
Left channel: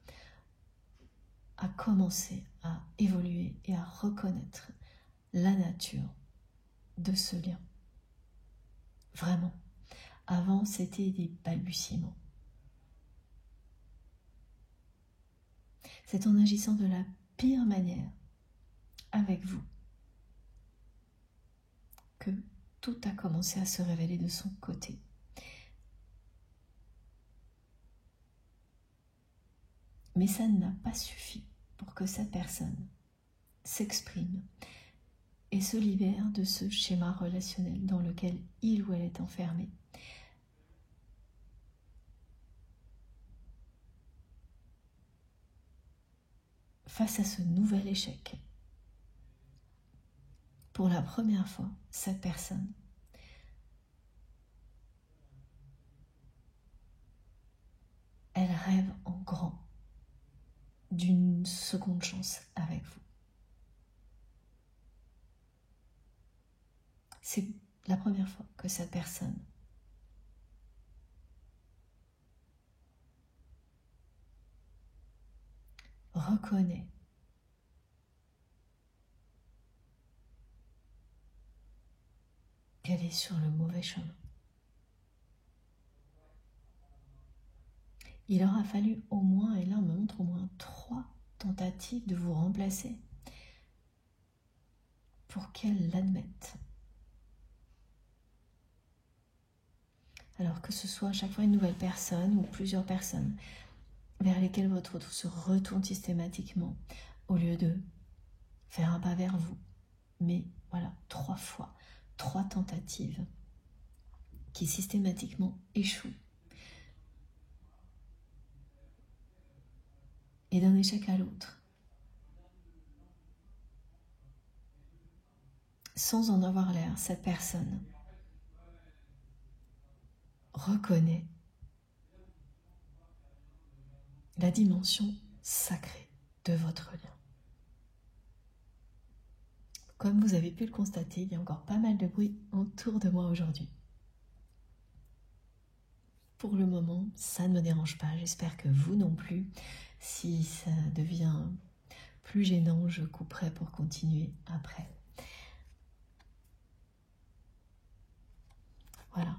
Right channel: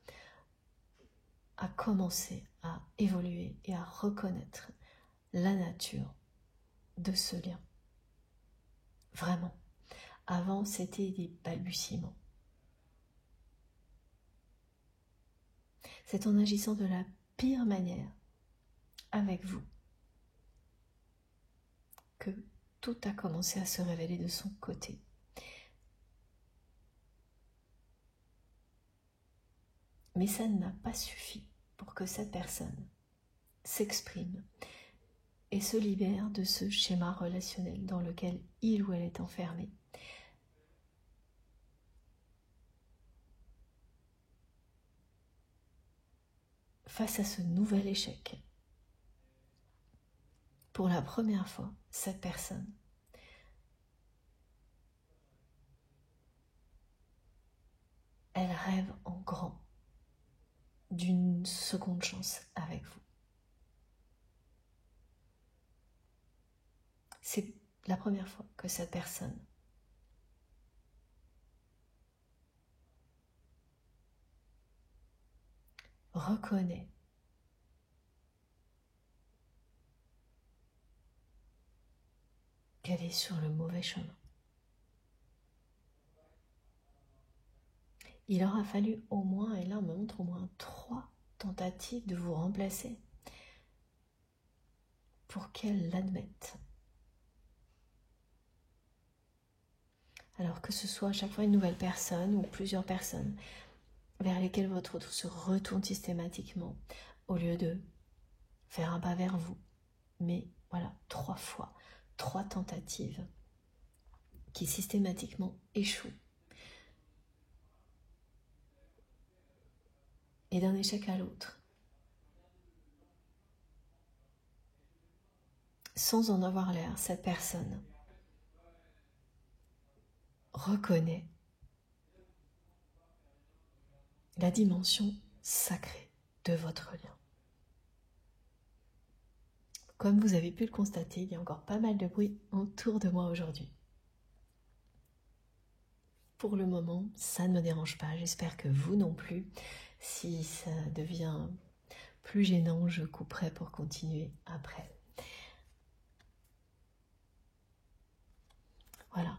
a commencé à évoluer et à reconnaître la nature de ce lien. Vraiment. Avant, c'était des balbutiements. C'est en agissant de la pire manière avec vous que tout a commencé à se révéler de son côté. Mais ça n'a pas suffi pour que cette personne s'exprime et se libère de ce schéma relationnel dans lequel il ou elle est enfermé. Face à ce nouvel échec, pour la première fois, cette personne elle rêve en grand d'une seconde chance avec vous. C'est la première fois que cette personne reconnaît qu'elle est sur le mauvais chemin. Il aura fallu au moins, et là on me montre au moins 3 tentatives de vous remplacer pour qu'elle l'admette. Alors que ce soit à chaque fois une nouvelle personne ou plusieurs personnes vers lesquelles votre autre se retourne systématiquement au lieu de faire un pas vers vous. Mais voilà, 3 fois, 3 tentatives qui systématiquement échouent. Et d'un échec à l'autre, sans en avoir l'air, cette personne reconnaît la dimension sacrée de votre lien. Comme vous avez pu le constater, il y a encore pas mal de bruit autour de moi aujourd'hui. Pour le moment, ça ne me dérange pas, j'espère que vous non plus. Si ça devient plus gênant, je couperai pour continuer après. Voilà.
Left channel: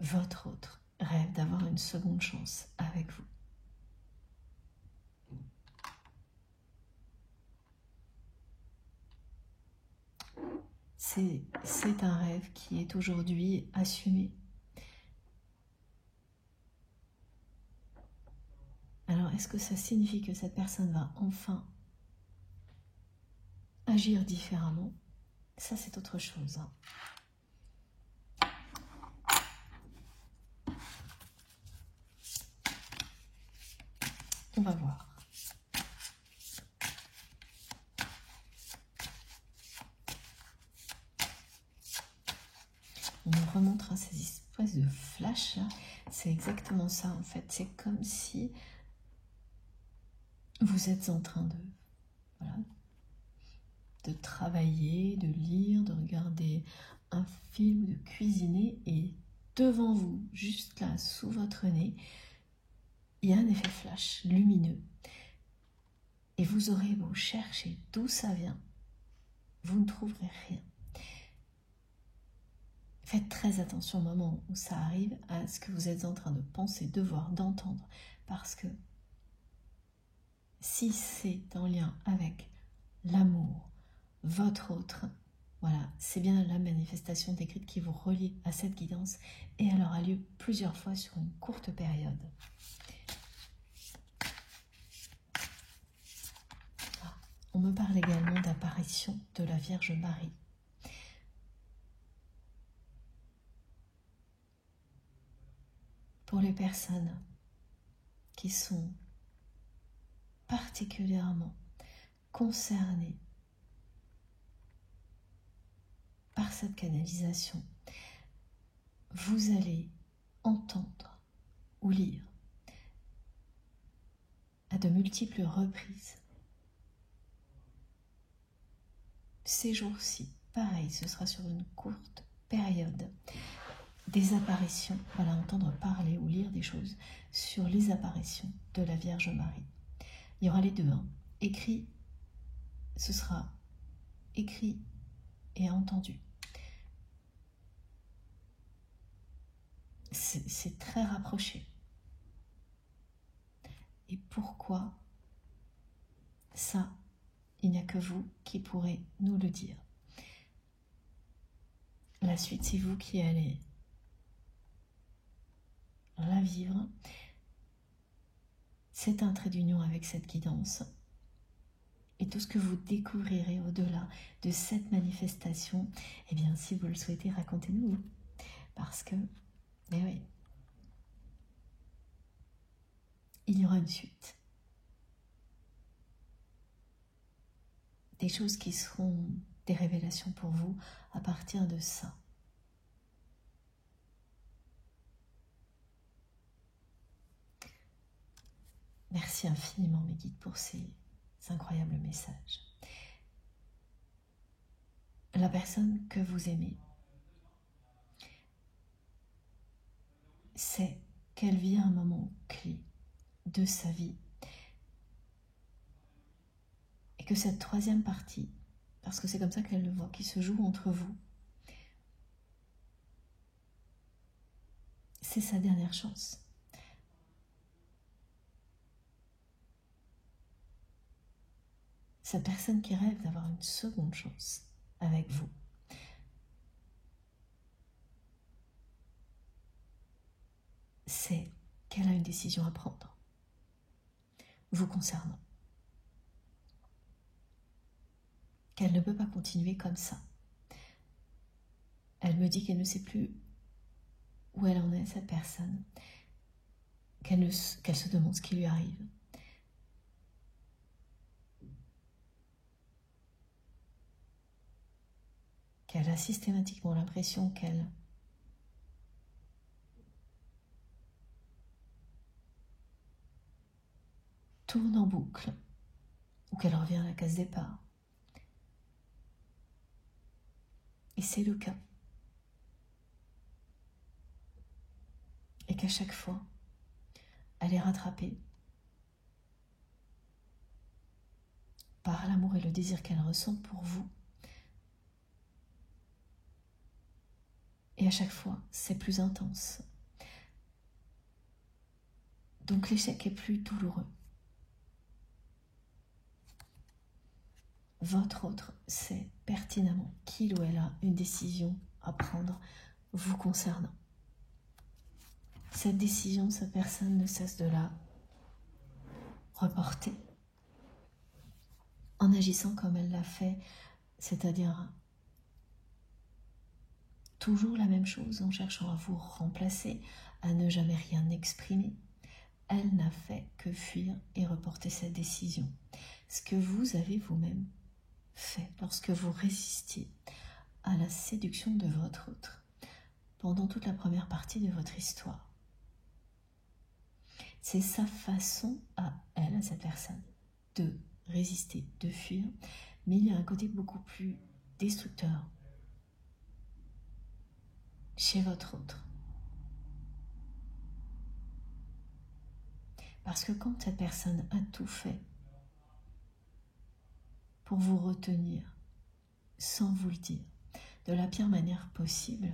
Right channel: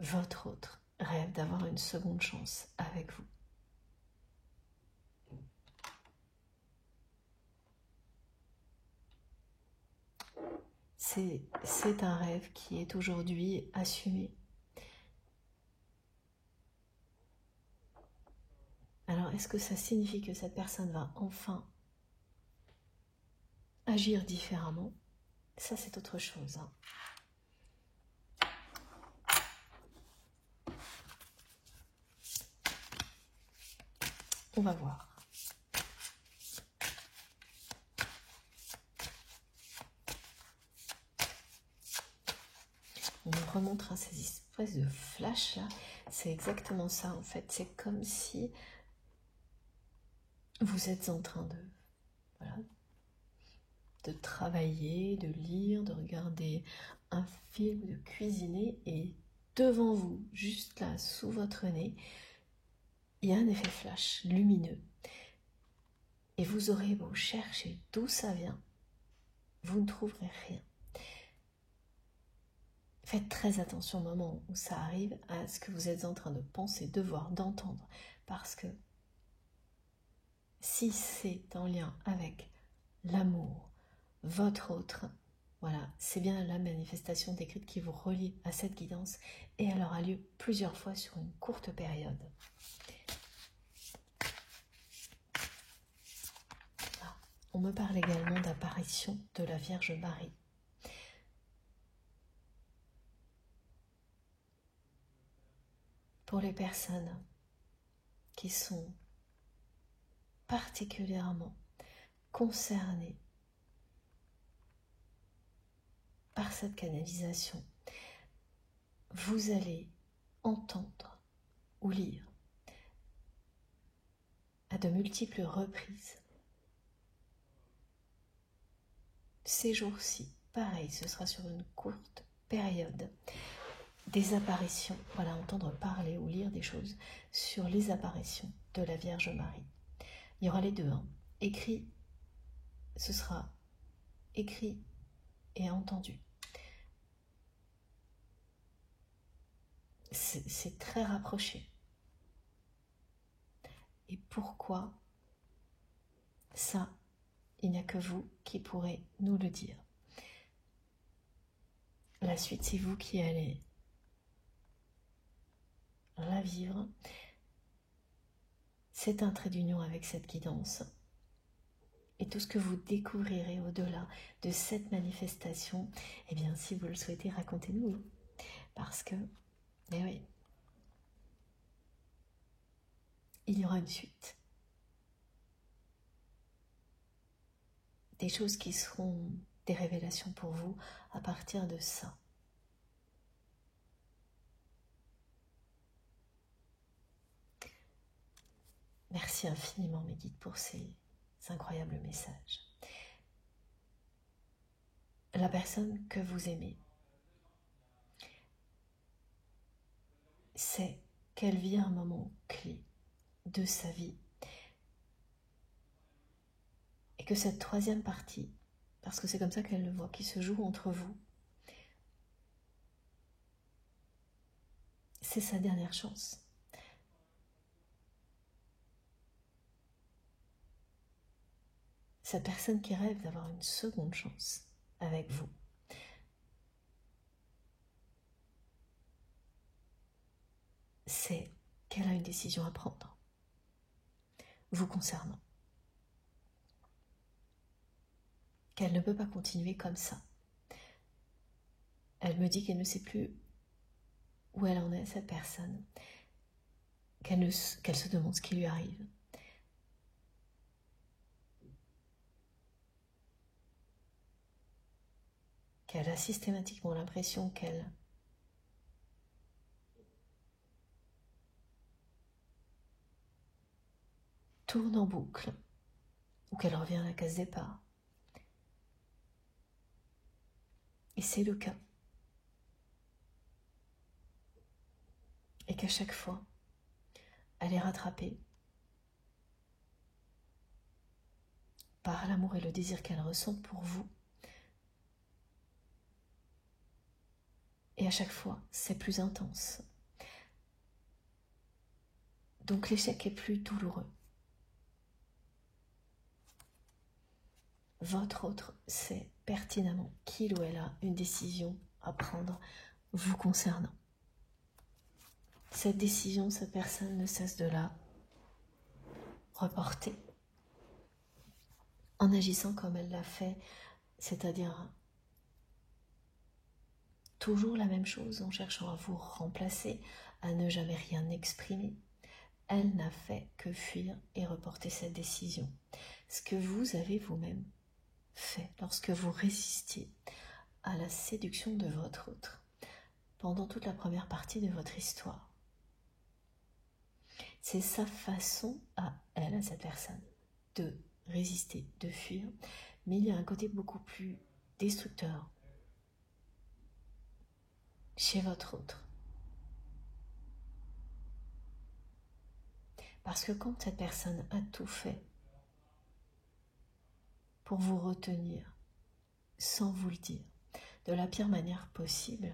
Votre autre rêve d'avoir une seconde chance avec vous. C'est un rêve qui est aujourd'hui assumé. Alors, est-ce que ça signifie que cette personne va enfin agir différemment? Ça, c'est autre chose. On va voir. espèce de flash là, c'est exactement ça en fait. C'est comme si vous êtes en train de, voilà, de travailler, de lire, de regarder un film, de cuisiner, et devant vous, juste là, sous votre nez, il y a un effet flash lumineux. Et vous aurez beau chercher d'où ça vient, vous ne trouverez rien. Faites très attention au moment où ça arrive à ce que vous êtes en train de penser, de voir, d'entendre, parce que si c'est en lien avec l'amour, votre autre, voilà, c'est bien la manifestation décrite qui vous relie à cette guidance, et elle aura lieu plusieurs fois sur une courte période. Ah, on me parle également d'apparition de la Vierge Marie. Pour les personnes qui sont particulièrement concernées par cette canalisation, vous allez entendre ou lire à de multiples reprises. Ces jours-ci, pareil, ce sera sur une courte période, des apparitions, voilà, entendre parler ou lire des choses sur les apparitions de la Vierge Marie. Il y aura les deux, hein. Écrit, ce sera écrit et entendu. C'est très rapproché. Et pourquoi ça, il n'y a que vous qui pourrez nous le dire. La suite, c'est vous qui allez la vivre. C'est un trait d'union avec cette guidance. Et tout ce que vous découvrirez au-delà de cette manifestation, eh bien, si vous le souhaitez, racontez-nous. Parce que, eh oui, il y aura une suite. Des choses qui seront des révélations pour vous à partir de ça. Merci infiniment, mes guides, pour ces incroyables messages. La personne que vous aimez sait qu'elle vit un moment clé de sa vie et que cette troisième partie, parce que c'est comme ça qu'elle le voit, qui se joue entre vous, c'est sa dernière chance. Cette personne qui rêve d'avoir une seconde chance avec vous. C'est qu'elle a une décision à prendre, vous concernant. Qu'elle ne peut pas continuer comme ça. Elle me dit qu'elle ne sait plus où elle en est, cette personne, qu'elle se demande ce qui lui arrive. Qu'elle a systématiquement l'impression qu'elle tourne en boucle, ou qu'elle revient à la case départ. Et c'est le cas. Et qu'à chaque fois, elle est rattrapée par l'amour et le désir qu'elle ressent pour vous. Et à chaque fois, c'est plus intense. Donc l'échec est plus douloureux. Votre autre sait pertinemment qu'il ou elle a une décision à prendre vous concernant. Cette décision, cette personne ne cesse de la reporter en agissant comme elle l'a fait, c'est-à-dire toujours la même chose, en cherchant à vous remplacer, à ne jamais rien exprimer. Elle n'a fait que fuir et reporter cette décision. Ce que vous avez vous-même fait lorsque vous résistiez à la séduction de votre autre, pendant toute la première partie de votre histoire. C'est sa façon à elle, à cette personne, de résister, de fuir, mais il y a un côté beaucoup plus destructeur chez votre autre. Parce que quand cette personne a tout fait pour vous retenir, sans vous le dire, de la pire manière possible,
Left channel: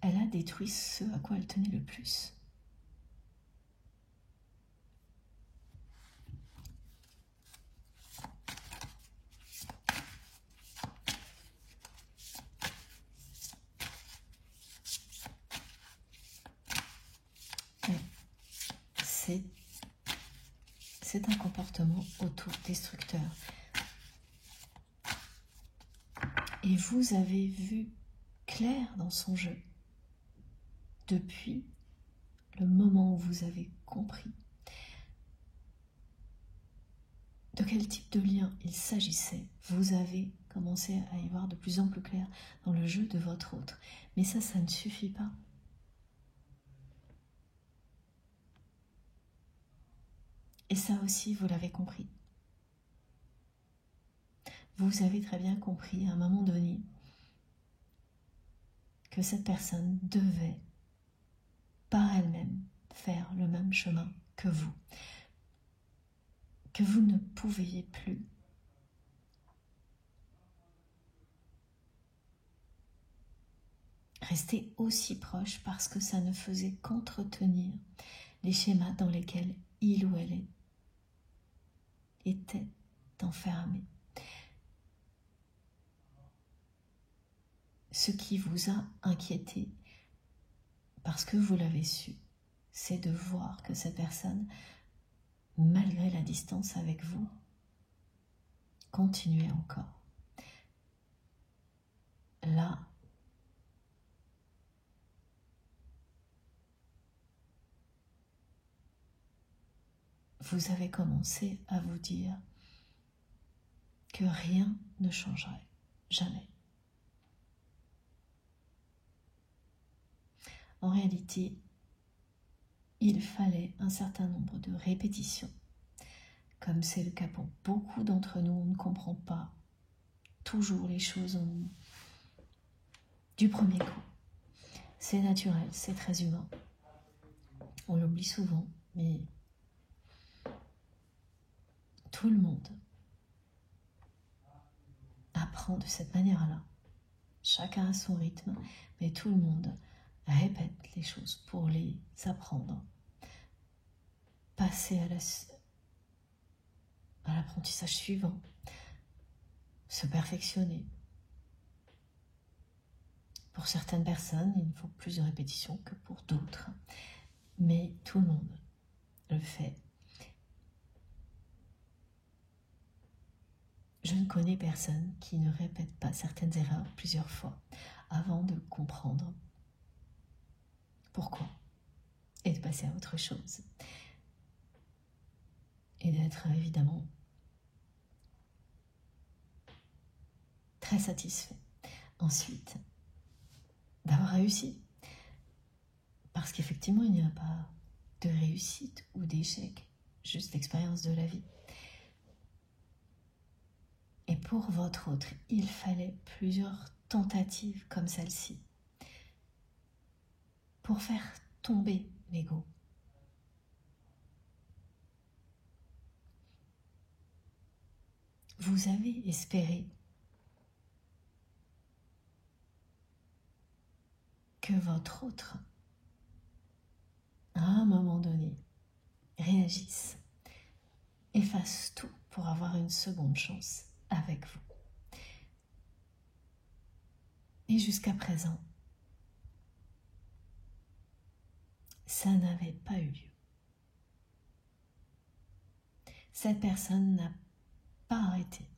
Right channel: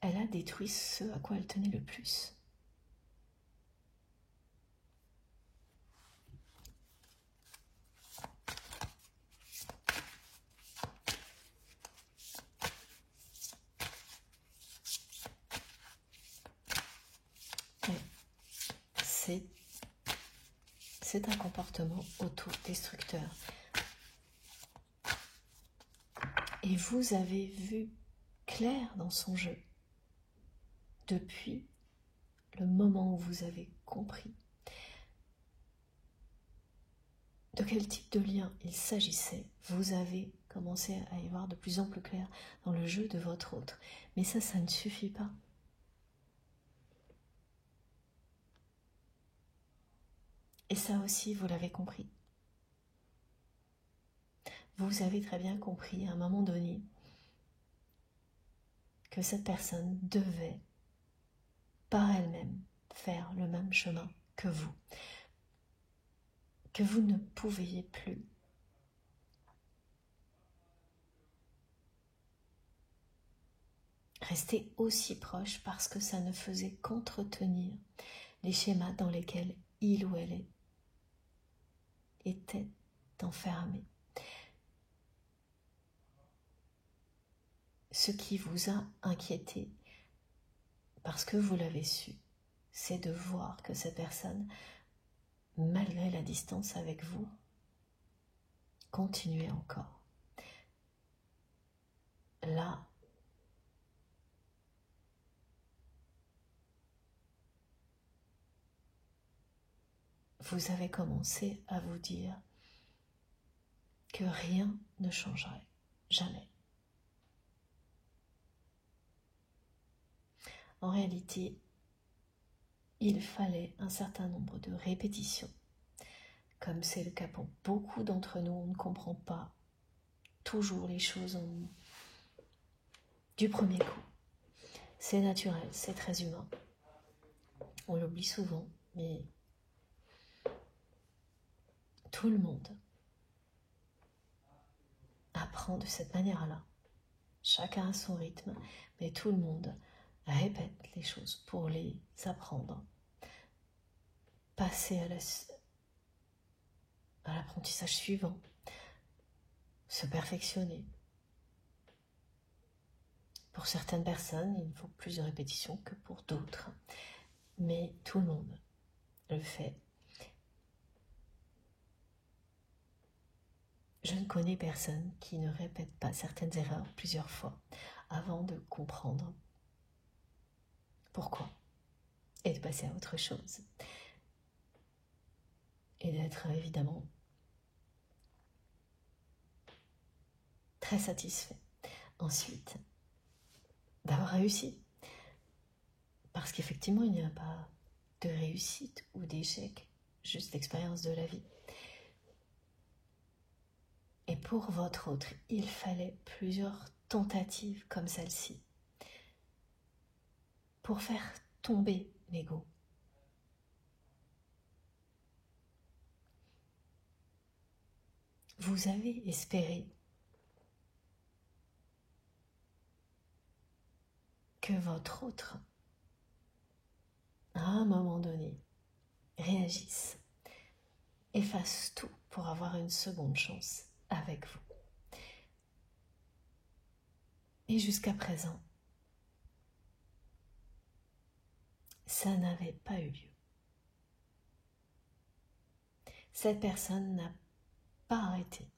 elle a détruit ce à quoi elle tenait le plus. C'est un comportement autodestructeur. Et vous avez vu clair dans son jeu depuis le moment où vous avez compris de quel type de lien il s'agissait. Vous avez commencé à y voir de plus en plus clair dans le jeu de votre autre. Mais ça ne suffit pas. Et ça aussi, vous l'avez compris. Vous avez très bien compris à un moment donné que cette personne devait, par elle-même, faire le même chemin que vous ne pouviez plus rester aussi proche parce que ça ne faisait qu'entretenir les schémas dans lesquels il ou elle était enfermé. Ce qui vous a inquiété, parce que vous l'avez su, c'est de voir que cette personne, malgré la distance avec vous, continuait encore. Là, vous avez commencé à vous dire que rien ne changerait, jamais. En réalité, il fallait un certain nombre de répétitions. Comme c'est le cas pour beaucoup d'entre nous, on ne comprend pas toujours les choses du premier coup. C'est naturel, c'est très humain. On l'oublie souvent, mais tout le monde apprend de cette manière-là. Chacun a son rythme, mais tout le monde répète les choses pour les apprendre. Passer à l'apprentissage suivant, se perfectionner. Pour certaines personnes, il faut plus de répétition que pour d'autres, mais tout le monde le fait. Je ne connais personne qui ne répète pas certaines erreurs plusieurs fois avant de comprendre pourquoi et de passer à autre chose. Et d'être évidemment très satisfait. Ensuite, d'avoir réussi. Parce qu'effectivement, il n'y a pas de réussite ou d'échec, juste l'expérience de la vie. Et pour votre autre, il fallait plusieurs tentatives comme celle-ci pour faire tomber l'ego. Vous avez espéré que votre autre, à un moment donné, réagisse et fasse tout pour avoir une seconde chance avec vous. Et jusqu'à présent, ça n'avait pas eu lieu. Cette personne n'a pas arrêté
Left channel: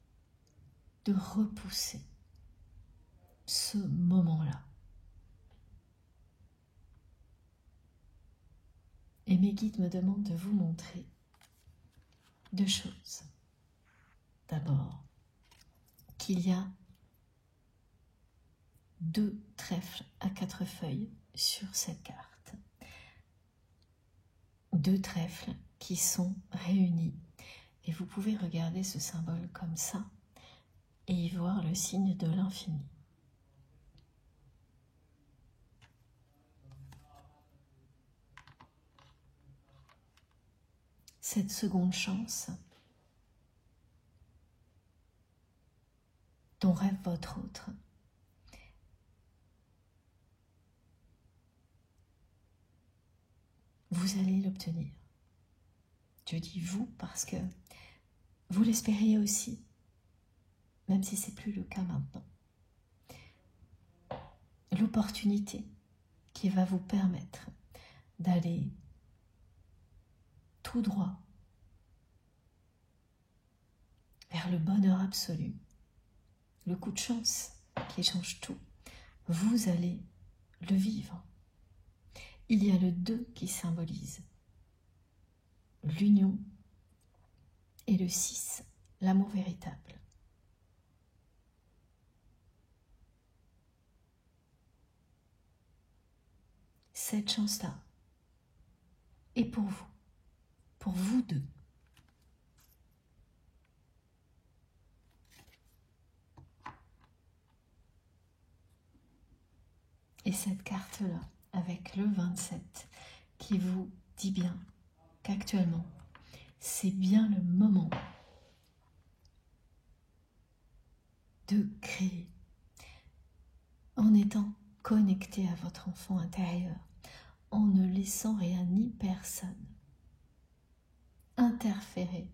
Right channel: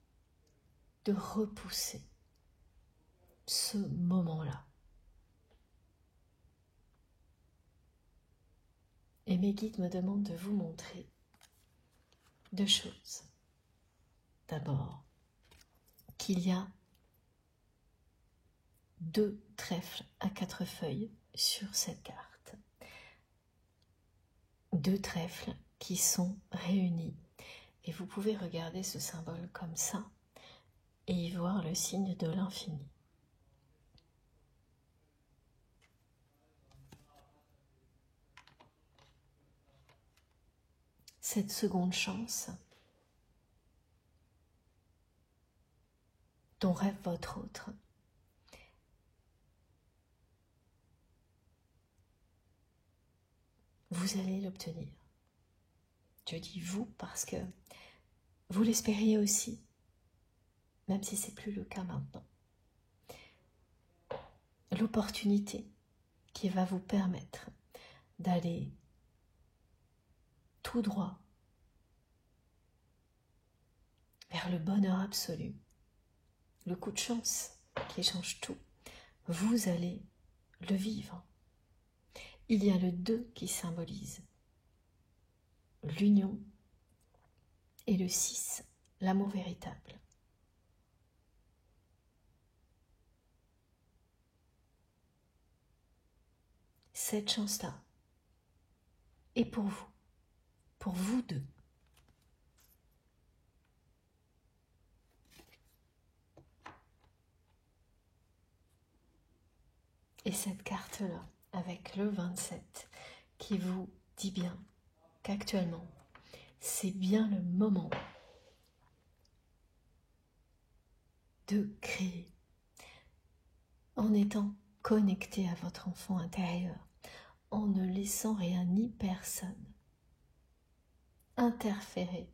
de repousser ce moment-là. Et mes guides me demandent de vous montrer deux choses. d'abord qu'il y a 2 trèfles à 4 feuilles sur cette carte. 2 trèfles qui sont réunis. Et vous pouvez regarder ce symbole comme ça et y voir le signe de l'infini. Cette seconde chance dont rêve votre autre, vous allez l'obtenir. Je dis vous parce que vous l'espériez aussi, même si ce n'est plus le cas maintenant. L'opportunité qui va vous permettre d'aller tout droit vers le bonheur absolu, le coup de chance qui change tout, vous allez le vivre. Il y a le 2 qui symbolise l'union et le 6, l'amour véritable. Cette chance-là est pour vous 2. Et cette carte-là, avec le 27, qui vous dit bien qu'actuellement, c'est bien le moment de créer en étant connecté à votre enfant intérieur, en ne laissant rien ni personne interférer.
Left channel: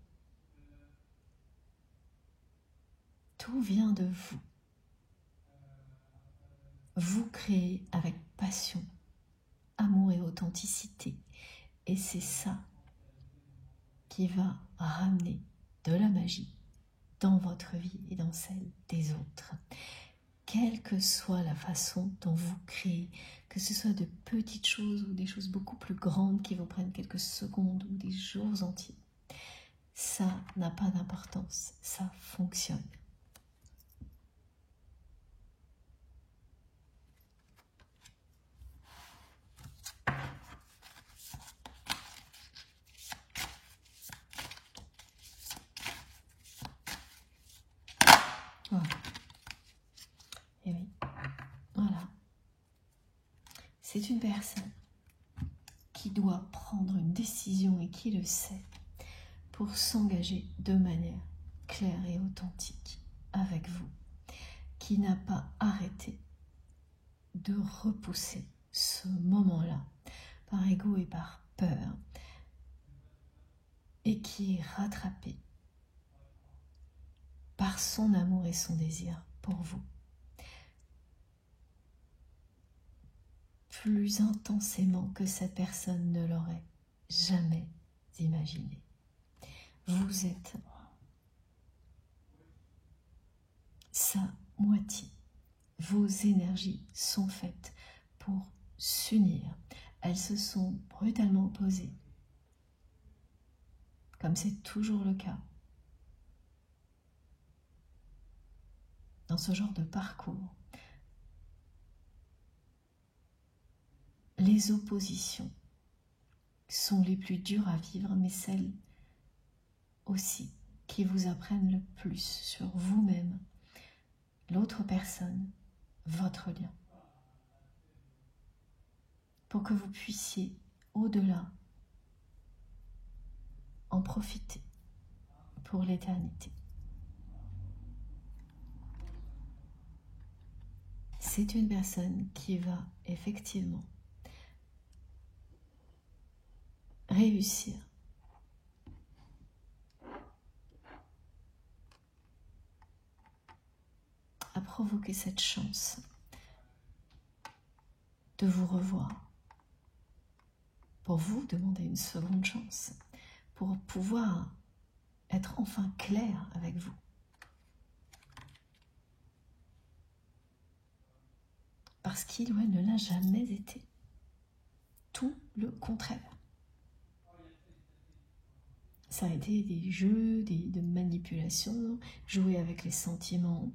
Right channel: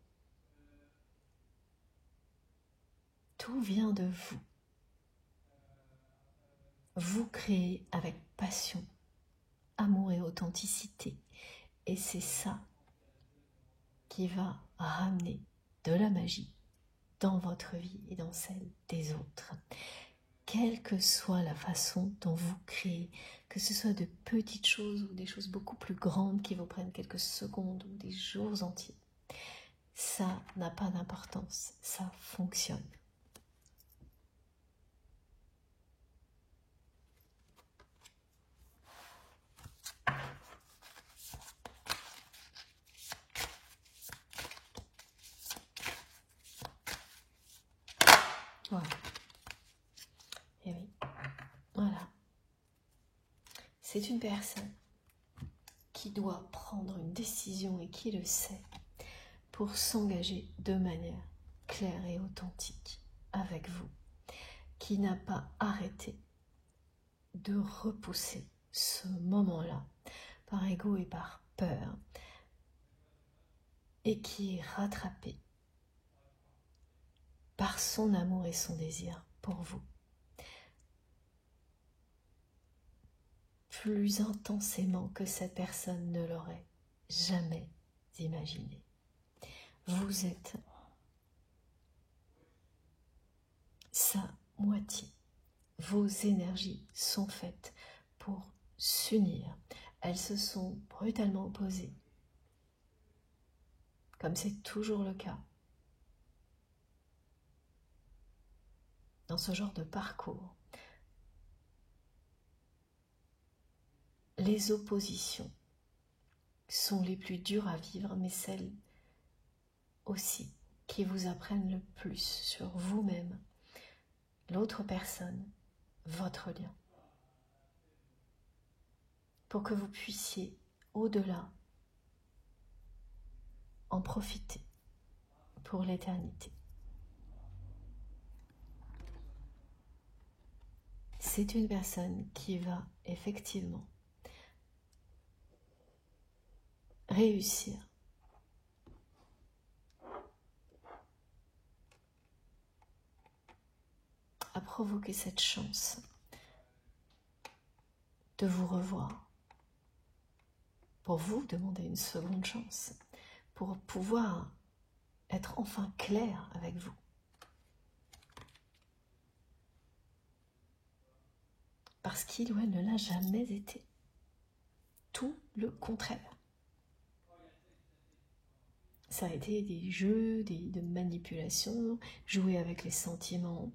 Tout vient de vous. Vous créez avec passion, amour et authenticité. Et c'est ça qui va ramener de la magie dans votre vie et dans celle des autres. Quelle que soit la façon dont vous créez, que ce soit de petites choses ou des choses beaucoup plus grandes qui vous prennent quelques secondes ou des jours entiers, ça n'a pas d'importance, ça fonctionne. Et oui, voilà. C'est une personne qui doit prendre une décision et qui le sait pour s'engager de manière claire et authentique avec vous, qui n'a pas arrêté de repousser ce moment-là par ego et par peur et qui est rattrapé par son amour et son désir pour vous. Plus intensément que cette personne ne l'aurait jamais imaginé. Vous êtes sa moitié. Vos énergies sont faites pour s'unir. Elles se sont brutalement opposées, comme c'est toujours le cas dans ce genre de parcours. Les oppositions sont les plus dures à vivre, mais celles aussi qui vous apprennent le plus sur vous-même, l'autre personne, votre lien. Pour que vous puissiez, au-delà, en profiter pour l'éternité. C'est une personne qui va effectivement réussir à provoquer cette chance de vous revoir, pour vous demander une seconde chance, pour pouvoir être enfin clair avec vous. Parce qu'il ou elle ne l'a jamais été. Tout le contraire. ça a été des jeux, de manipulation, jouer avec les sentiments.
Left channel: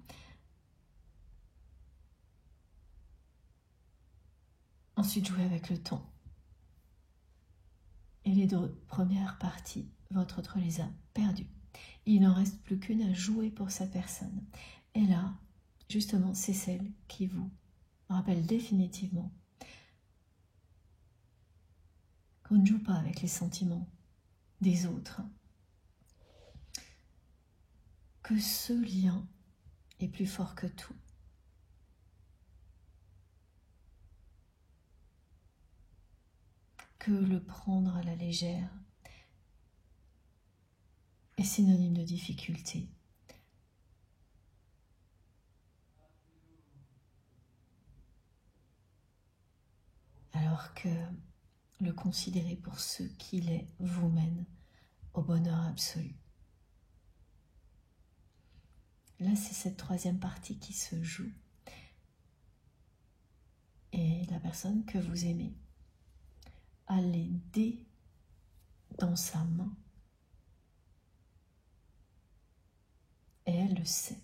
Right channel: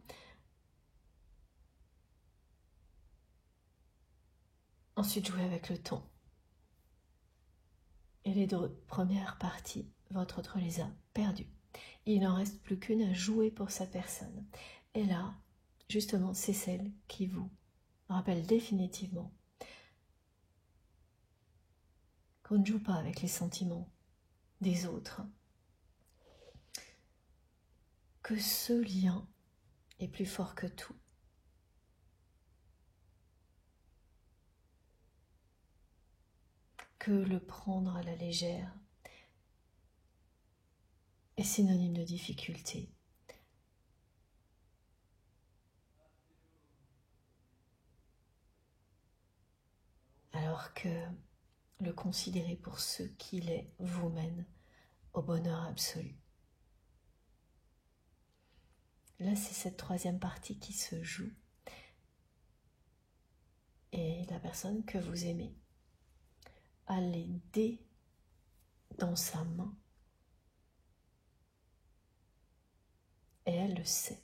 Ensuite, jouer avec le temps. Et les deux premières parties, votre autre les a perdues. Il n'en reste plus qu'une à jouer pour sa personne. Et là, justement, c'est celle qui vous rappelle définitivement qu'on ne joue pas avec les sentiments des autres, que ce lien est plus fort que tout. Que le prendre à la légère est synonyme de difficulté. Alors que le considérer pour ce qu'il est vous mène au bonheur absolu. Là, c'est cette troisième partie qui se joue. Et la personne que vous aimez a les dés dans sa main. Et elle le sait.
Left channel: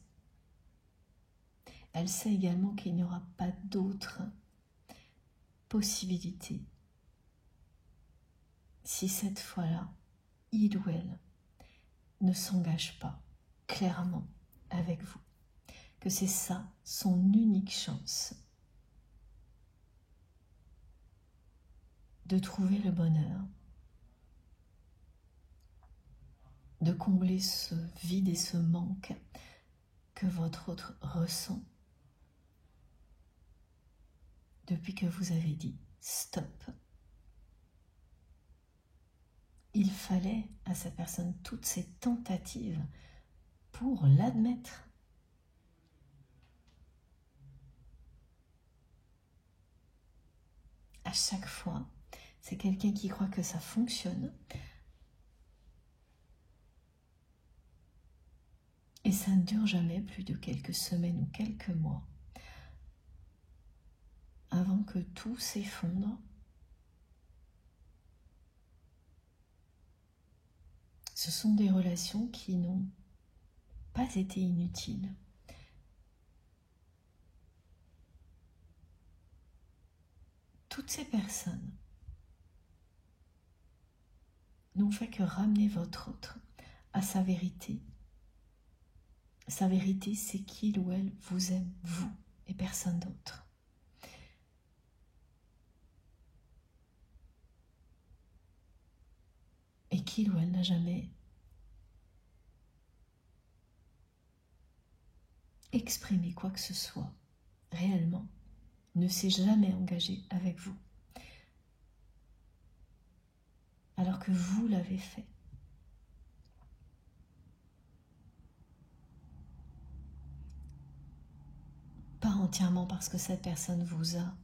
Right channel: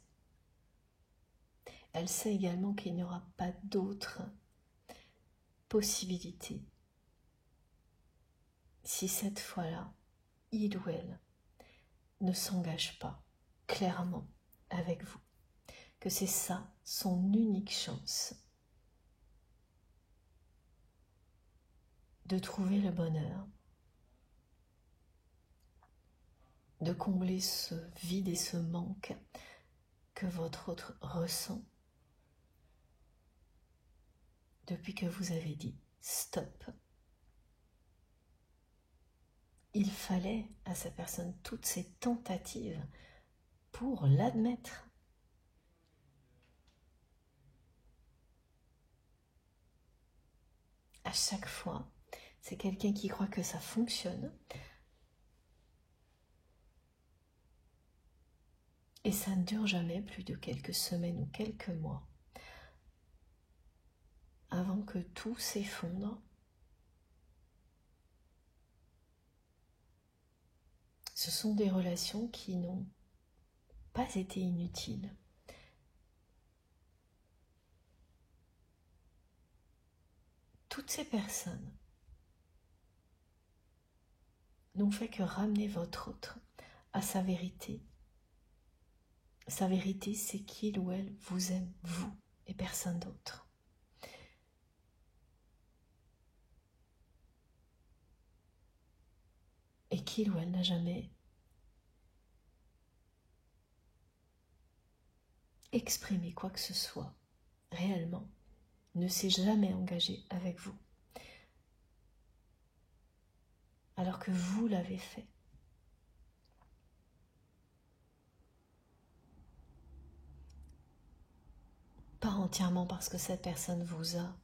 Elle sait également qu'il n'y aura pas d'autre possibilité si cette fois-là, il ou elle ne s'engage pas clairement avec vous, que c'est ça son unique chance de trouver le bonheur, de combler ce vide et ce manque que votre autre ressent depuis que vous avez dit stop. Il fallait à sa personne toutes ces tentatives pour l'admettre. À chaque fois, c'est quelqu'un qui croit que ça fonctionne. Et ça ne dure jamais plus de quelques semaines ou quelques mois avant que tout s'effondre. Ce sont des relations qui n'ont pas été inutiles. Toutes ces personnes n'ont fait que ramener votre autre à sa vérité. Sa vérité, c'est qu'il ou elle vous aime, vous, et personne d'autre. Et qu'il ou elle n'a jamais exprimé quoi que ce soit, réellement, ne s'est jamais engagé avec vous, alors que vous l'avez fait. Pas entièrement parce que cette personne vous a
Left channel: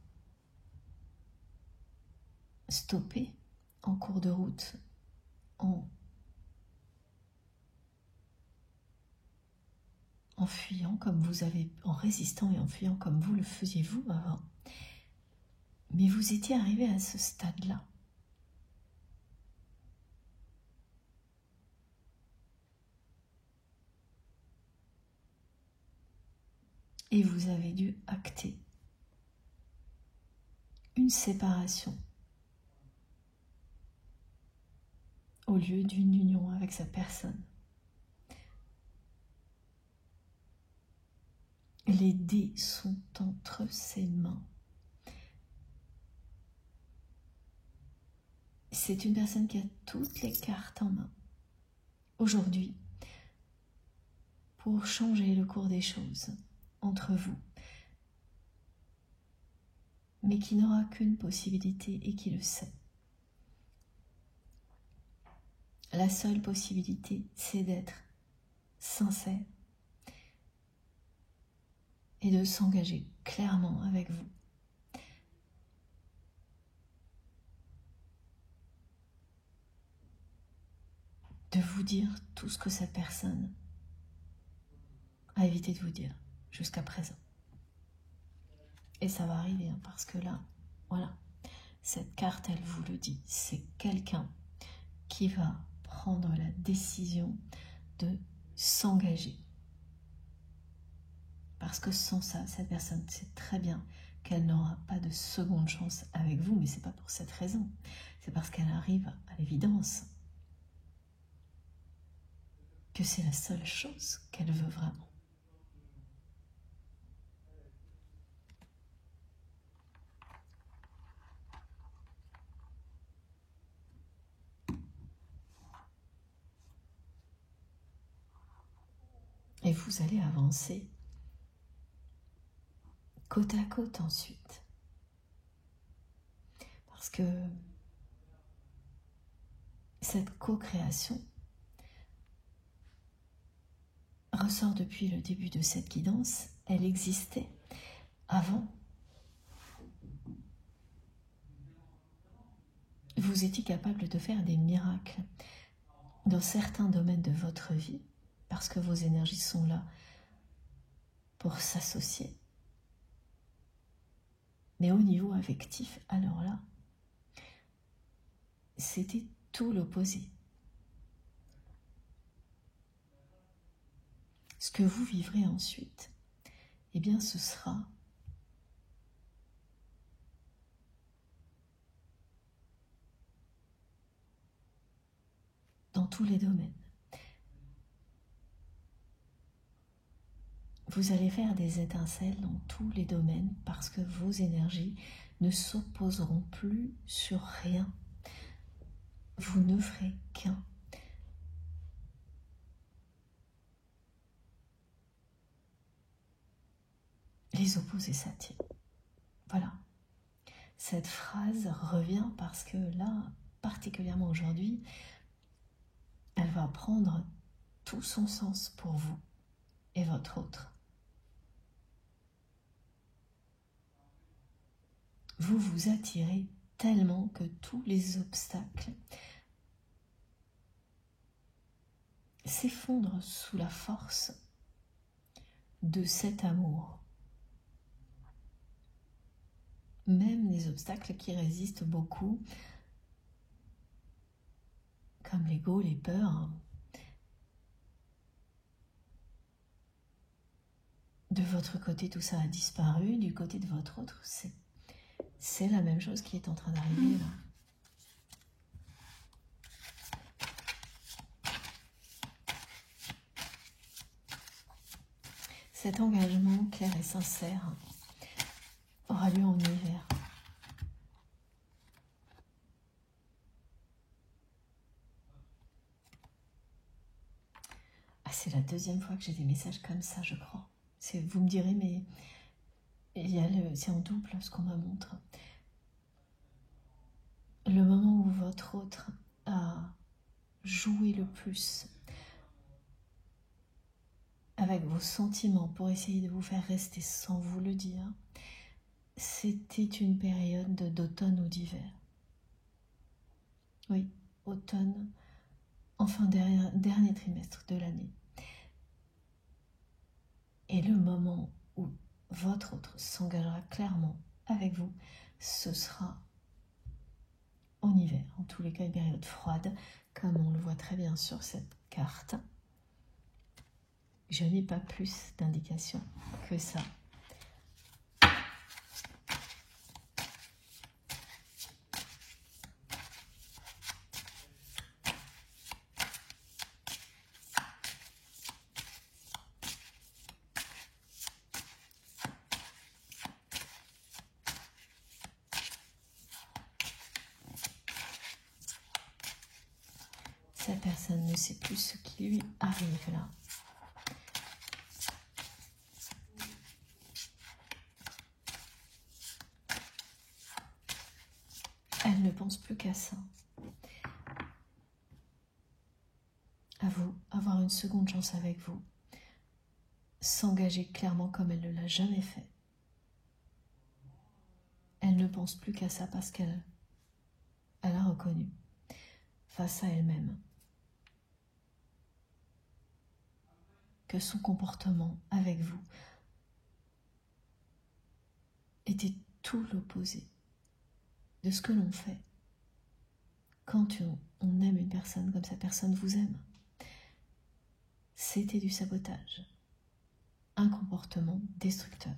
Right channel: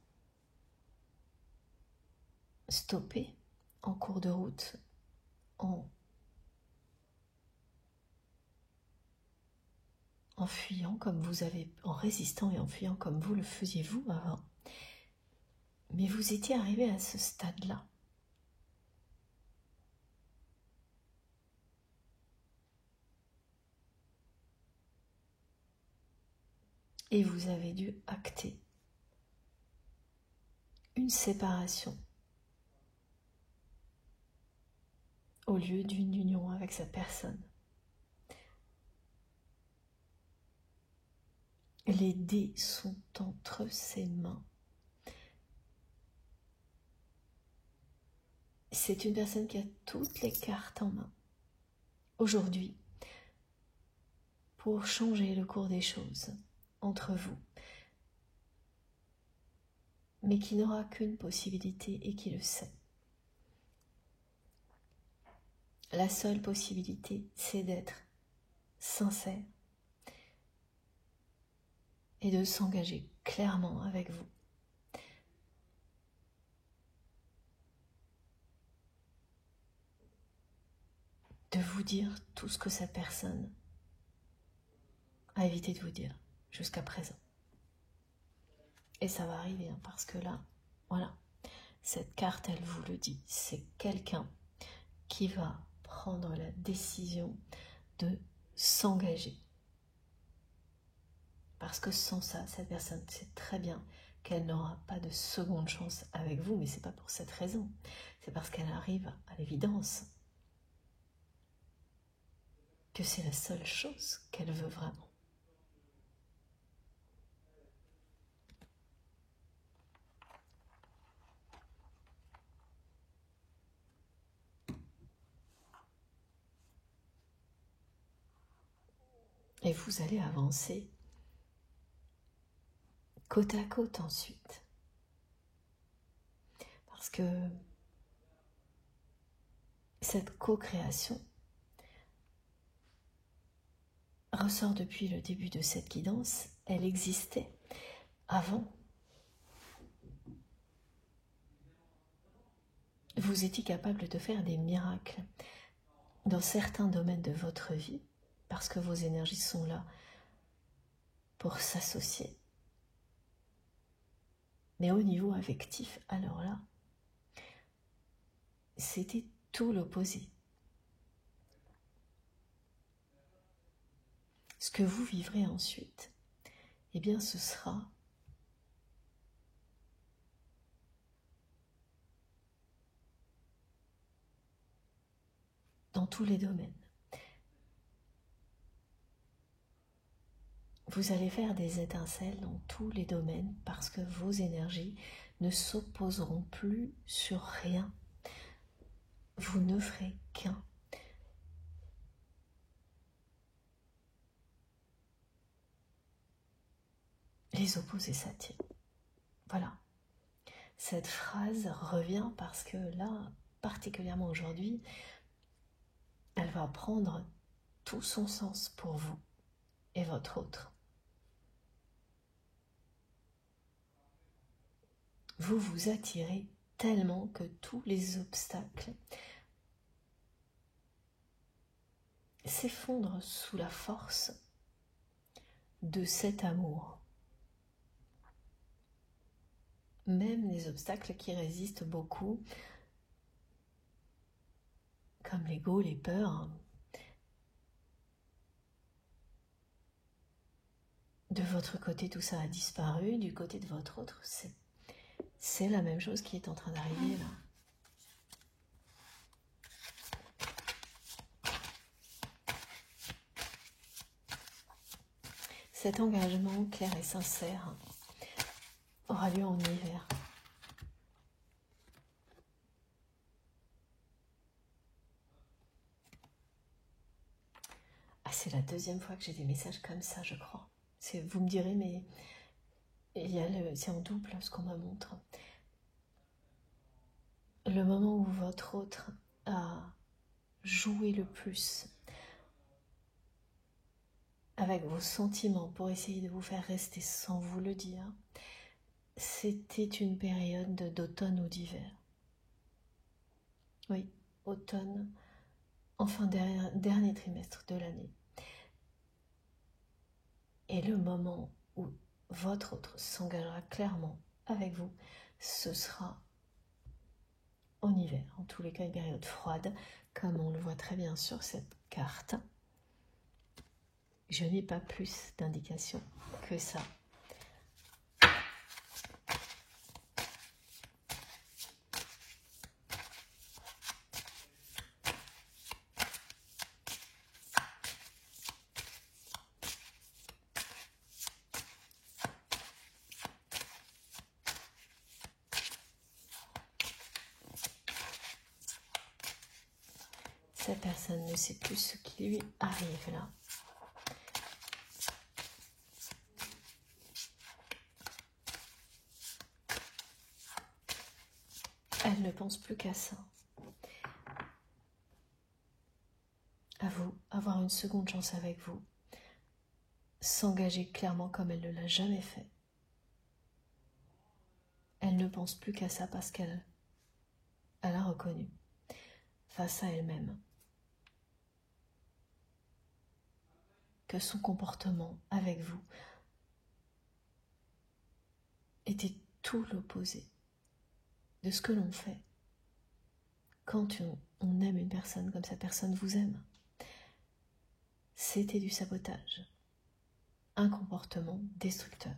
stoppé en cours de route, en fuyant comme vous avez, en résistant et en fuyant comme vous le faisiez vous avant. Mais vous étiez arrivé à ce stade-là. Et vous avez dû acter une séparation au lieu d'une union avec cette personne. Les dés sont entre ses mains. C'est une personne qui a toutes les cartes en main aujourd'hui pour changer le cours des choses entre vous, mais qui n'aura qu'une possibilité et qui le sait. La seule possibilité, c'est d'être sincère et de s'engager clairement avec vous. De vous dire tout ce que cette personne a évité de vous dire jusqu'à présent. Et ça va arriver, hein, parce que là, voilà, cette carte, elle vous le dit, c'est quelqu'un qui va prendre la décision de s'engager. Parce que sans ça, cette personne sait très bien qu'elle n'aura pas de seconde chance avec vous, mais ce n'est pas pour cette raison. C'est parce qu'elle arrive à l'évidence que c'est les seules choses qu'elle veut vraiment. Et vous allez avancer côte à côte ensuite. Parce que cette co-création ressort depuis le début de cette guidance. Elle existait avant. Vous étiez capable de faire des miracles dans certains domaines de votre vie parce que vos énergies sont là pour s'associer. Mais au niveau affectif, alors là, c'était tout l'opposé. Ce que vous vivrez ensuite, eh bien ce sera dans tous les domaines. Vous allez faire des étincelles dans tous les domaines parce que vos énergies ne s'opposeront plus sur rien. Vous ne ferez qu'un. Les opposés s'attirent. Voilà. Cette phrase revient parce que là, particulièrement aujourd'hui, elle va prendre tout son sens pour vous et votre autre. Vous vous attirez tellement que tous les obstacles s'effondrent sous la force de cet amour. Même les obstacles qui résistent beaucoup, comme l'ego, les peurs, de votre côté tout ça a disparu, du côté de votre autre, c'est la même chose qui est en train d'arriver là. Cet engagement clair et sincère aura lieu en hiver. Ah, c'est la deuxième fois que j'ai des messages comme ça, je crois. Vous me direz, mais c'est en double ce qu'on me montre. Le moment où votre autre a joué le plus avec vos sentiments pour essayer de vous faire rester sans vous le dire, c'était une période d'automne ou d'hiver. Oui, automne, enfin dernier trimestre de l'année. Et le moment où votre autre s'engagera clairement avec vous, ce sera en hiver, en tous les cas une période froide, comme on le voit très bien sur cette carte. Je n'ai pas plus d'indications que ça. Cette personne ne sait plus ce qui lui arrive là. Elle ne pense plus qu'à ça. À vous, avoir une seconde chance avec vous. S'engager clairement comme elle ne l'a jamais fait. Elle ne pense plus qu'à ça parce qu'elle a reconnu face à elle-même que son comportement avec vous était tout l'opposé de ce que l'on fait quand on aime une personne comme cette personne vous aime, c'était du sabotage, un comportement destructeur.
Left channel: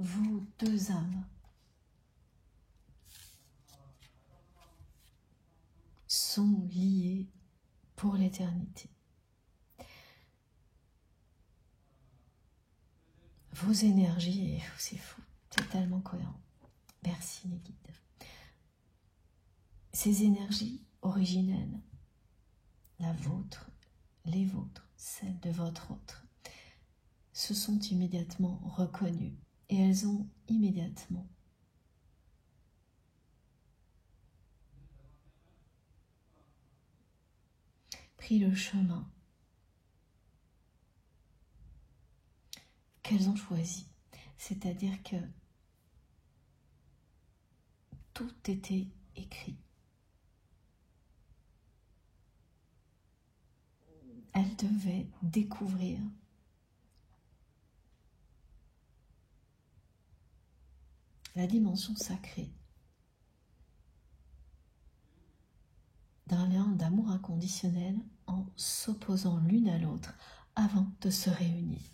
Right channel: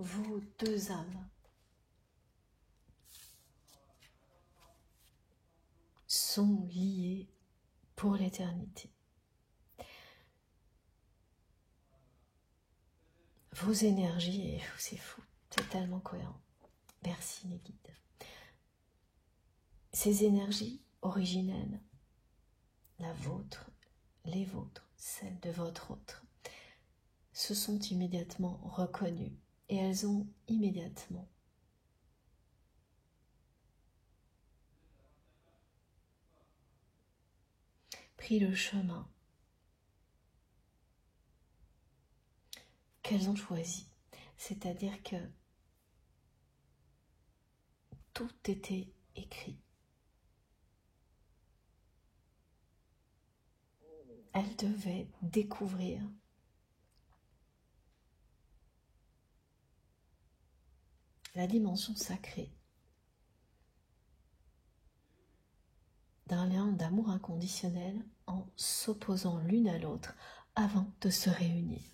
Vous deux âmes sont liées pour l'éternité. Vos énergies, et c'est fou, totalement cohérent. Merci les guides. Ces énergies originelles, la vôtre, les vôtres, celles de votre autre, se sont immédiatement reconnues et elles ont immédiatement pris le chemin qu'elles ont choisi. C'est-à-dire que tout était écrit. Elles devaient découvrir la dimension sacrée d'un lien d'amour inconditionnel en s'opposant l'une à l'autre avant de se réunir.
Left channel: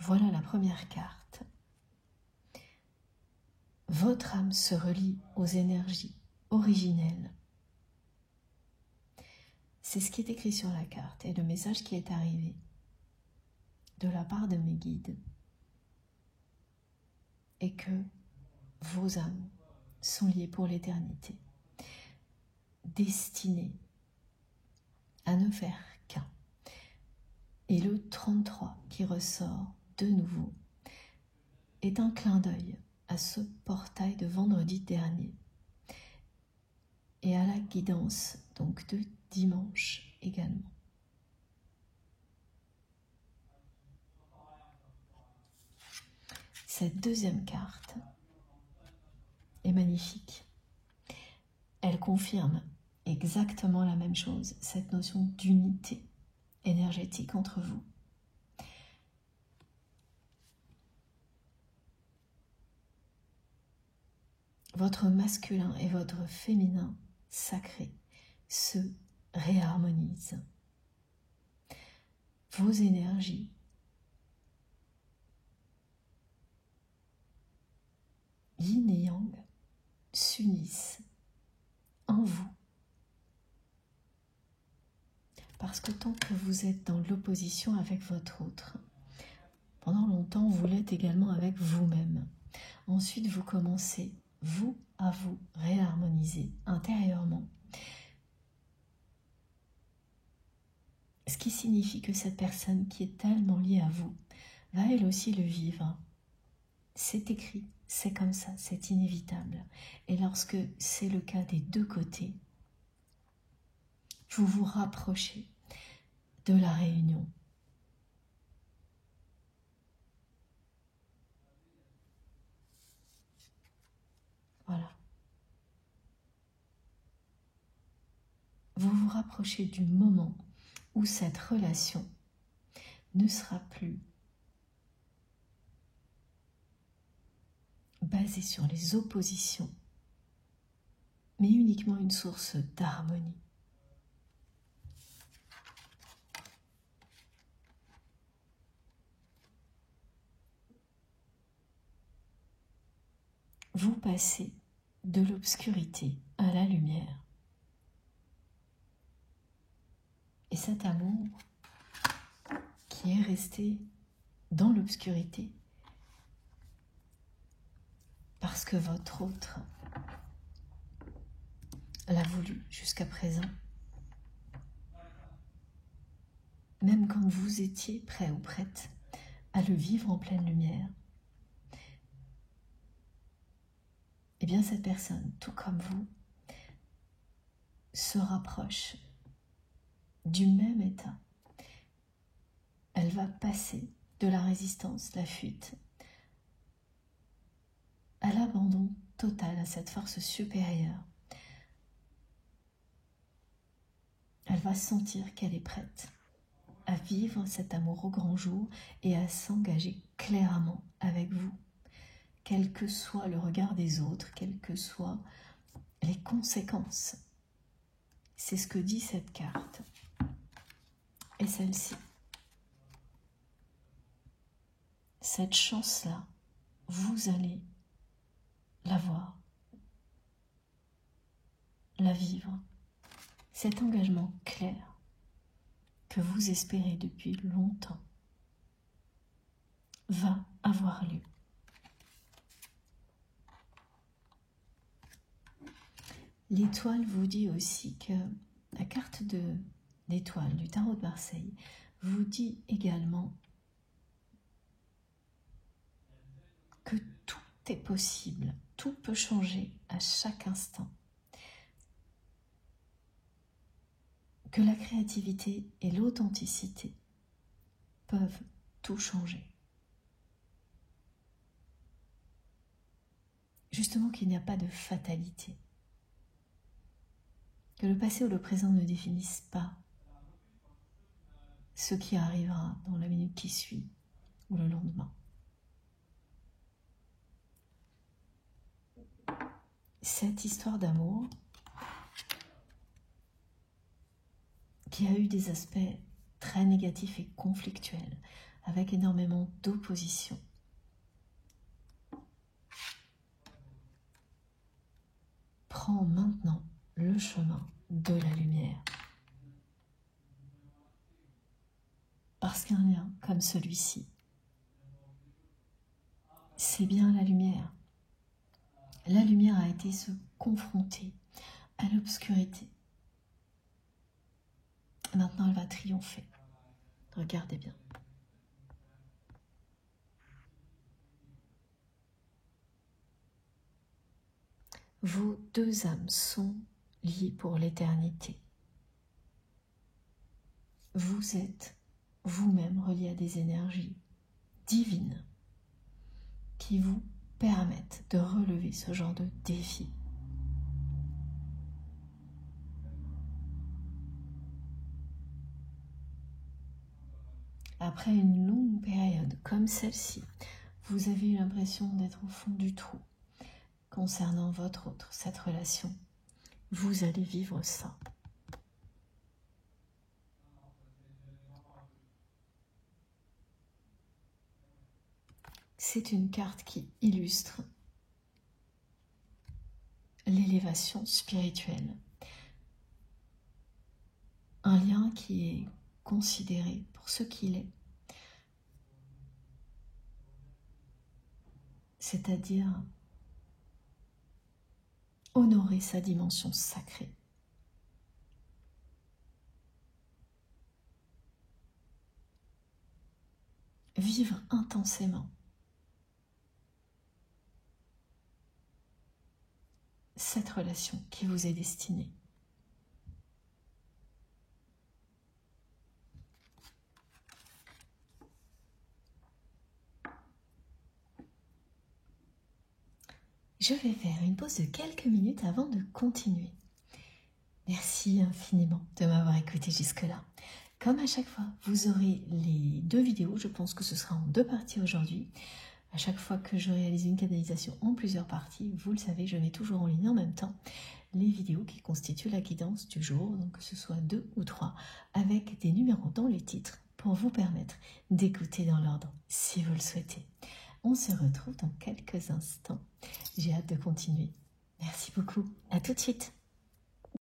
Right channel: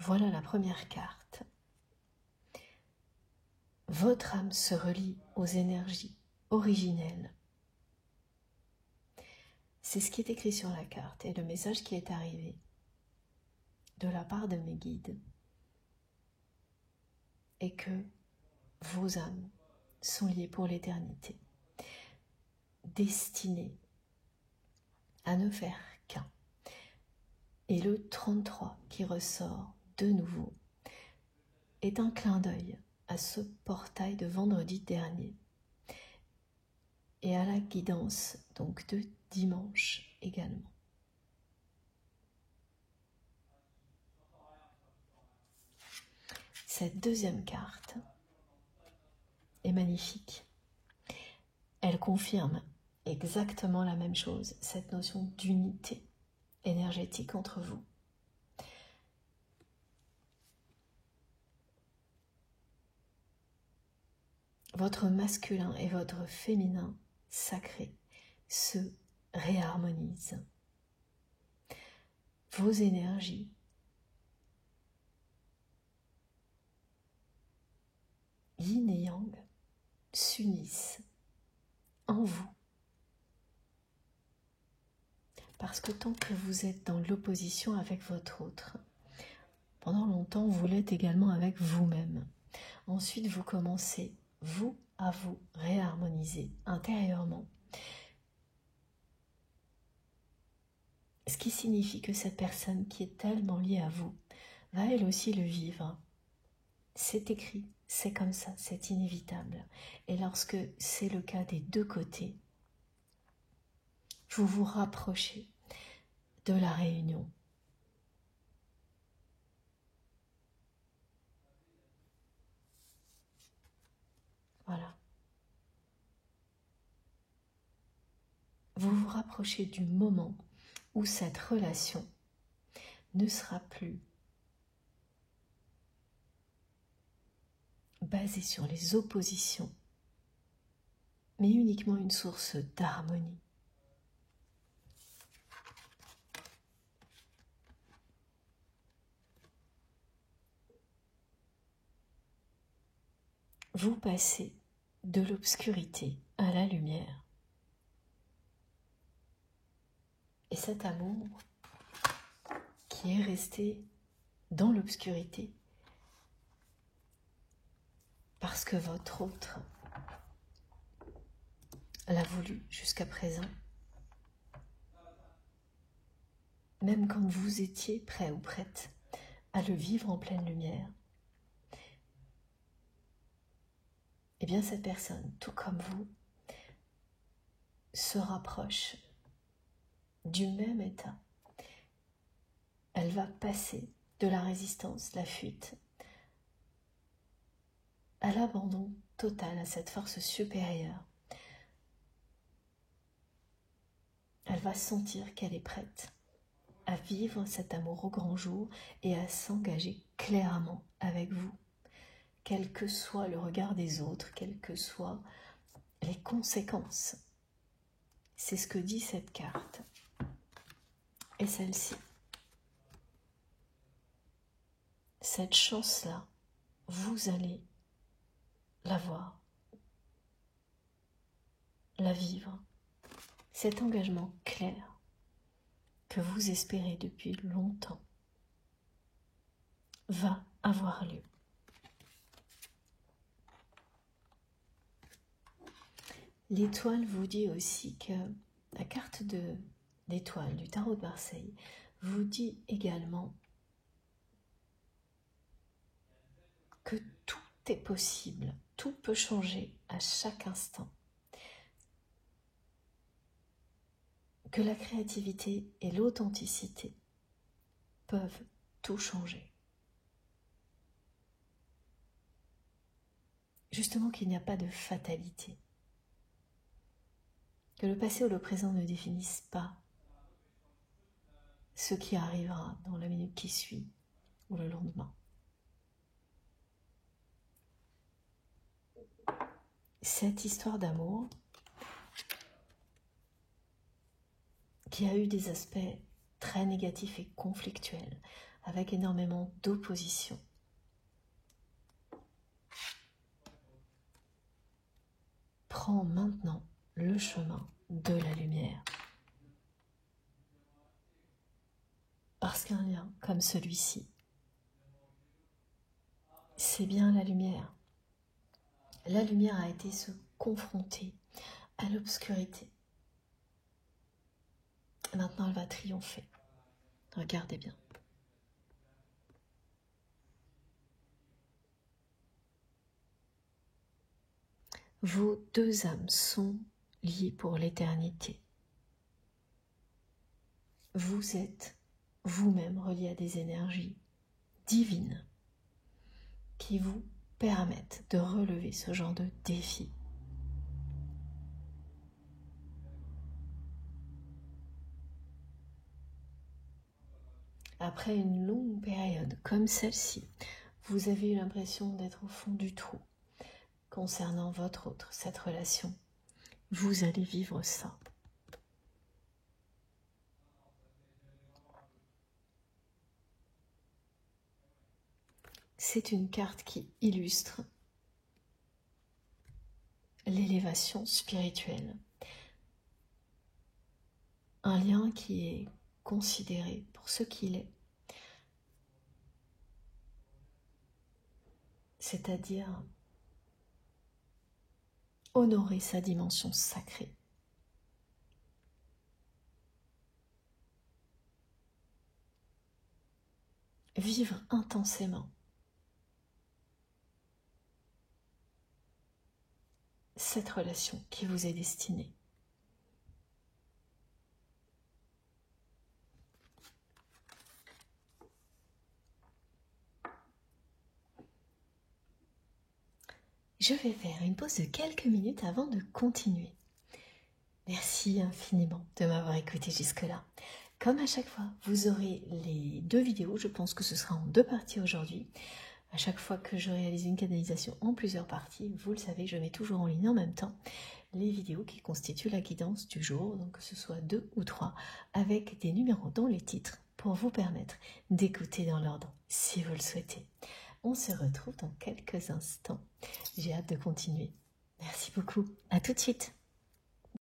Voilà la première carte. Votre âme se relie aux énergies originelles. C'est ce qui est écrit sur la carte et le message qui est arrivé de la part de mes guides est que vos âmes sont liées pour l'éternité, destinées à ne faire qu'un. Et le 33 qui ressort de nouveau est un clin d'œil à ce portail de vendredi dernier et à la guidance donc de dimanche également. Cette deuxième carte est magnifique. Elle confirme exactement la même chose, cette notion d'unité énergétique entre vous. Votre masculin et votre féminin sacré se réharmonisent. Vos énergies yin et yang s'unissent en vous. Parce que tant que vous êtes dans l'opposition avec votre autre, pendant longtemps vous l'êtes également avec vous-même. Ensuite vous commencez, vous, à vous réharmoniser intérieurement. Ce qui signifie que cette personne qui est tellement liée à vous va elle aussi le vivre. C'est écrit, c'est comme ça, c'est inévitable. Et lorsque c'est le cas des deux côtés, vous vous rapprochez de la réunion. Voilà. Vous vous rapprochez du moment où cette relation ne sera plus basée sur les oppositions, mais uniquement une source d'harmonie. Vous passez de l'obscurité à la lumière. Et cet amour qui est resté dans l'obscurité, parce que votre autre l'a voulu jusqu'à présent, même quand vous étiez prêt ou prête à le vivre en pleine lumière, eh bien cette personne, tout comme vous, se rapproche du même état. Elle va passer de la résistance, la fuite, à l'abandon total à cette force supérieure. Elle va sentir qu'elle est prête à vivre cet amour au grand jour et à s'engager clairement avec vous, quel que soit le regard des autres, quelles que soient les conséquences. C'est ce que dit cette carte. Et celle-ci. Cette chance-là, vous allez la voir, la vivre. Cet engagement clair que vous espérez depuis longtemps va avoir lieu. L'étoile vous dit aussi que la carte d'étoile du tarot de Marseille vous dit également que tout est possible, tout peut changer à chaque instant. Que la créativité et l'authenticité peuvent tout changer. Justement qu'il n'y a pas de fatalité. Que le passé ou le présent ne définissent pas ce qui arrivera dans la minute qui suit ou le lendemain. Cette histoire d'amour qui a eu des aspects très négatifs et conflictuels, avec énormément d'opposition, prend maintenant le chemin de la lumière. Parce qu'un lien comme celui-ci, c'est bien la lumière. La lumière a été se confronter à l'obscurité. Maintenant, elle va triompher. Regardez bien. Vos deux âmes sont liées pour l'éternité. Vous êtes vous-même relié à des énergies divines qui vous permettent de relever ce genre de défi. Après une longue période comme celle-ci, vous avez eu l'impression d'être au fond du trou concernant votre autre, cette relation. Vous allez vivre ça. C'est une carte qui illustre l'élévation spirituelle. Un lien qui est considéré pour ce qu'il est. C'est-à-dire honorer sa dimension sacrée. Vivre intensément cette relation qui vous est destinée. Je vais faire une pause de quelques minutes avant de continuer. Merci infiniment de m'avoir écouté jusque-là. Comme à chaque fois, vous aurez les deux vidéos. Je pense que ce sera en deux parties aujourd'hui. À chaque fois que je réalise une canalisation en plusieurs parties, vous le savez, je mets toujours en ligne en même temps les vidéos qui constituent la guidance du jour, donc que ce soit 2 ou 3, avec des numéros dans les titres pour vous permettre d'écouter dans l'ordre si vous le souhaitez. On se retrouve dans quelques instants. J'ai hâte de continuer. Merci beaucoup. À tout de suite.